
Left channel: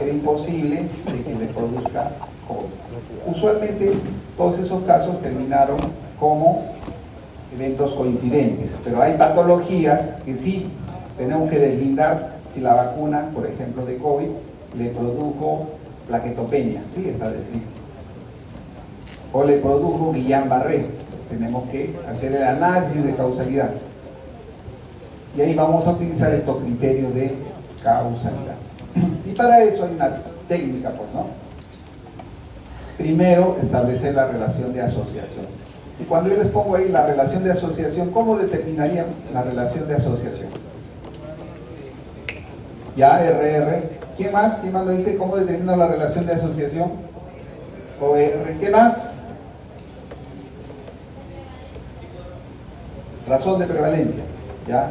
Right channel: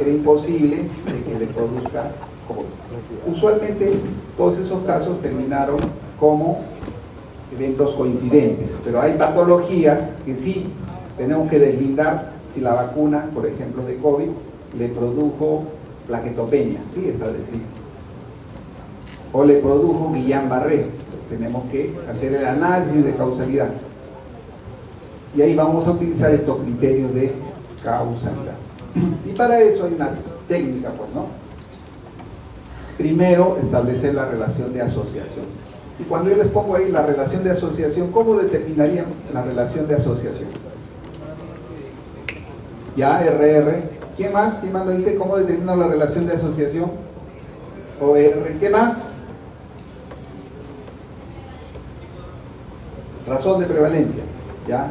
era imposible de que le produzca COVID. Usualmente, todos esos casos terminaron como eventos coincidentes, pero hay patologías que sí tenemos que deslindar si la vacuna, por ejemplo, de COVID, le produjo plaquetopenia, sí está descrito, o le produjo Guillain-Barré. Tenemos que hacer el análisis de causalidad y ahí vamos a utilizar estos criterios de causalidad. Y para eso hay una técnica, pues, ¿no? Primero, establecer la relación de asociación. Y cuando yo les pongo ahí la relación de asociación, ¿cómo determinarían la relación de asociación? Ya, RR. ¿Quién más? ¿Quién más lo dice? ¿Cómo determina la relación de asociación? OR. ¿Qué más? Razón de prevalencia. ¿Ya?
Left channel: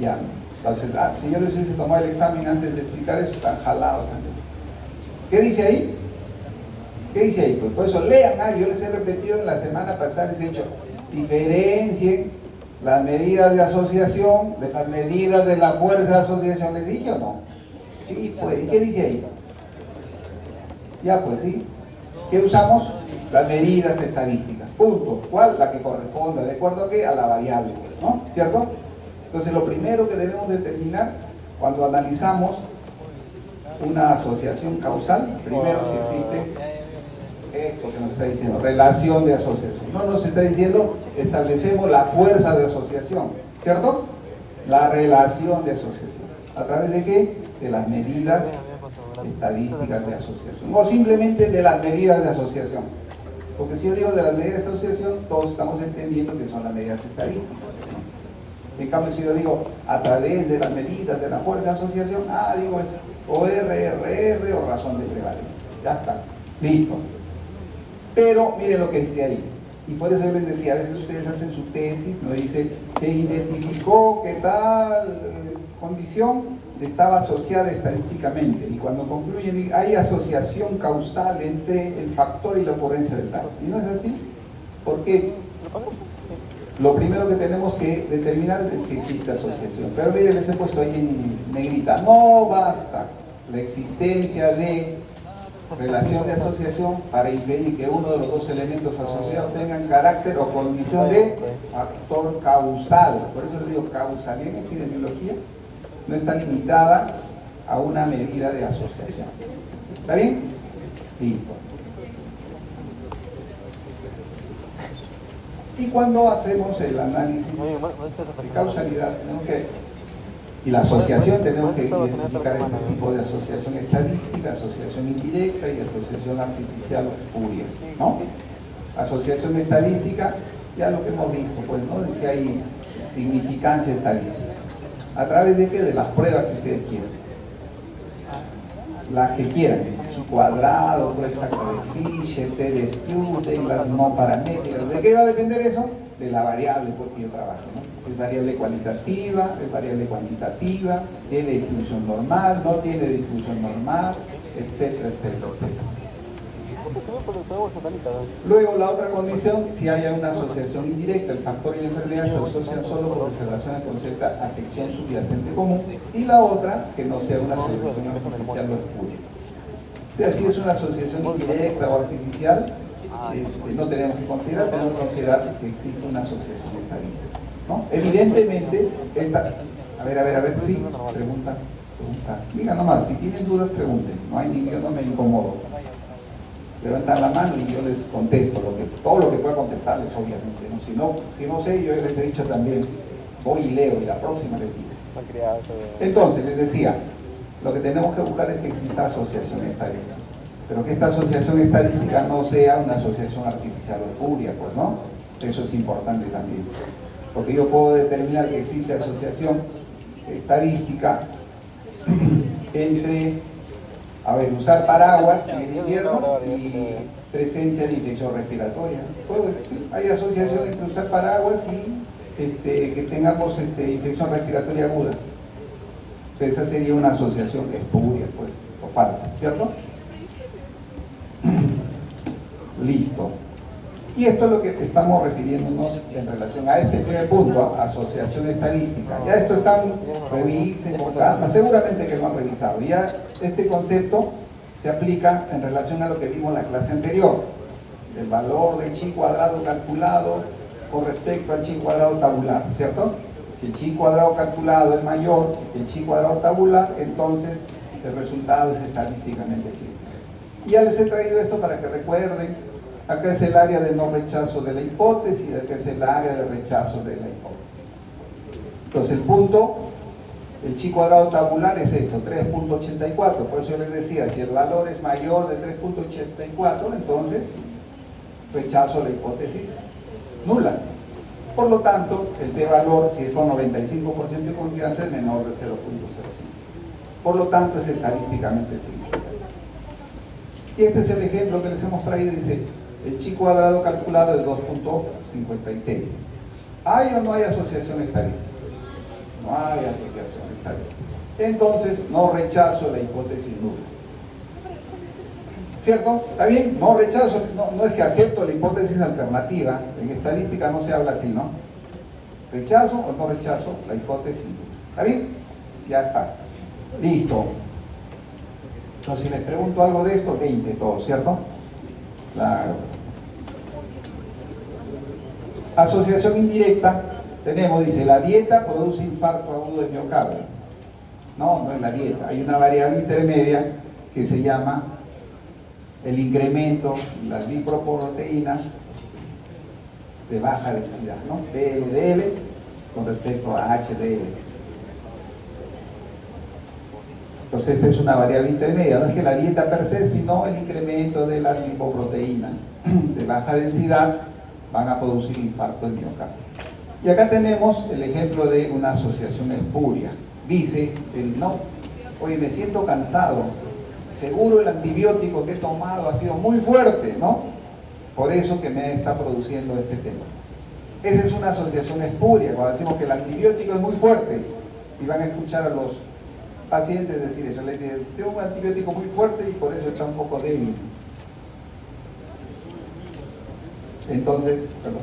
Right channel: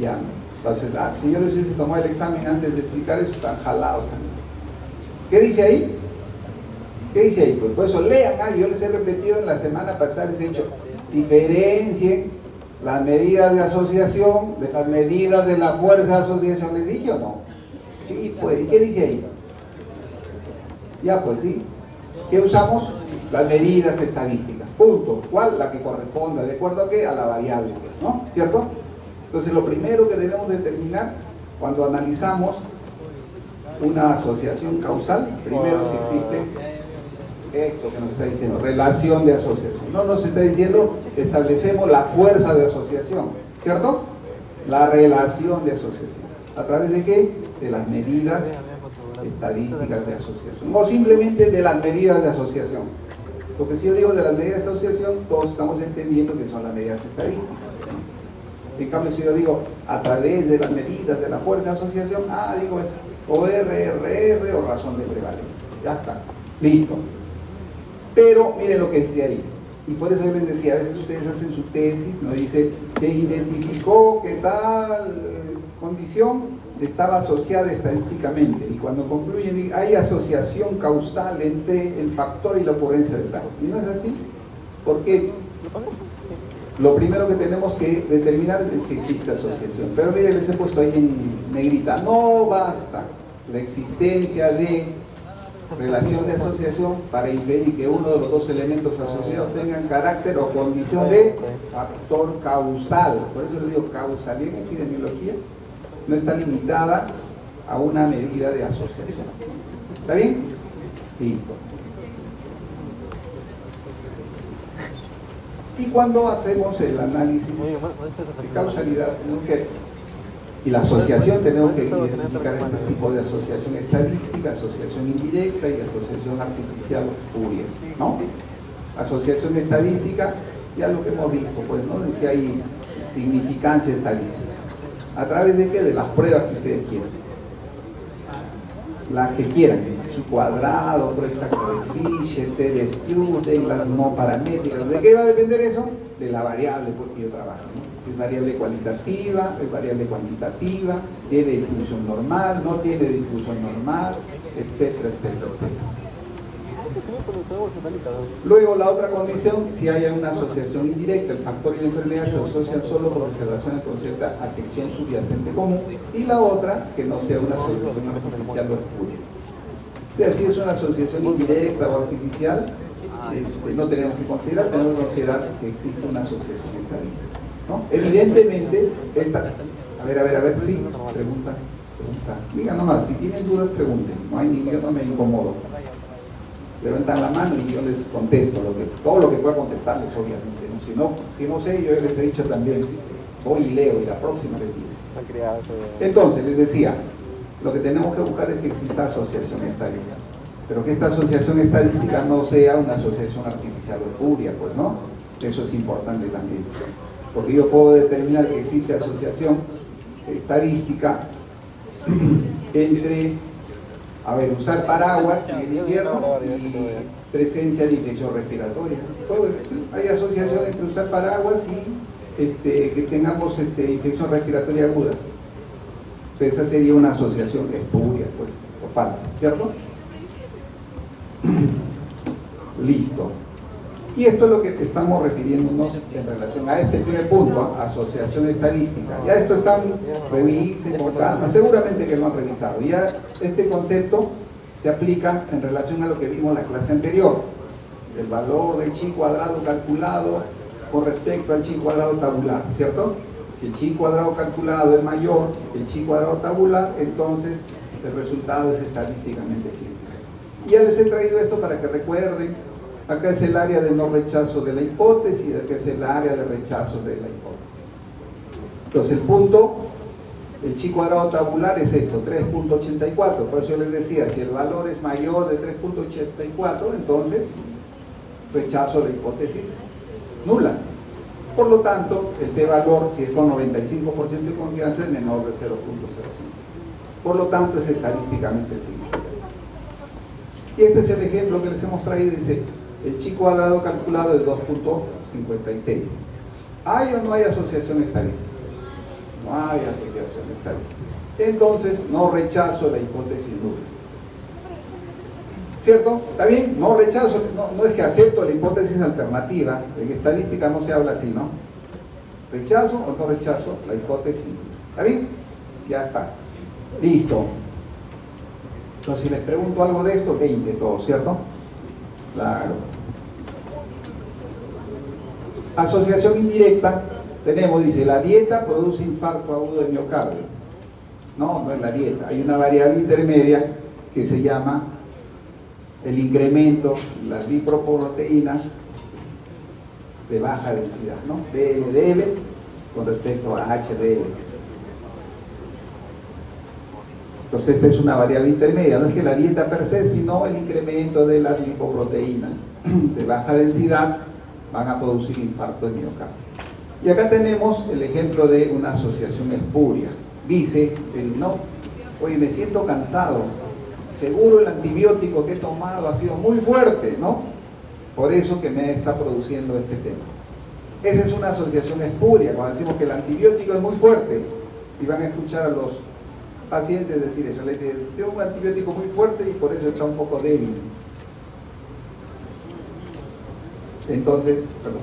Ya. Entonces, si yo les hubiese tomado el examen antes de explicar eso, están jalados también. ¿Qué dice ahí? ¿Qué dice ahí? Pues por eso lean, yo les he repetido en la semana pasada, les he dicho, diferencien las medidas de asociación de las medidas de la fuerza de asociación. ¿Les dije o no? Sí, pues, ¿y qué dice ahí? Ya, pues sí. ¿Qué usamos? Las medidas estadísticas. Punto. ¿Cuál? La que corresponda. ¿De acuerdo a qué? A la variable, pues, ¿no? ¿Cierto? Entonces, lo primero que debemos determinar cuando analizamos una asociación causal, primero si existe esto que nos está diciendo, relación de asociación. No nos está diciendo establecemos la fuerza de asociación, ¿cierto? La relación de asociación. ¿A través de qué? De las medidas estadísticas de asociación. O simplemente de las medidas de asociación. Porque si yo digo de las medidas de asociación, todos estamos entendiendo que son las medidas estadísticas, ¿no? En cambio, si yo digo a través de las medidas de la fuerza de asociación, digo es ORRR o razón de prevalencia. Ya está. Listo. Pero miren lo que dice ahí. Y por eso yo les decía, a veces ustedes hacen su tesis, ¿no? Dice, se identificó que tal condición estaba asociada estadísticamente. Y cuando concluyen, hay asociación causal entre el factor y la ocurrencia de tal. ¿Y no es así? Porque lo primero que tenemos que determinar es si existe asociación. Pero miren, les he puesto ahí en negrita. No basta la existencia de relación de asociación para inferir que uno de los dos elementos asociados tengan carácter o condición de factor causal. Por eso les digo, causalidad en epidemiología no está limitada a una medida de asociación. ¿Está bien? Listo. Y cuando hacemos el análisis de causalidad, tenemos que, y la asociación, tenemos que identificar este tipo de asociación estadística, asociación indirecta y asociación artificial o espuria, ¿no? Asociación estadística, ya lo que hemos visto, pues, ¿no? Dice ahí significancia estadística. ¿A través de qué? De las pruebas que ustedes quieran. Las que quieran. Chi cuadrado, prueba exacta de Fisher, T de Stewart, las no paramétricas. ¿De qué va a depender eso? De la variable por que yo trabajo, ¿no? Si es variable cualitativa, es variable cuantitativa, tiene distribución normal, no tiene distribución normal, etcétera, etcétera, etcétera. Luego, la otra condición, si hay una asociación indirecta, el factor y la enfermedad se asocian solo porque se relacionan con cierta afección subyacente común, y la otra, que no sea una asociación artificial o espuria. O sea, si es una asociación indirecta o artificial, no tenemos que considerar que existe una asociación estadística, ¿no? Evidentemente, esta... A ver, sí, pregunta. Diga nomás, si tienen dudas, pregunten, yo no me incomodo. Levantan la mano y yo les contesto, todo lo que pueda contestarles, obviamente, ¿no? Si no sé, yo les he dicho también, voy y leo, y la próxima les digo. Entonces, les decía, lo que tenemos que buscar es que exista asociación estadística, pero que esta asociación estadística no sea una asociación artificial o espuria, pues, ¿no? Eso es importante también, porque yo puedo determinar que existe asociación estadística entre, usar paraguas en el invierno y presencia de infección respiratoria. Sí, hay asociación entre usar paraguas y que tengamos infección respiratoria aguda. Pues esa sería una asociación espuria, pues, o falsa, ¿cierto? Listo. Y esto es lo que estamos refiriéndonos en relación a este primer punto, asociación estadística. Ya esto están, revisen con calma, seguramente que lo han revisado. Ya este concepto se aplica en relación a lo que vimos en la clase anterior. El valor del chi cuadrado calculado con respecto al chi cuadrado tabular, ¿cierto? Si el chi cuadrado calculado es mayor que el chi cuadrado tabular, entonces el resultado es estadísticamente simple. Y ya les he traído esto para que recuerden. Acá es el área de no rechazo de la hipótesis y acá es el área de rechazo de la hipótesis. Entonces el punto, el chi cuadrado tabular es esto, 3.84. Por eso yo les decía, si el valor es mayor de 3.84, entonces rechazo de la hipótesis nula. Por lo tanto, el p-valor, si es con 95% de confianza, es menor de 0.05. Por lo tanto, es estadísticamente simple. Y este es el ejemplo que les hemos traído, dice, el chi cuadrado calculado es 2.56. ¿Hay o no hay asociación estadística? No hay asociación estadística. Entonces, no rechazo la hipótesis nula. ¿Cierto? ¿Está bien? No rechazo, no es que acepto la hipótesis alternativa. En estadística no se habla así, ¿no? ¿Rechazo o no rechazo la hipótesis nula? ¿Está bien? Ya está. Listo. Entonces, si les pregunto algo de esto, 20 todo, ¿cierto? Claro. Asociación indirecta, tenemos, dice, la dieta produce infarto agudo de miocardio. No, no es la dieta. Hay una variable intermedia que se llama el incremento de las lipoproteínas de baja densidad, ¿no? DLDL con respecto a HDL. Entonces esta es una variable intermedia, no es que la dieta per se, sino el incremento de las lipoproteínas de baja densidad van a producir infarto de miocardio. Y acá tenemos el ejemplo de una asociación espuria. Dice, no, oye, me siento cansado, seguro el antibiótico que he tomado ha sido muy fuerte, ¿no? Por eso que me está produciendo este tema. Esa es una asociación espuria, cuando decimos que el antibiótico es muy fuerte, y van a escuchar a los pacientes decir eso, le dicen, tengo un antibiótico muy fuerte y por eso está un poco débil. Entonces, perdón.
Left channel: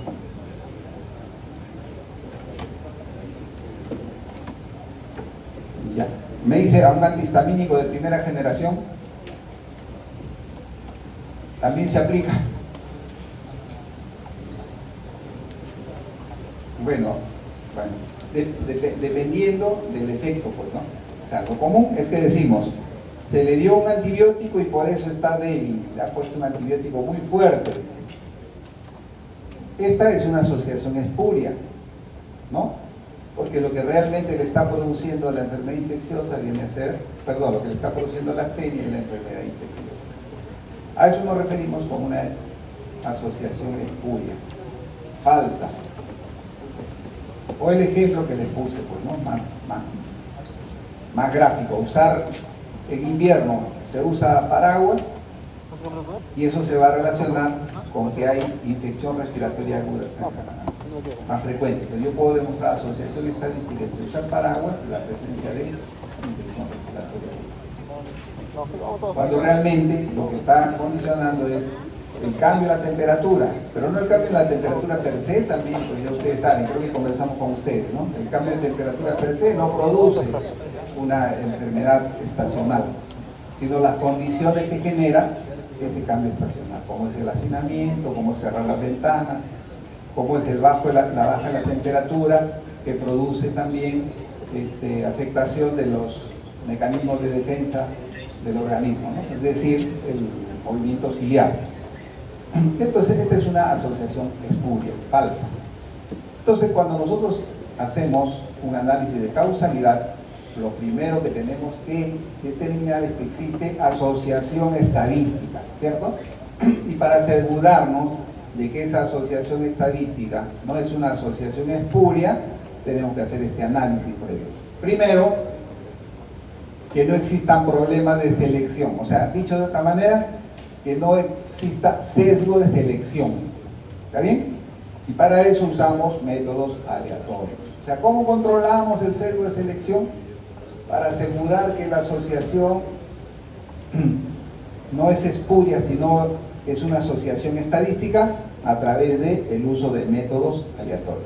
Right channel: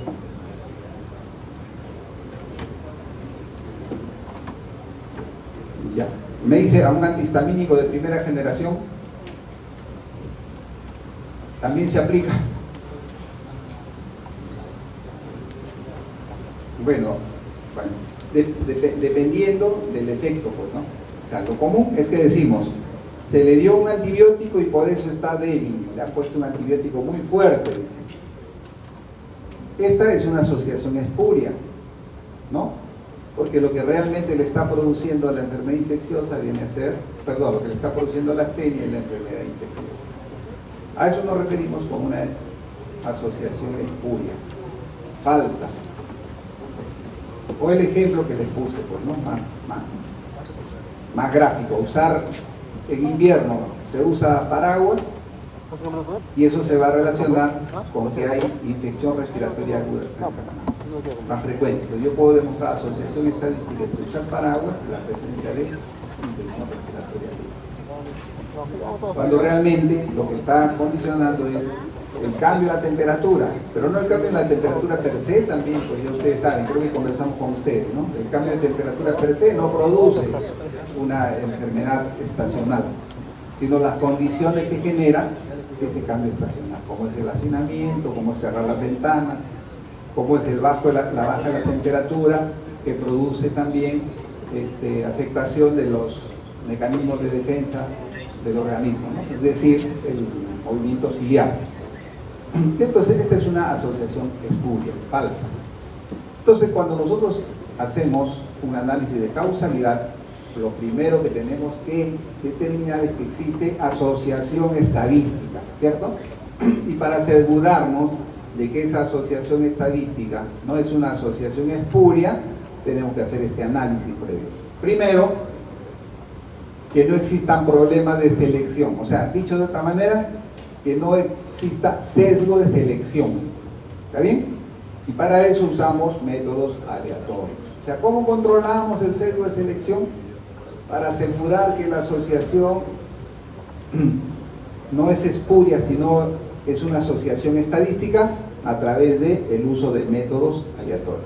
Ya. Me dice a un antihistamínico de primera generación, también se aplica. Bueno, dependiendo del efecto, pues, ¿no? O sea, lo común es que decimos, se le dio un antibiótico y por eso está débil, le ha puesto un antibiótico muy fuerte, dice. Esta es una asociación espuria, ¿no? Porque lo que realmente le está produciendo la enfermedad infecciosa viene a ser, perdón, lo que le está produciendo la astenia es la enfermedad infecciosa. A eso nos referimos con una asociación espuria, falsa. O el ejemplo que les puse, pues, ¿no? Más gráfico, usar en invierno se usa paraguas y eso se va a relacionar con que hay infección respiratoria aguda más frecuente. Entonces, yo puedo demostrar asociación estadística entre usar paraguas y la presencia de infección respiratoria aguda. Cuando realmente lo que está condicionando es el cambio en la temperatura, pero no el cambio en la temperatura per se también, pues ya ustedes saben, creo que conversamos con ustedes, ¿no? El cambio de temperatura per se no produce una enfermedad estacional, sino las condiciones que genera ese cambio estacional, como es el hacinamiento, como es cerrar las ventanas, como es la baja de la temperatura, que produce también afectación de los mecanismos de defensa del organismo, ¿no? Es decir, el movimiento ciliar. Entonces, esta es una asociación espuria, falsa. Entonces, cuando nosotros hacemos un análisis de causalidad, lo primero que tenemos que determinar es que existe asociación estadística, ¿cierto? Y para asegurarnos de que esa asociación estadística no es una asociación espuria, tenemos que hacer este análisis previo. Primero, que no existan problemas de selección, o sea, dicho de otra manera, que no exista sesgo de selección, ¿está bien? Y para eso usamos métodos aleatorios. O sea, ¿cómo controlamos el sesgo de selección? Para asegurar que la asociación no es espuria, sino es una asociación estadística a través del uso de métodos aleatorios.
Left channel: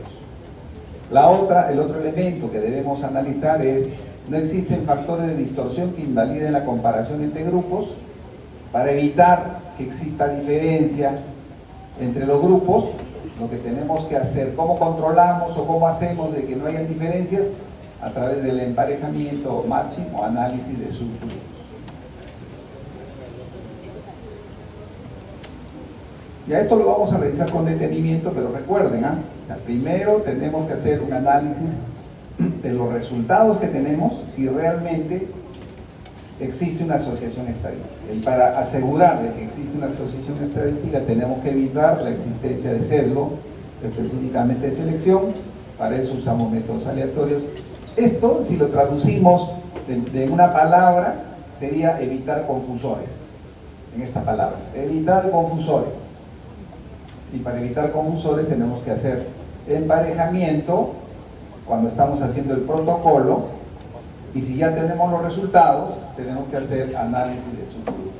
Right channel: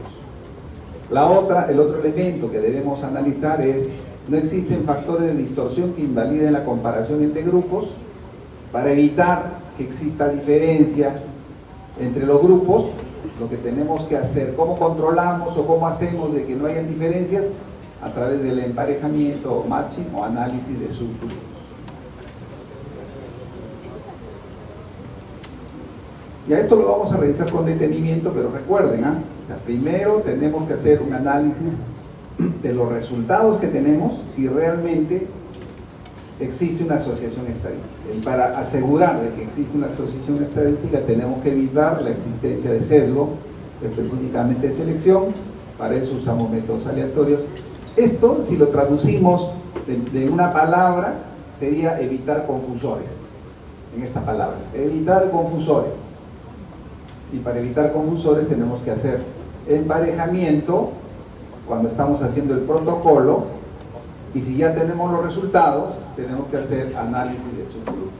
El otro elemento que debemos analizar es: no existen factores de distorsión que invaliden la comparación entre grupos. Para evitar que exista diferencia entre los grupos, lo que tenemos que hacer, ¿cómo controlamos o cómo hacemos de que no haya diferencias? A través del emparejamiento o matching o análisis de subgrupos. Ya esto lo vamos a revisar con detenimiento, pero recuerden, o sea, primero tenemos que hacer un análisis de los resultados que tenemos, si realmente existe una asociación estadística. Y para asegurar de que existe una asociación estadística, tenemos que evitar la existencia de sesgo, específicamente de selección. Para eso usamos métodos aleatorios. Esto, si lo traducimos de una palabra, sería evitar confusores. En esta palabra, evitar confusores. Y para evitar confusores tenemos que hacer emparejamiento cuando estamos haciendo el protocolo, y si ya tenemos los resultados, tenemos que hacer análisis de subgrupos,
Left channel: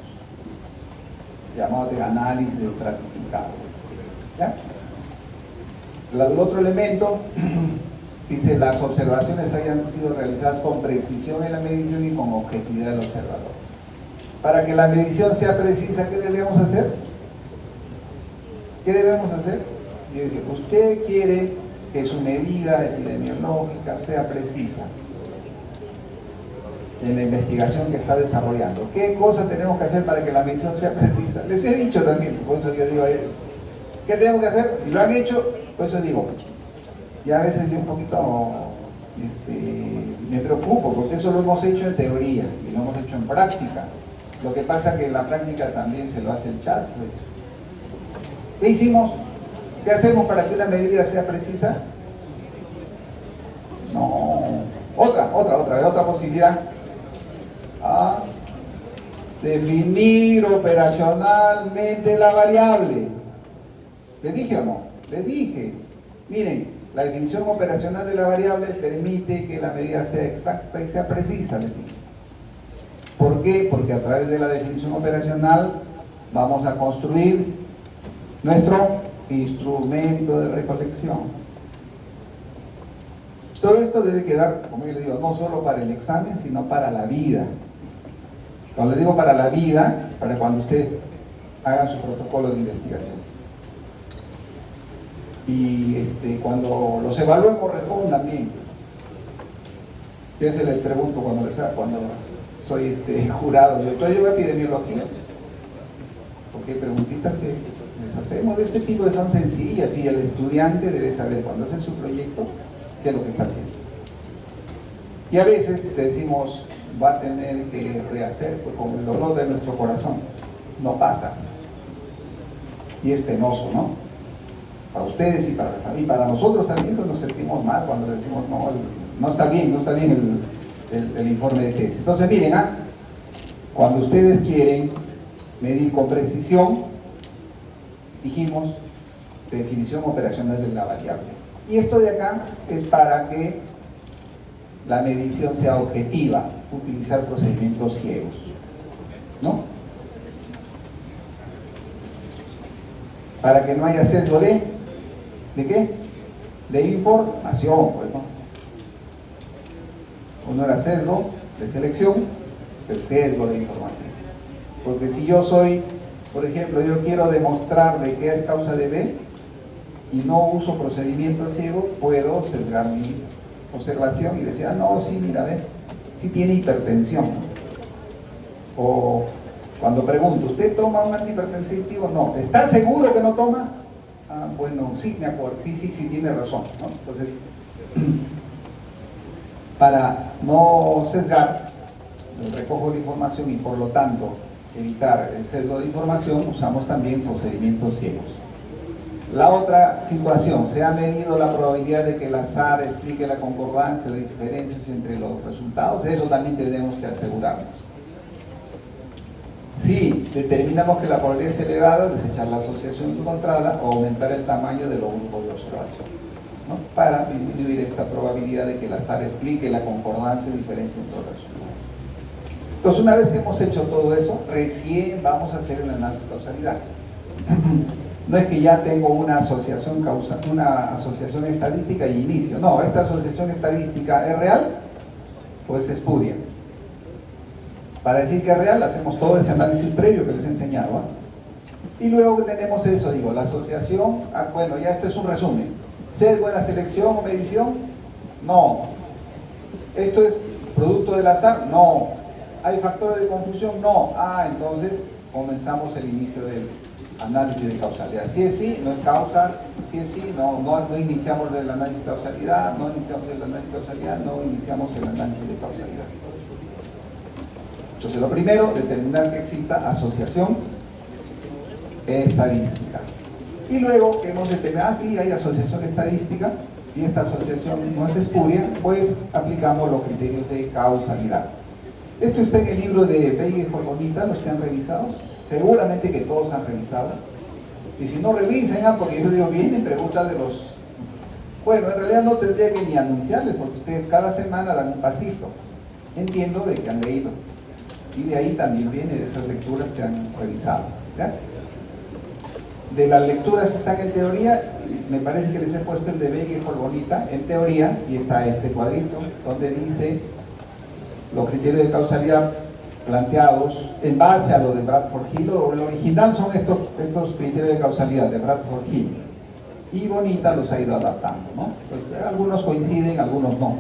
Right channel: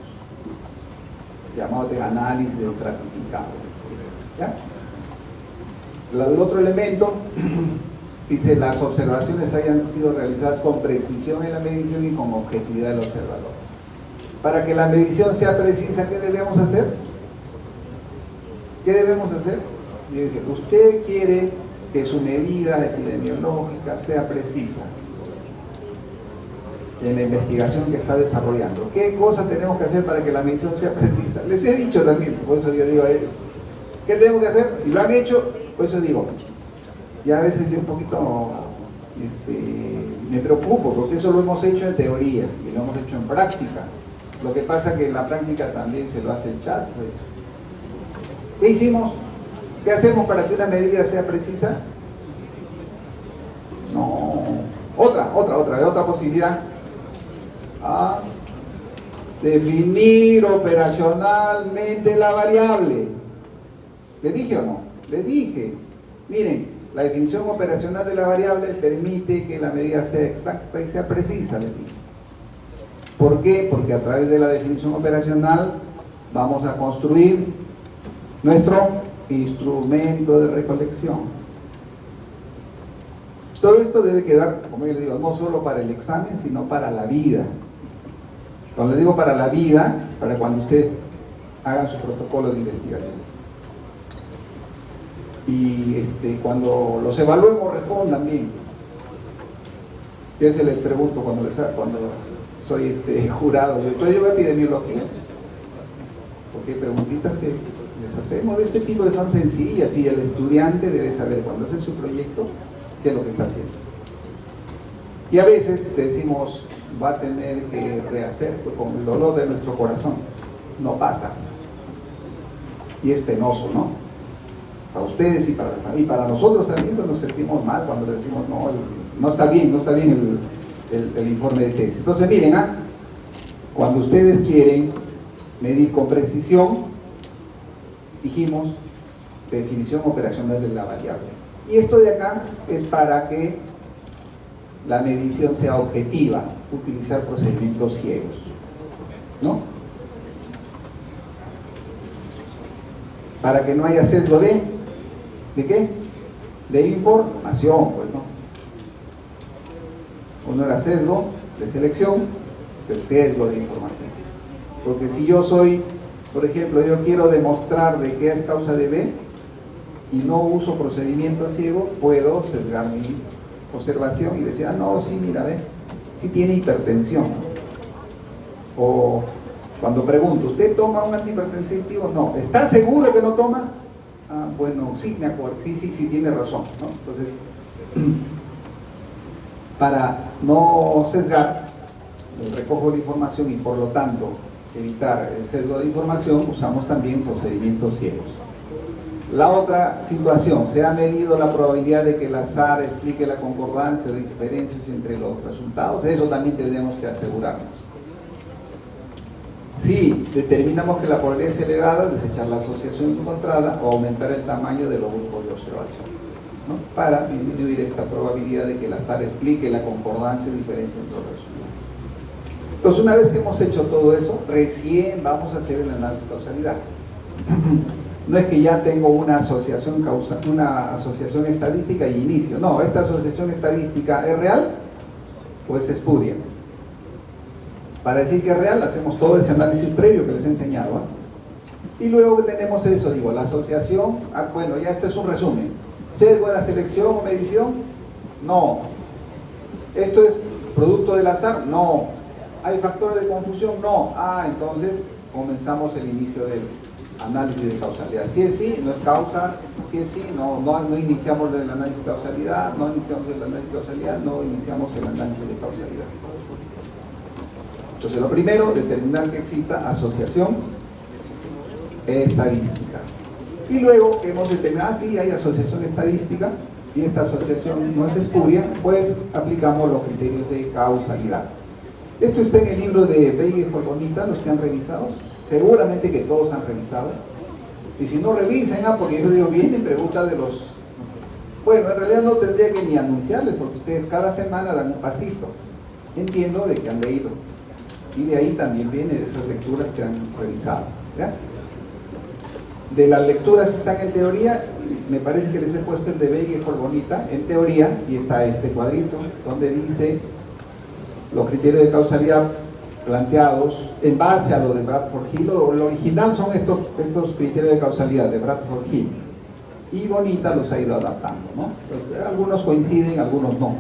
llamado de análisis estratificado. ¿Ya? El otro elemento dice: las observaciones hayan sido realizadas con precisión en la medición y con objetividad del observador. Para que la medición sea precisa, ¿qué debemos hacer? ¿Qué debemos hacer? Y dice: usted quiere que su medida epidemiológica sea precisa en la investigación que está desarrollando. ¿Qué cosas tenemos que hacer para que la medición sea precisa? Les he dicho también, por eso yo digo, ¿qué tenemos que hacer? Y lo han hecho, por eso digo, ya a veces yo un poquito me preocupo, porque eso lo hemos hecho en teoría y lo hemos hecho en práctica. Lo que pasa es que en la práctica también se lo hace el chat, pues. ¿Qué hicimos? ¿Qué hacemos para que una medida sea precisa? No. Otra posibilidad. Definir operacionalmente la variable. ¿Le dije o no? Le dije. Miren, la definición operacional de la variable permite que la medida sea exacta y sea precisa, les dije. ¿Por qué? Porque a través de la definición operacional vamos a construir nuestro instrumento de recolección. Todo esto debe quedar, como yo le digo, no solo para el examen, sino para la vida. Cuando le digo para la vida, para cuando usted haga su protocolo de investigación. Y cuando los evaluemos, respondan bien. Yo se les pregunto cuando soy jurado, yo llevo epidemiología, porque hay preguntitas que les hacemos de este tipo que son sencillas, y el estudiante debe saber cuando hace su proyecto qué es lo que está haciendo. Y a veces decimos, va a tener que rehacer, pues, con el dolor de nuestro corazón. No pasa. Y es penoso, ¿no? Para ustedes y para nosotros también, pues, nos sentimos mal cuando decimos, no está bien el informe de tesis. Entonces, miren, cuando ustedes quieren medir con precisión, dijimos, definición operacional de la variable. Y esto de acá es para que la medición sea objetiva, utilizar procedimientos ciegos, ¿no? para que no haya sesgo ¿de qué? De información, pues, ¿no? Uno era sesgo de selección, el sesgo de información. Porque si yo soy, por ejemplo, yo quiero demostrar de qué es causa de B y no uso procedimiento ciego, puedo sesgar mi observación y decir, ah, no, sí, mira, ve, sí tiene hipertensión. O cuando pregunto, ¿usted toma un antihipertensivo? No. ¿Está seguro que no toma? Ah, bueno, sí, me acuerdo, sí, tiene razón, ¿no? Entonces, para no sesgar, recojo la información y por lo tanto evitar el sesgo de información, usamos también procedimientos ciegos. La otra situación, se ha medido la probabilidad de que el azar explique la concordancia o diferencias entre los resultados, de eso también tenemos que asegurarnos. Si determinamos que la probabilidad es elevada, desechar la asociación encontrada o aumentar el tamaño de los grupos de observación, ¿no? Para disminuir esta probabilidad de que el azar explique la concordancia y diferencia entre los resultados. Entonces, una vez que hemos hecho todo eso, recién vamos a hacer el análisis de causalidad. No es que ya tengo una asociación estadística y inicio. No, esta asociación estadística es real o es espuria. Para decir que es real, hacemos todo ese análisis previo que les he enseñado, ¿eh? Y luego que tenemos eso, digo, la asociación, bueno, ya este es un resumen. ¿Sesgo en la selección o medición? No. ¿Esto es producto del azar? No. ¿Hay factores de confusión? No. Ah, entonces comenzamos el inicio del análisis de causalidad. Si es sí, no es causa. Si es sí, no iniciamos el análisis de causalidad. No iniciamos el análisis de causalidad. No iniciamos el análisis de causalidad. Entonces, lo primero, determinar que exista asociación estadística. Y luego que hemos determinado, sí, hay asociación estadística y esta asociación no es espuria, pues aplicamos los criterios de causalidad. Esto está en el libro de Veiga y Jorbonita, los que han revisado. Seguramente que todos han revisado. Y si no revisen, porque yo digo, vienen preguntas de los... Bueno, en realidad no tendría que ni anunciarles, porque ustedes cada semana dan un pasito. Entiendo de que han leído. Y de ahí también viene de esas lecturas que han revisado, ¿ya? De las lecturas que están en teoría, me parece que les he puesto el de Veiga y Jorbonita en teoría, y está este cuadrito donde dice los criterios de causalidad planteados en base a lo de Bradford Hill, o lo original son estos criterios de causalidad de Bradford Hill, y Bonita los ha ido adaptando, ¿no? Entonces, algunos coinciden, algunos no.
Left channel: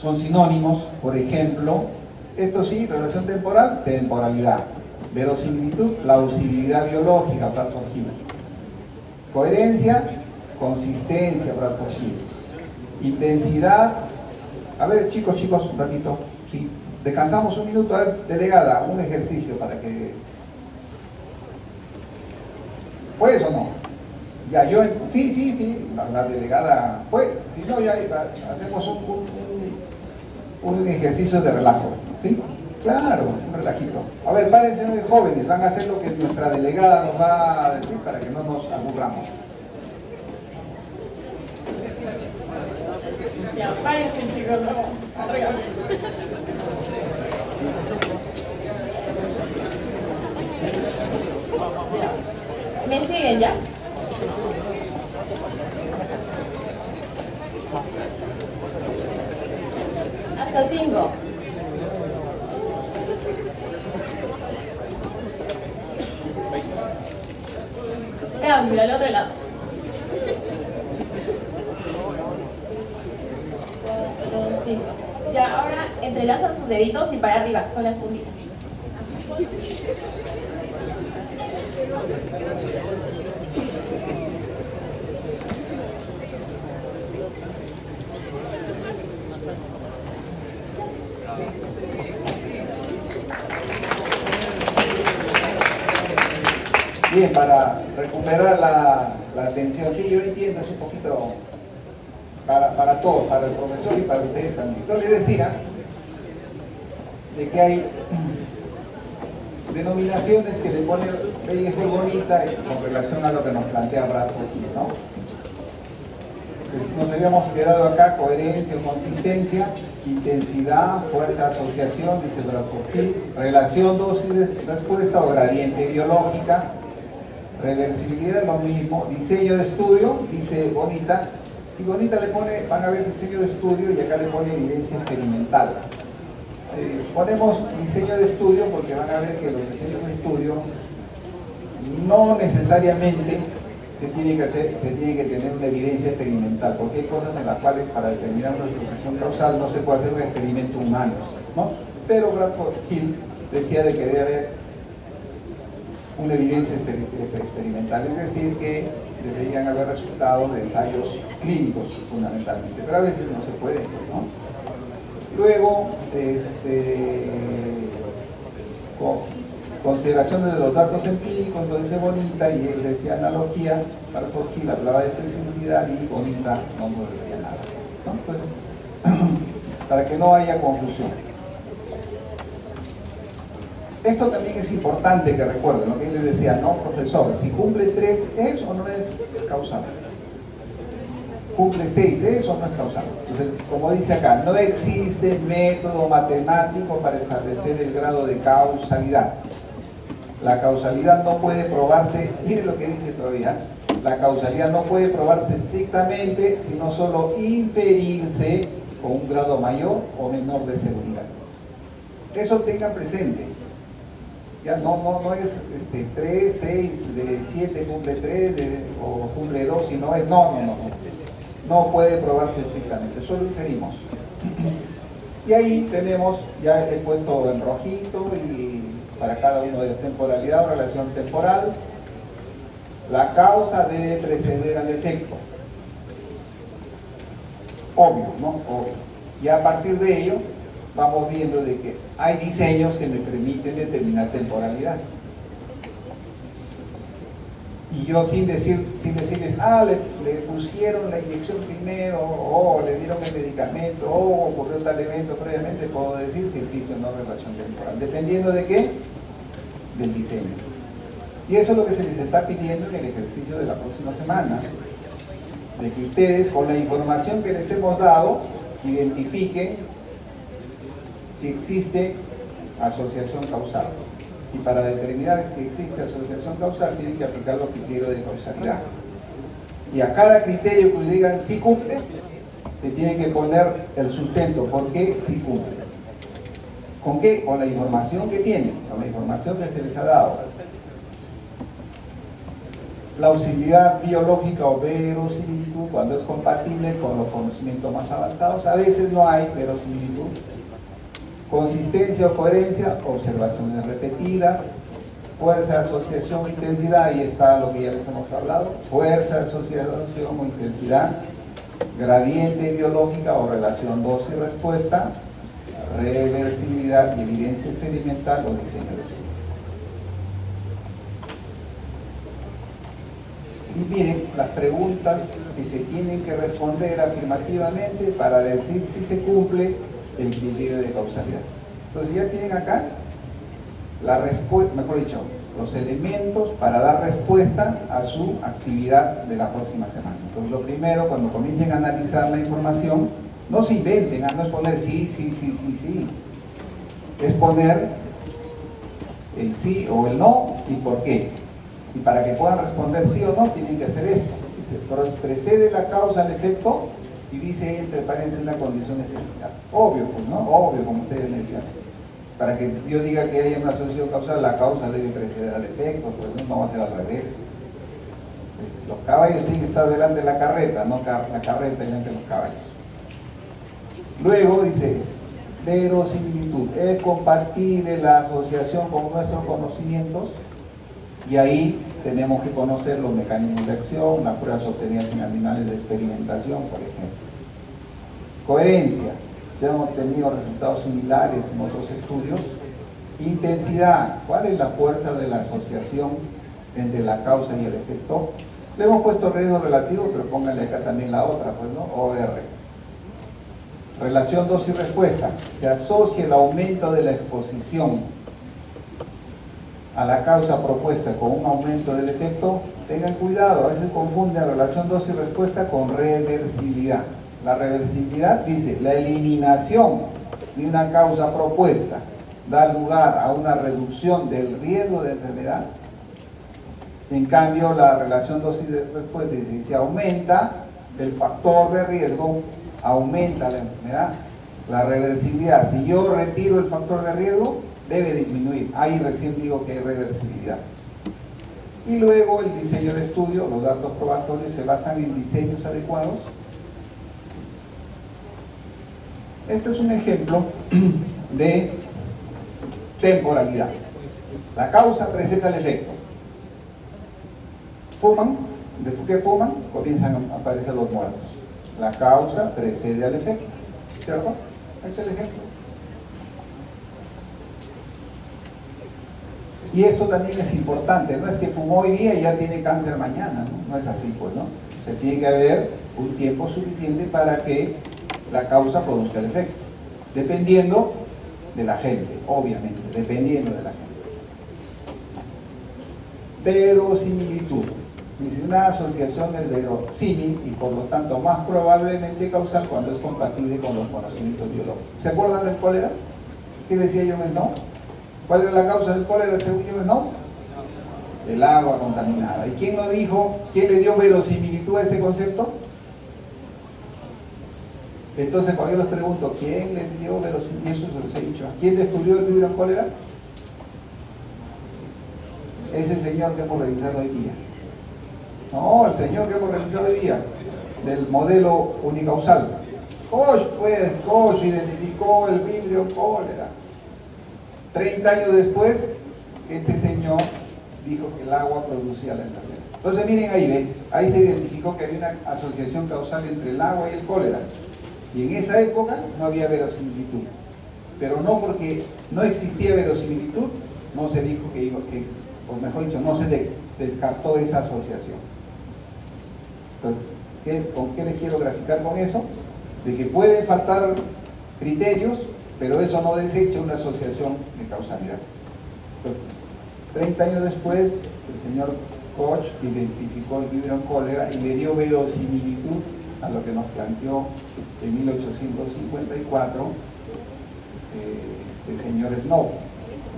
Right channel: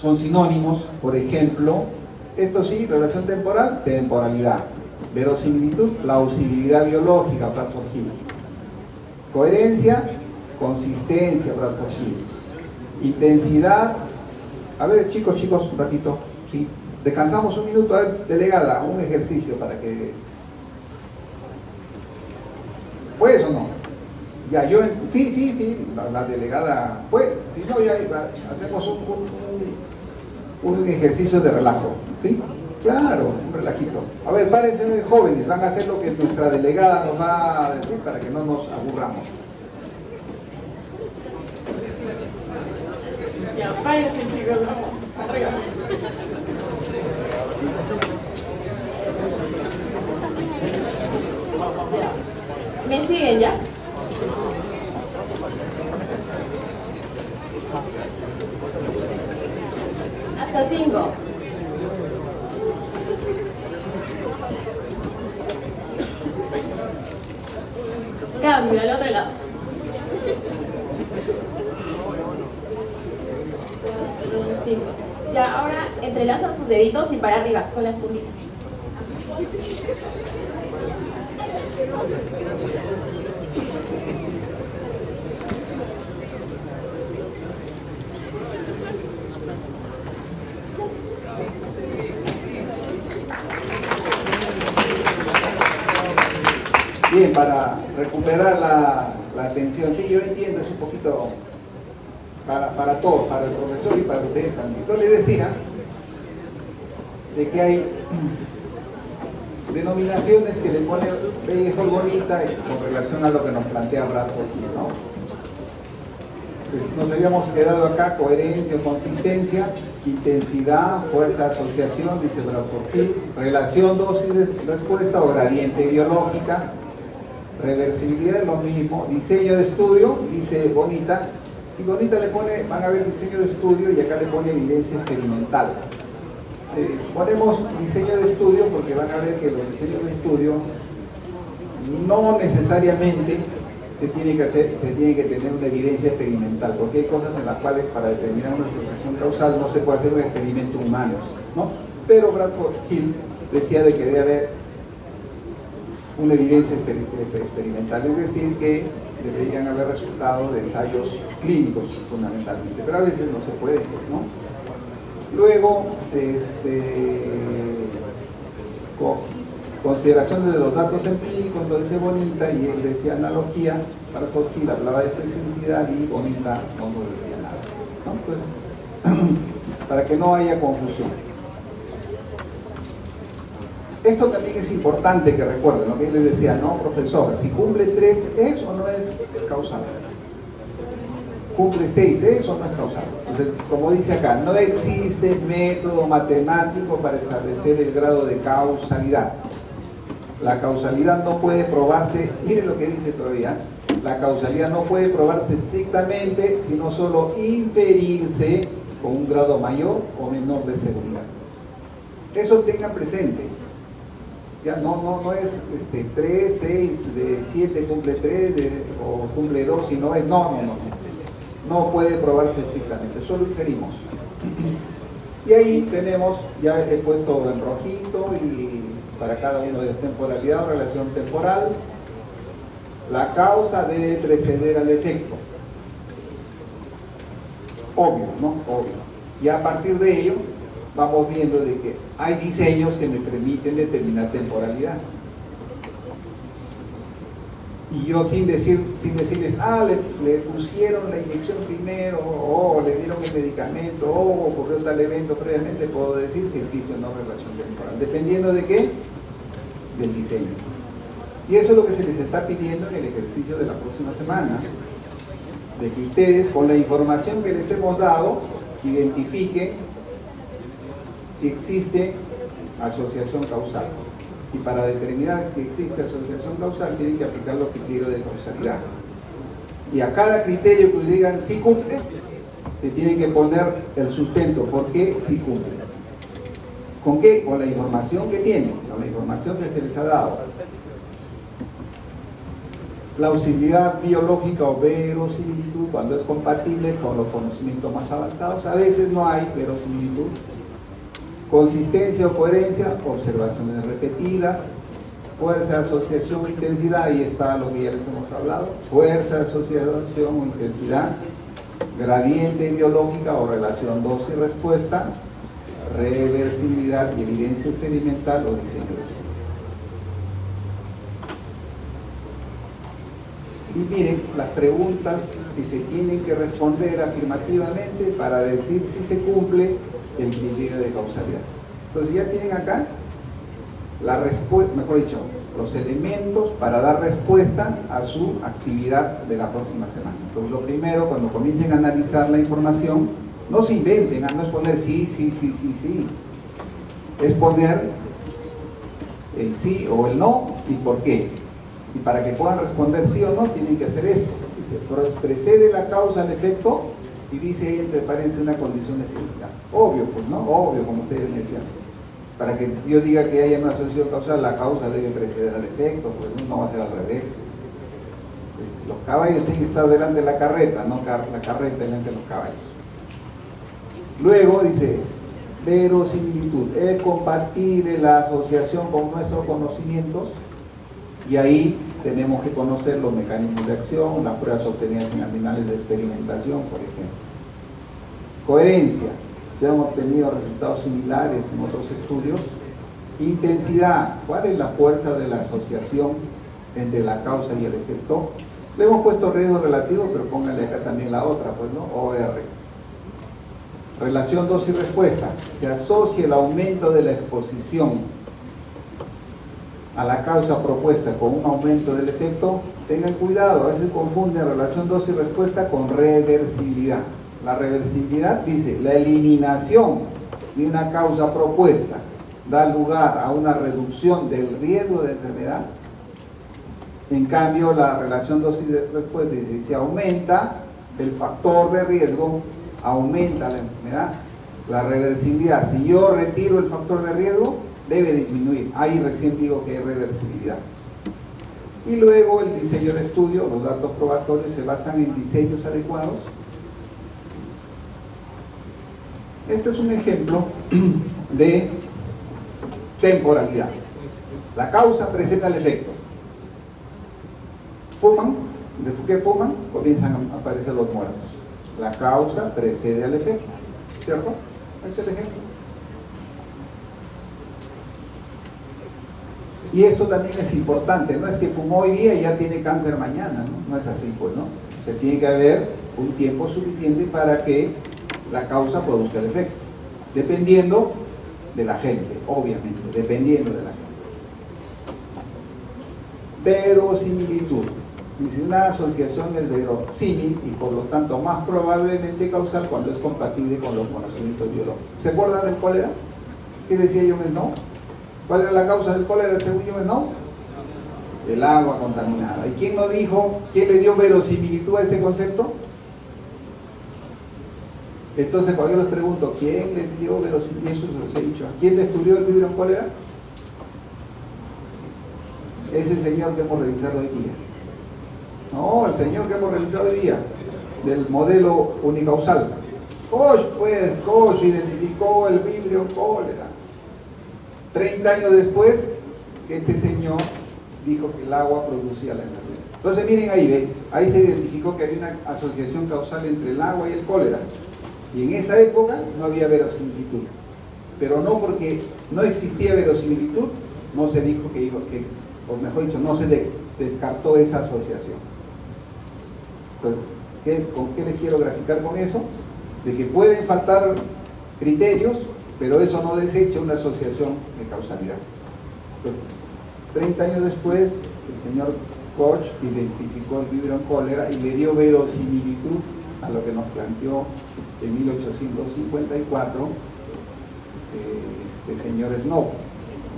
Son sinónimos, por ejemplo, esto sí, relación temporal, temporalidad. Verosimilitud, plausibilidad biológica, Bradford Hill. Coherencia, consistencia, Bradford Hill. Intensidad, a ver chicos, un ratito, ¿sí? Descansamos un minuto, a ver, delegada, un ejercicio para que... ¿Puedes o no? Ya, yo, sí, la delegada, pues, si no, ya hacemos un ejercicio de relajo, ¿sí? Claro, un relajito. A ver, párense jóvenes, van a hacer lo que nuestra delegada nos va a decir para que no nos aburramos. Ya, párense chicos, vamos, arriba. ¿Me siguen ya? Hasta 5. Cambio al otro lado. Ya, ahora entrelazan sus deditos y para arriba con las puntitas. Bien, para recuperar la atención, sí, yo entiendo, es un poquito para todos, para el profesor y para ustedes también. Entonces les decía de que hay denominaciones que le pone Veiga y Jorbonita con relación a lo que nos plantea Bradford Hill, ¿no? Nos habíamos quedado acá, coherencia o consistencia, intensidad, fuerza de asociación, dice Bradford Hill, relación dosis-respuesta o gradiente biológica, Reversibilidad es lo mismo. Diseño de estudio, dice Bonita. Y Bonita le pone, van a ver diseño de estudio y acá le pone evidencia experimental. Ponemos diseño de estudio porque van a ver que los diseños de estudio no necesariamente se tiene que tener una evidencia experimental, porque hay cosas en las cuales para determinar una asociación causal no se puede hacer un experimento humano, ¿no? Pero Bradford Hill decía de que debe haber una evidencia experimental, es decir, que deberían haber resultados de ensayos clínicos fundamentalmente, pero a veces no se puede, pues, ¿no? Luego, consideraciones de los datos empíricos, lo dice Bonita, y él decía analogía. Bradford Hill hablaba de especificidad y Bonita no nos decía nada, ¿no? Entonces, para que no haya confusión. Esto también es importante que recuerden lo que él les decía, ¿no, profesor? Si cumple 3, ¿es o no es causal? Cumple 6, ¿es o no es causal? Entonces, como dice acá, no existe método matemático para establecer el grado de causalidad. La causalidad no puede probarse, miren lo que dice todavía, la causalidad no puede probarse estrictamente, sino solo inferirse con un grado mayor o menor de seguridad. Eso tengan presente. Ya no es 3, 6, de 7 cumple 3, o cumple 2, si no es, no puede probarse estrictamente, solo inferimos. Y ahí tenemos, ya he puesto en rojito y para cada uno de temporalidad o relación temporal, la causa debe preceder al efecto. Obvio, ¿no? Obvio. Y a partir de ello, vamos viendo de que hay diseños que me permiten determinar temporalidad. Y yo sin decirles, le pusieron la inyección primero, o le dieron el medicamento, o ocurrió tal evento previamente, puedo decir si existe o no relación temporal, dependiendo de qué, del diseño. Y eso es lo que se les está pidiendo en el ejercicio de la próxima semana, de que ustedes, con la información que les hemos dado, identifiquen si existe asociación causal. Y para determinar si existe asociación causal, tienen que aplicar los criterios de causalidad. Y a cada criterio que digan si cumple, le tienen que poner el sustento, ¿por qué si cumple? ¿Con qué? Con la información que tienen, con la información que se les ha dado. Plausibilidad biológica o verosimilitud, cuando es compatible con los conocimientos más avanzados. A veces no hay verosimilitud. Consistencia o coherencia, observaciones repetidas. Fuerza, asociación, intensidad, ahí está lo que ya les hemos hablado. Fuerza, asociación o intensidad. Gradiente biológica o relación dosis y respuesta. Reversibilidad y evidencia experimental o diseño de estudio. Y miren las preguntas que se tienen que responder afirmativamente para decir si se cumple el criterio de causalidad. Entonces ya tienen acá la respuesta, mejor dicho, los elementos para dar respuesta a su actividad de la próxima semana. Entonces lo primero, cuando comiencen a analizar la información, no se inventen, no es poner sí, es poner el sí o el no y por qué. Y para que puedan responder sí o no, tienen que hacer esto. Dice, precede la causa al efecto y dice entre paréntesis una condición esencial. Obvio, pues, ¿no? Obvio, como ustedes me decían. Para que yo diga que haya una asociación causal, la causa debe preceder al efecto, pues no va a ser al revés. Los caballos tienen que estar delante de la carreta, no la carreta delante de los caballos. Luego dice, verosimilitud, es compatible la asociación con nuestros conocimientos. Y ahí tenemos que conocer los mecanismos de acción, las pruebas obtenidas en animales de experimentación, por ejemplo. Coherencia, se han obtenido resultados similares en otros estudios. Intensidad, ¿cuál es la fuerza de la asociación entre la causa y el efecto? Le hemos puesto riesgo relativo, pero pónganle acá también la otra, pues, ¿no? OR. Relación dosis y respuesta, se asocia el aumento de la exposición a la causa propuesta con un aumento del efecto. Tengan cuidado, a veces confunden relación dosis y respuesta con reversibilidad. La reversibilidad dice, la eliminación de una causa propuesta da lugar a una reducción del riesgo de enfermedad. En cambio, la relación dosis-respuesta, si aumenta el factor de riesgo, aumenta la enfermedad. La reversibilidad, si yo retiro el factor de riesgo, debe disminuir. Ahí recién digo que hay reversibilidad. Y luego el diseño de estudio, los datos probatorios se basan en diseños adecuados. Este es un ejemplo de temporalidad. La causa presenta el efecto. Fuman, después que fuman, comienzan a aparecer los muertos. La causa precede al efecto, ¿cierto? Este es el ejemplo. Y esto también es importante, no es que fumó hoy día y ya tiene cáncer mañana, no es así, pues, ¿no? O sea, tiene que haber un tiempo suficiente para que la causa produzca el efecto, dependiendo de la gente, obviamente, dependiendo de la gente. Verosimilitud. Dice, una asociación es verosímil y por lo tanto más probablemente causal cuando es compatible con los conocimientos biológicos. ¿Se acuerdan del cólera? ¿Qué decía John Snow? ¿Cuál era la causa del cólera según John Snow? El agua contaminada. ¿Y quién no dijo, quién le dio verosimilitud a ese concepto? Entonces, cuando yo les pregunto, ¿quién le dio verosimilitud? Eso se los he dicho. ¿Quién descubrió el vibrio cólera? Ese señor que hemos revisado hoy día. No, el señor que hemos revisado hoy día, del modelo unicausal. Koch identificó el vibrio cólera. 30 años después, este señor dijo que el agua producía la enfermedad. Entonces miren ahí, ¿ven? Ahí se identificó que había una asociación causal entre el agua y el cólera. Y en esa época no había verosimilitud. Pero no porque no existía verosimilitud, no se dijo o mejor dicho, no se descartó esa asociación. Entonces, ¿con qué le quiero graficar con eso? De que pueden faltar criterios, pero eso no desecha una asociación de causalidad. Entonces, 30 años después, el señor Koch identificó el vibrio cólera y le dio verosimilitud a lo que nos planteó en 1854 este señor Snow.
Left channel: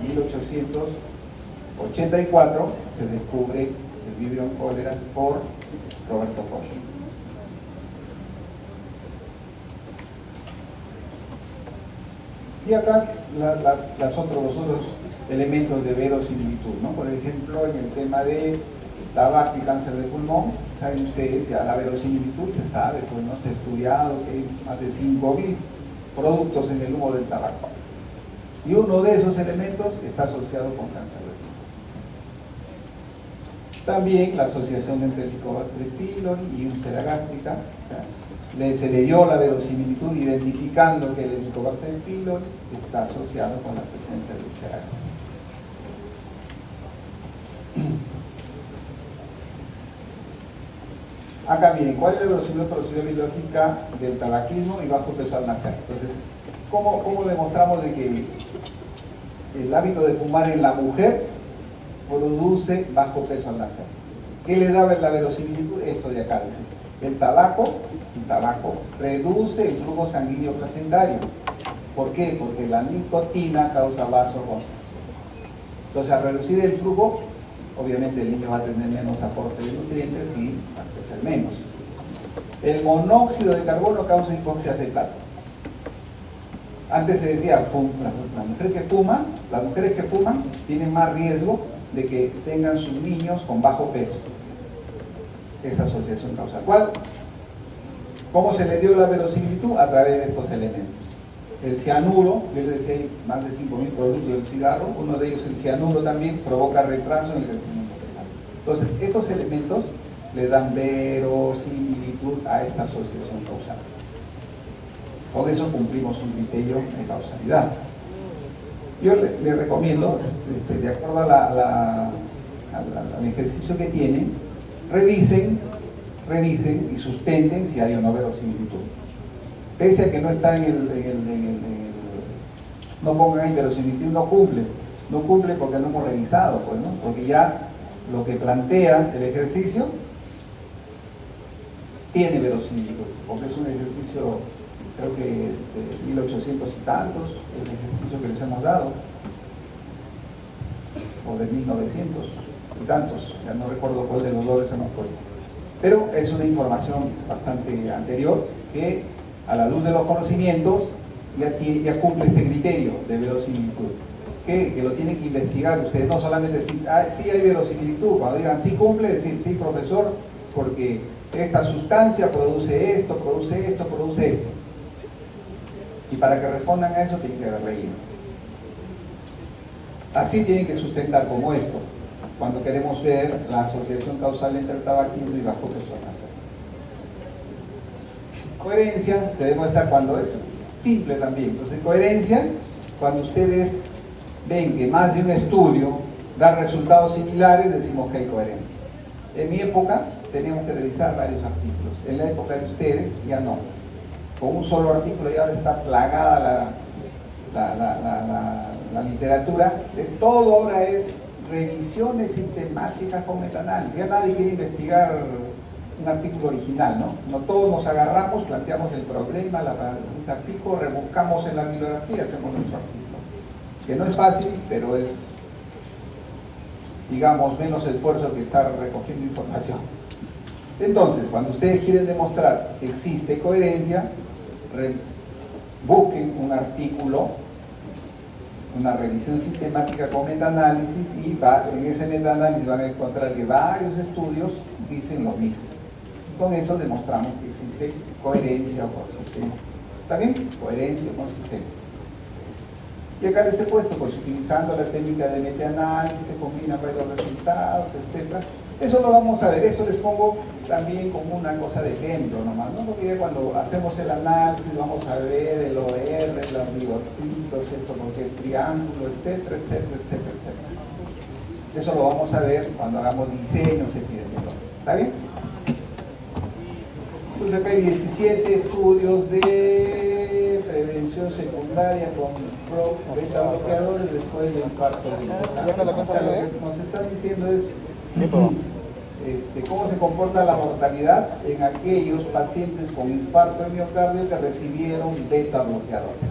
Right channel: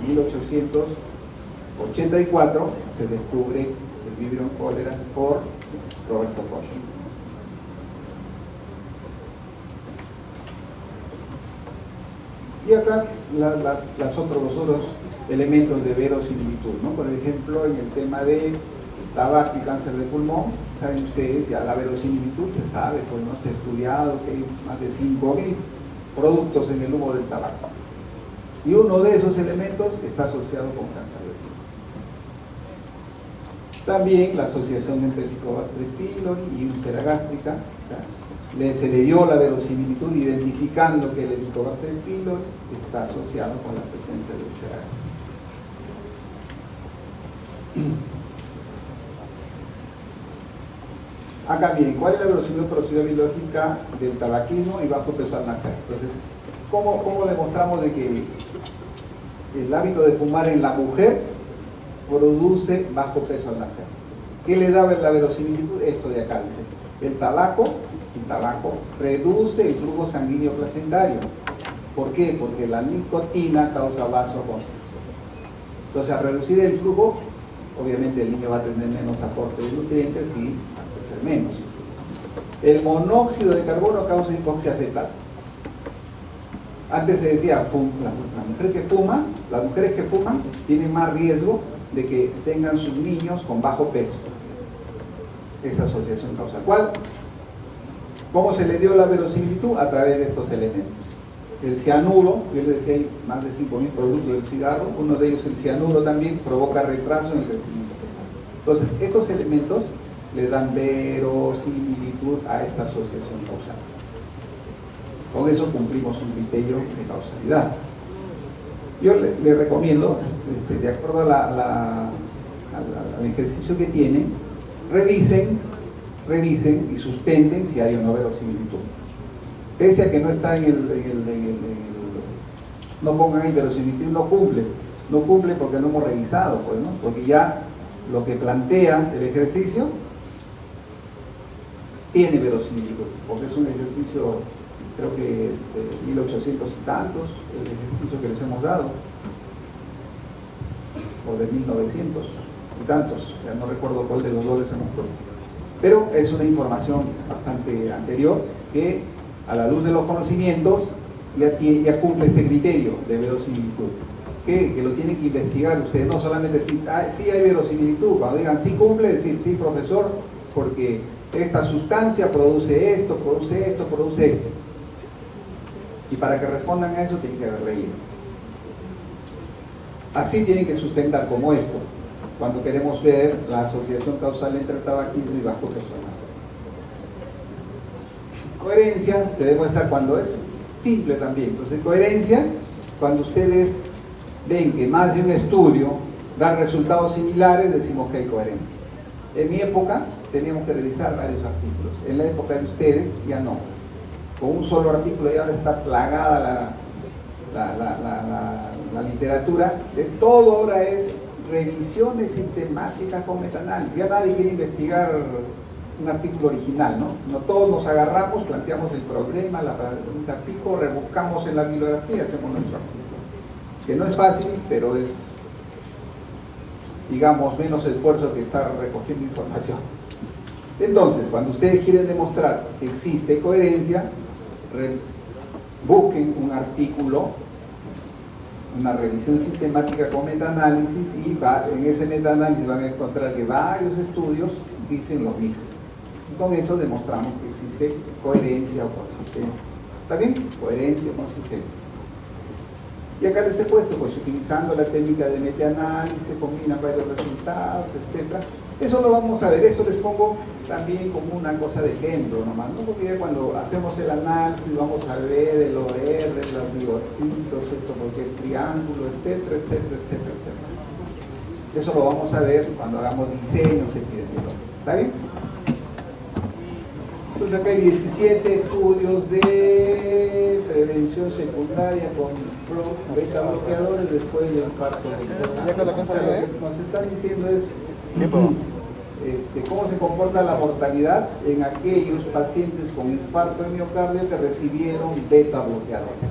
En 1884 se descubre el vibrio cólera por Roberto Koch. Y acá los otros elementos de verosimilitud, ¿no? Por ejemplo, en el tema de tabaco y cáncer de pulmón, saben ustedes, ya la verosimilitud se sabe, pues no se ha estudiado que hay más de 5.000 productos en el humo del tabaco. Y uno de esos elementos está asociado con cáncer de pulmón. También la asociación entre Helicobacter pylori y úlcera gástrica, o sea, se le dio la verosimilitud identificando que el Helicobacter pylori está asociado con la presencia de úlcera gástrica. Acá bien, ¿cuál es la verosimilitud biológica del tabaquismo y bajo peso al nacer? Entonces, ¿cómo demostramos de que el hábito de fumar en la mujer produce bajo peso al nacer? ¿Qué le daba la verosimilitud? Esto de acá dice, el tabaco reduce el flujo sanguíneo placentario. ¿Por qué? Porque la nicotina causa vasoconstricción. Entonces, al reducir el flujo, obviamente el niño va a tener menos aporte de nutrientes y va a crecer menos. El monóxido de carbono causa hipoxia fetal. Antes se decía, las mujeres que fuman tienen más riesgo de que tengan sus niños con bajo peso. Esa asociación causal. ¿Cómo se le dio la verosimilitud? A través de estos elementos. El cianuro, yo les decía, hay más de 5.000 productos del cigarro, uno de ellos, el cianuro, también provoca retraso en el crecimiento fetal. Entonces, estos elementos le dan verosimilitud a esta asociación causal. Con eso cumplimos un criterio de causalidad. Yo le recomiendo, de acuerdo al ejercicio que tienen, revisen y sustenten si hay o no verosimilitud. Pese a que no está no pongan ahí verosimilitud, no cumple porque no hemos revisado, pues, ¿no? Porque ya lo que plantea el ejercicio tiene verosimilitud, porque es un ejercicio, creo que de 1800 y tantos, el ejercicio que les hemos dado, o de 1900. y tantos, ya no recuerdo cuál de los dos les hemos puesto. Pero es una información bastante anterior que, a la luz de los conocimientos, ya cumple este criterio de verosimilitud. Que lo tienen que investigar ustedes, no solamente decir, sí hay verosimilitud, cuando digan sí cumple, decir sí profesor, porque esta sustancia produce esto, produce esto, produce esto. Y para que respondan a eso tienen que haber leído. Así tienen que sustentar como esto, cuando queremos ver la asociación causal entre el tabaquismo y bajo peso al nacer. Coherencia se demuestra cuando es simple también. Entonces, coherencia, cuando ustedes ven que más de un estudio da resultados similares, decimos que hay coherencia. En mi época teníamos que revisar varios artículos. En la época de ustedes ya no. Con un solo artículo ya está plagada la literatura. De todo ahora es revisiones sistemáticas con metaanálisis. Ya nadie quiere investigar un artículo original, ¿no? No todos nos agarramos, planteamos el problema, la pregunta pico, rebuscamos en la bibliografía y hacemos nuestro artículo. Que no es fácil, pero es, digamos, menos esfuerzo que estar recogiendo información. Entonces, cuando ustedes quieren demostrar que existe coherencia, busquen un artículo, una revisión sistemática con metaanálisis, y en ese metaanálisis van a encontrar que varios estudios dicen lo mismo. Con eso demostramos que existe coherencia o consistencia. ¿Está bien? Coherencia o consistencia. Y acá les he puesto, pues utilizando la técnica de metaanálisis, se combinan varios resultados, etc. Eso lo vamos a ver, esto les pongo también como una cosa de ejemplo nomás, ¿no? Porque cuando hacemos el análisis vamos a ver el OR, los bigotitos, esto porque es triángulo, etcétera, etcétera, etcétera, etcétera. Eso lo vamos a ver cuando hagamos diseños epidemiológicos. ¿Está bien? Entonces acá hay 17 estudios de prevención secundaria con beta bloqueadores después del infarto del miocardio. Lo que nos están diciendo es cómo se comporta la mortalidad en aquellos pacientes con infarto de miocardio que recibieron beta bloqueadores.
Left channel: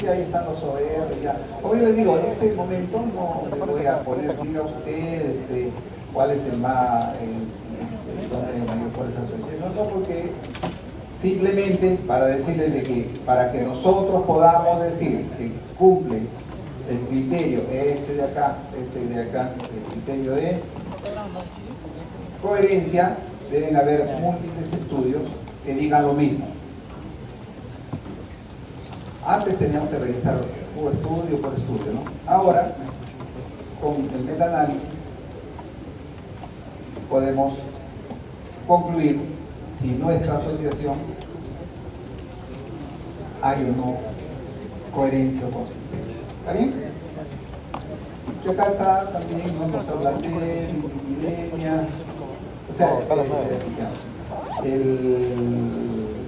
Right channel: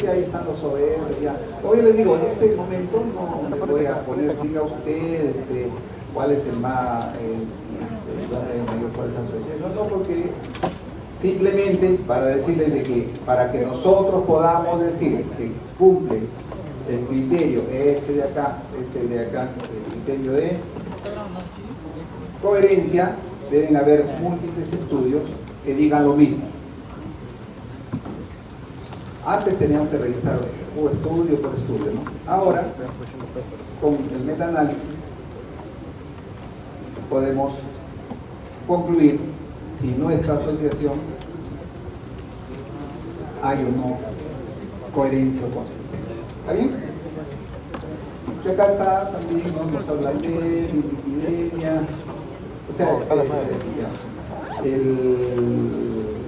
Y ahí están los OR. Ya. Como yo les digo, en este momento no le voy a poner, diga usted, cuál es el más cuál es la asociación, no, porque simplemente para decirles de que para que nosotros podamos decir que cumple el criterio este de acá, el criterio de coherencia, deben haber múltiples estudios que digan lo mismo. Antes teníamos que revisar estudio por estudio, ¿no? Ahora, con el metaanálisis podemos concluir si nuestra asociación hay o no coherencia o consistencia. ¿Está bien? Chacata también nos habla de epidemia, o sea,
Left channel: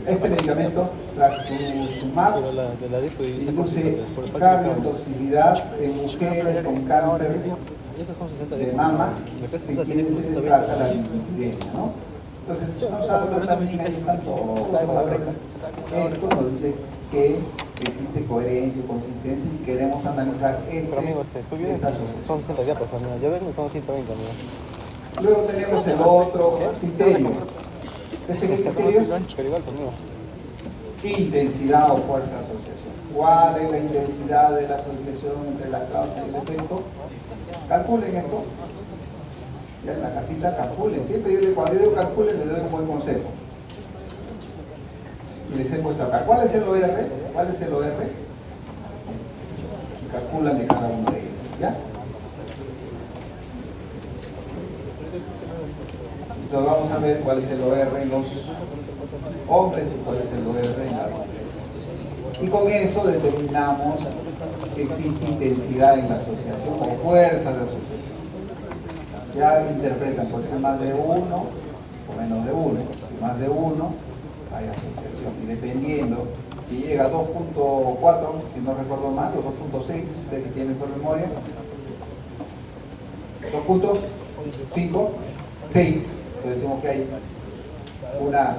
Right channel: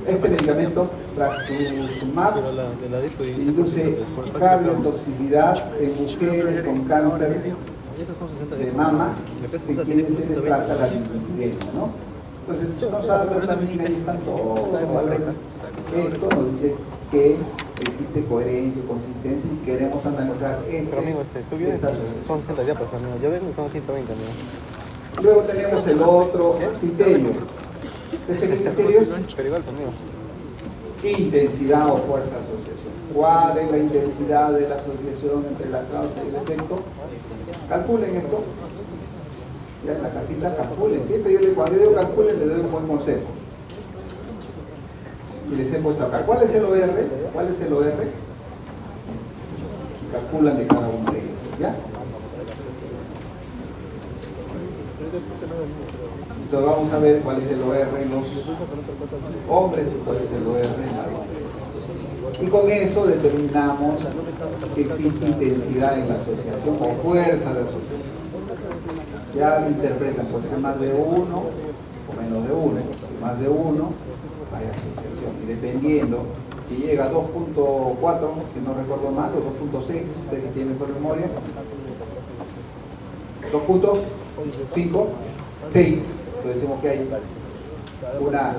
este medicamento, trastuzumab, induce cardiotoxicidad en mujeres con cáncer de mama, en quienes se les trata la lipidemia, ¿no? Entonces, nos habla también, ahí están todos los valores. Esto nos dice que existe coherencia y consistencia si queremos analizar esta asociación. Son 100 ya, pues, amigo. Yo vengo y son 120, amigo. Luego tenemos el otro criterio. Este criterio es intensidad o fuerza de asociación. ¿Cuál es la intensidad de la asociación entre la causa y el efecto? Calculen esto. Ya en la casita calculen. Siempre cuando yo digo calculen les doy un buen consejo. Y les he puesto acá. ¿Cuál es el OR? ¿Cuál es el OR? Y calculan de cada uno de ellos. ¿Ya? Entonces vamos a ver cuál es el OR en los hombres y cuál es el OR en las mujeres. Y con eso determinamos que existe intensidad en la asociación o fuerza de asociación. Ya interpretan, puede ser más de uno o menos de uno. Si más de uno, hay asociación. Y dependiendo, si llega a 2.4, si no recuerdo mal, o 2.6, ustedes que tienen mejor memoria, 2.5, 6, pues decimos que hay una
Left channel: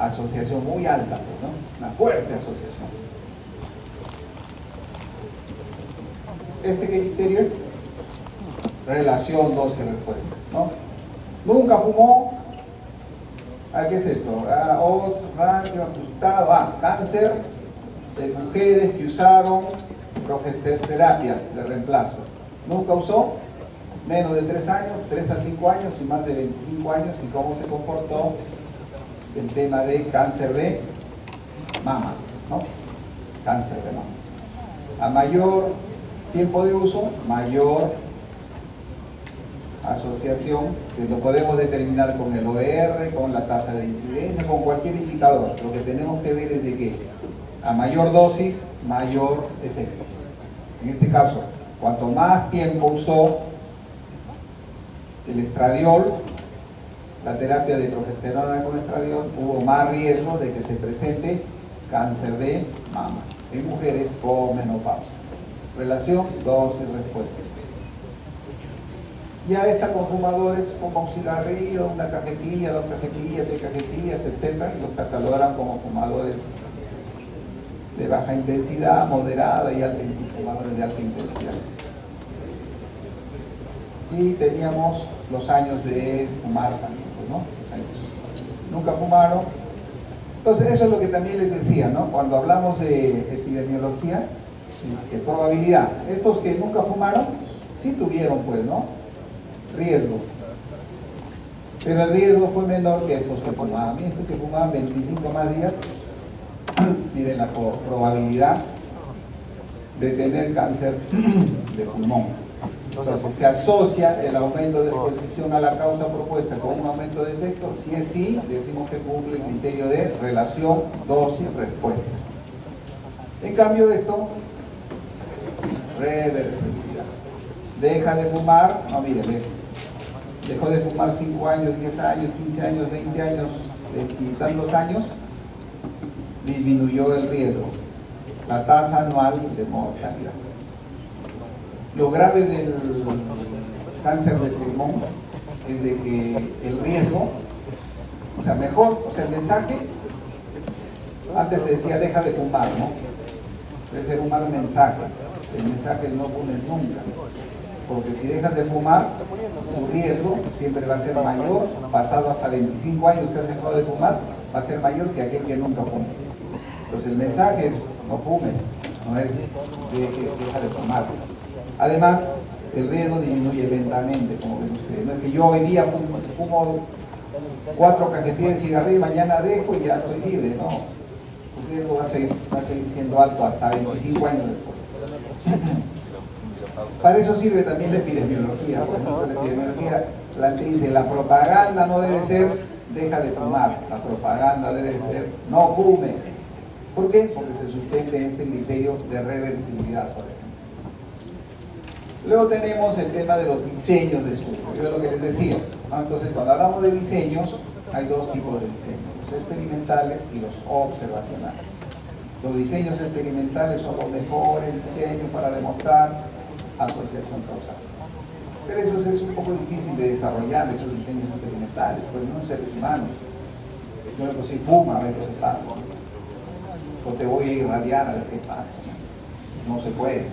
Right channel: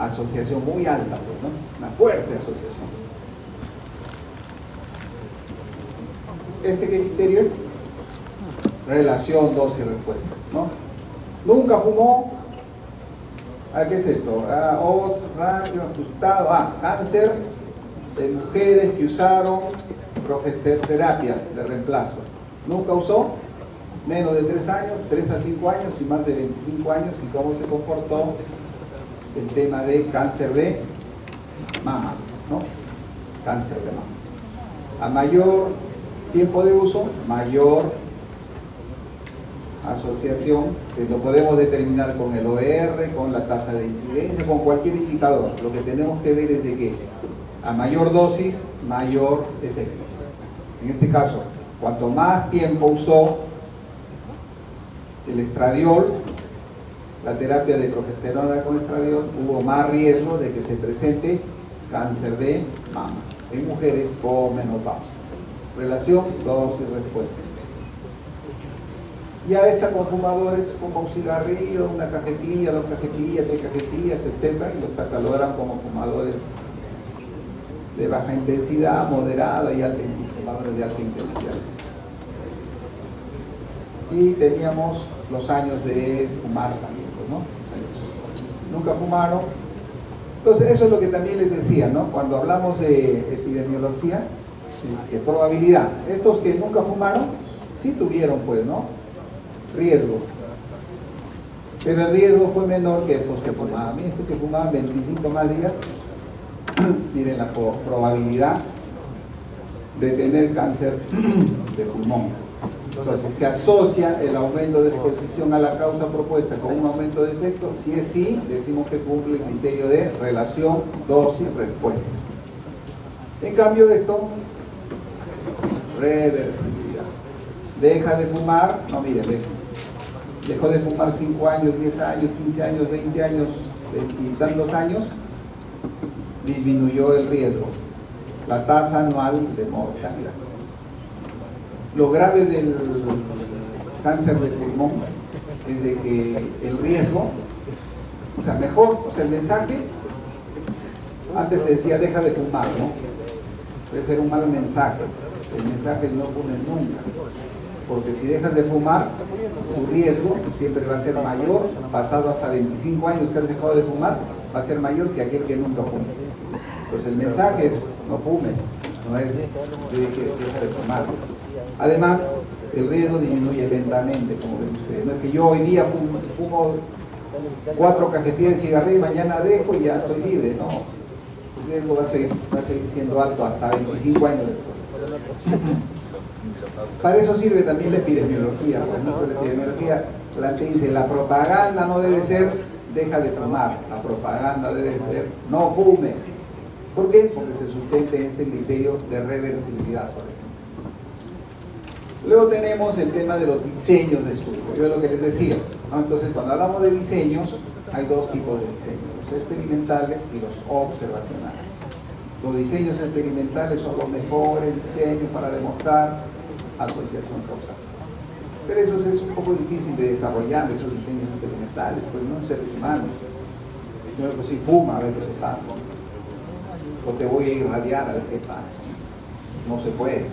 asociación muy alta, pues, ¿no? Una fuerte asociación. Este criterio es relación dosis-respuesta, ¿no? Nunca fumó. ¿Qué es esto? Odds, rango, ajustado. Cáncer de mujeres que usaron progesteroterapia de reemplazo. Nunca usó, menos de 3 años, 3 a 5 años y más de 25 años. ¿Y cómo se comportó el tema de cáncer de mama, ¿no? Cáncer de mama. A mayor tiempo de uso, mayor asociación, que lo podemos determinar con el OR, con la tasa de incidencia, con cualquier indicador. Lo que tenemos que ver es de que a mayor dosis, mayor efecto. En este caso, cuanto más tiempo usó el estradiol, la terapia de progesterona con estradiol, hubo más riesgo de que se presente cáncer de mama en mujeres con menopausia. Relación dosis-respuesta. Ya está con fumadores, como un cigarrillo, una cajetilla, 2 cajetillas, 3 cajetillas, etc. Y los catalogan como fumadores de baja intensidad, moderada y alta, fumadores de alta intensidad. Y teníamos los años de fumar también, pues, ¿no? Los años. Nunca fumaron. Entonces eso es lo que también les decía, ¿no? Cuando hablamos de epidemiología, de probabilidad, estos que nunca fumaron, sí tuvieron, pues, ¿no? Riesgo, pero el riesgo fue menor que estos que fumaban. Estos que fumaban 25 más días tienen la probabilidad de tener cáncer de pulmón. Entonces se asocia el aumento de exposición a la causa propuesta con un aumento de efecto. Si es sí, decimos que cumple el criterio de relación dosis-respuesta. En cambio esto, reversibilidad. Deja de fumar, no, miren, dejó de fumar 5 años, 10 años, 15 años, 20 años, y tantos años, disminuyó el riesgo, la tasa anual de mortalidad. Lo grave del cáncer de pulmón es de que el riesgo, o sea, mejor, o sea, el mensaje, antes se decía deja de fumar, ¿no? Puede ser un mal mensaje, el mensaje no fumes nunca. Porque si dejas de fumar, tu riesgo siempre va a ser mayor, pasado hasta 25 años que has dejado de fumar, va a ser mayor que aquel que nunca fumó. Entonces el mensaje es, no fumes, no es deja de fumar. Además, el riesgo disminuye lentamente, como ven ustedes. No es que yo hoy día fumo 4 cajetillas de cigarrillo y mañana dejo y ya estoy libre, no. El riesgo va a seguir siendo alto hasta 25 años después. Para eso sirve también la epidemiología. Pues, ¿no? La epidemiología dice, la propaganda no debe ser deja de fumar, la propaganda debe ser no fumes. ¿Por qué? Porque se sustenta en este criterio de reversibilidad, por ejemplo. Luego tenemos el tema de los diseños de estudio. Yo es lo que les decía, ¿no? Entonces, cuando hablamos de diseños, hay 2 tipos de diseños, los experimentales y los observacionales. Los diseños experimentales son los mejores diseños para demostrar asociación causal. Pero eso es un poco difícil de desarrollar, esos diseños experimentales, pues no seres humanos. Sino que si fuma, a ver qué te pasa. O te voy a irradiar, a ver qué pasa. No se puede.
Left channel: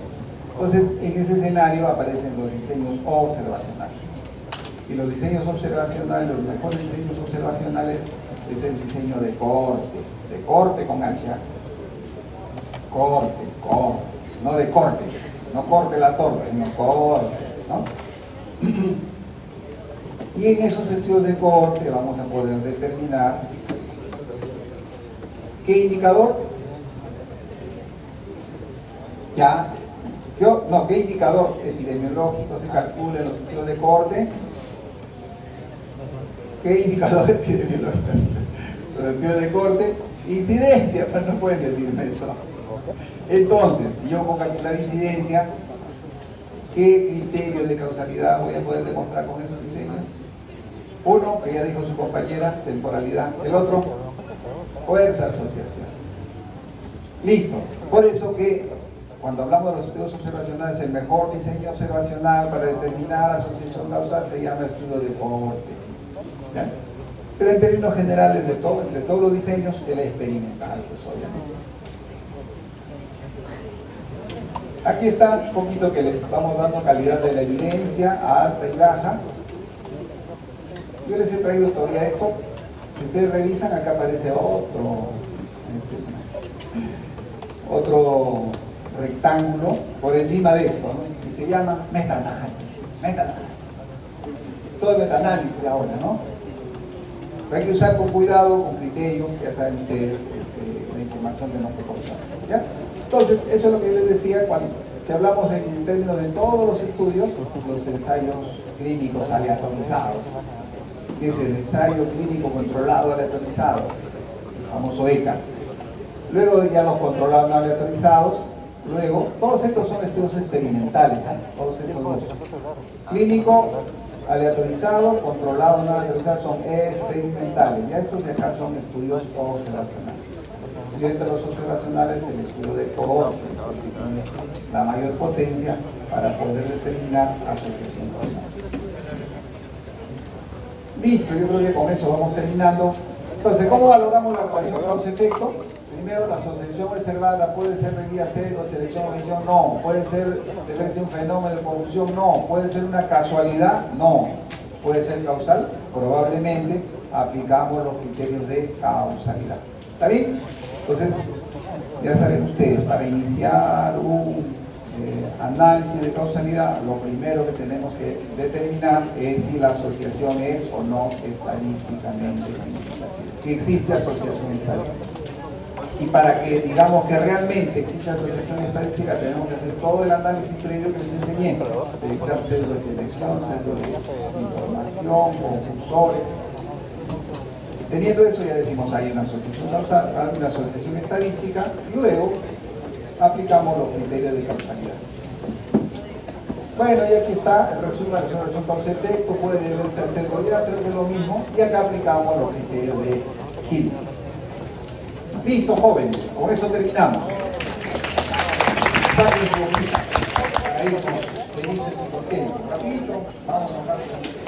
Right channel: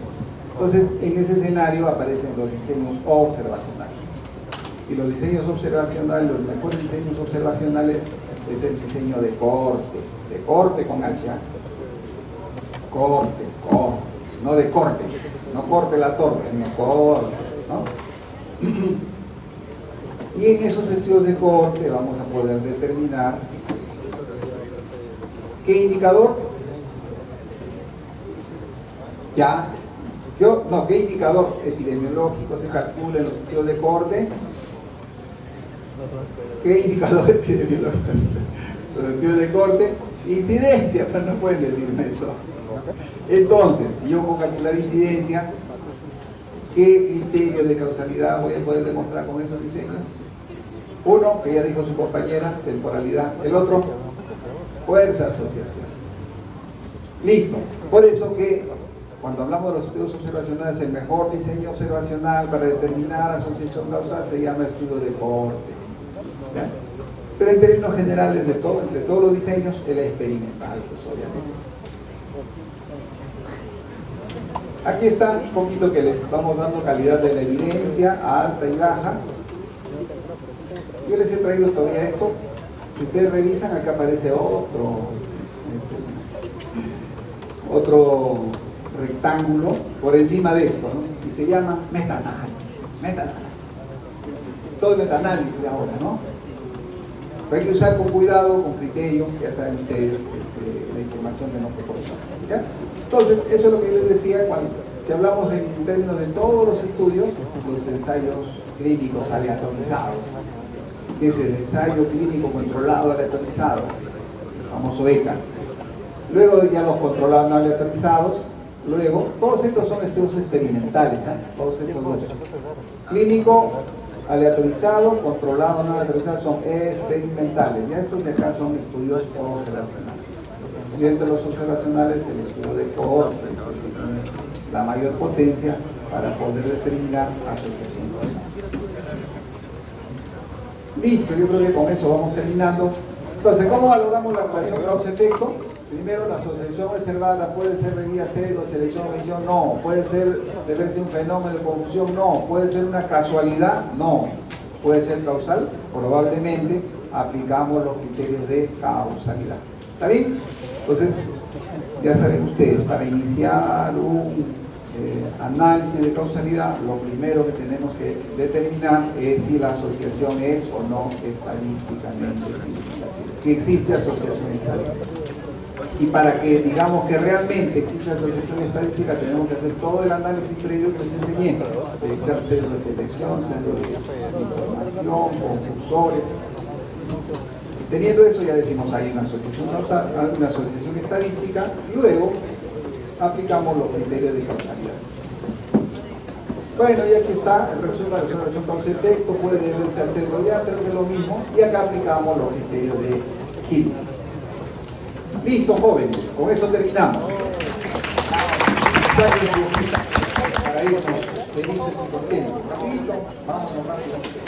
Entonces, en ese escenario aparecen los diseños observacionales. Y los diseños observacionales, los mejores diseños observacionales, es el diseño de corte con H. Corte, no de corte. No corte la torta, sino corte, ¿no? Y en esos estudios de corte vamos a poder determinar qué indicador, qué indicador epidemiológico se calcula en los estudios de corte, qué indicador epidemiológico, los estudios de corte, incidencia, pero no pueden decirme eso. Entonces, si yo puedo calcular incidencia, ¿qué criterio de causalidad voy a poder demostrar con esos diseños? Uno, que ya dijo su compañera, temporalidad. El otro, fuerza asociación. Listo. Por eso que cuando hablamos de los estudios observacionales, el mejor diseño observacional para determinar asociación causal se llama estudio de corte. ¿Ya? Pero en términos generales de todos los diseños, el experimental, pues obviamente. Aquí está un poquito que les vamos dando calidad de la evidencia, a alta y baja. Yo les he traído todavía esto. Si ustedes revisan, acá aparece otro rectángulo por encima de esto, ¿no? Y se llama metaanálisis. Todo es metaanálisis ahora, ¿no? Pero hay que usar con cuidado, con criterio, ya saben ustedes la información que nos proporcionan, ¿ya? Entonces, eso es lo que yo les decía cuando, si hablamos en términos de todos los estudios, los ensayos clínicos aleatorizados, que es el ensayo clínico controlado aleatorizado, el famoso ECA. Luego ya los controlados no aleatorizados, luego, todos estos son estudios experimentales, ¿eh? Todos estos dos. Clínico, aleatorizado, controlado, no aleatorizado, son experimentales. Ya estos de acá son estudios observacionales. Y entre los observacionales, el estudio de cohorte es el que tiene la mayor potencia para poder determinar asociación causal. Listo, yo creo que con eso vamos terminando. Entonces, ¿cómo valoramos la relación causa-efecto? Primero, la asociación observada puede ser de guía cero, selección o omisión, no. Puede ser deberse un fenómeno de confusión, no. Puede ser una casualidad, no. Puede ser causal, probablemente aplicamos los criterios de causalidad. ¿Está bien? Entonces, ya saben ustedes, para iniciar un análisis de causalidad, lo primero que tenemos que determinar es si la asociación es o no estadísticamente significativa. Si existe asociación estadística. Y para que digamos que realmente existe asociación estadística, tenemos que hacer todo el análisis previo que les enseñé, dedicar centros de selección, centros de información, confusores. Teniendo eso, ya decimos hay una asociación causal, hay una asociación estadística, y luego aplicamos los criterios de causalidad. Bueno, y aquí está el resumen de la relación causa-efecto, puede deberse hacer pero es lo mismo, y acá aplicamos los criterios de Hill. Listo, jóvenes, con eso terminamos. Saquen su hojita para irnos felices y contentos. Rapidito, vamos rápido.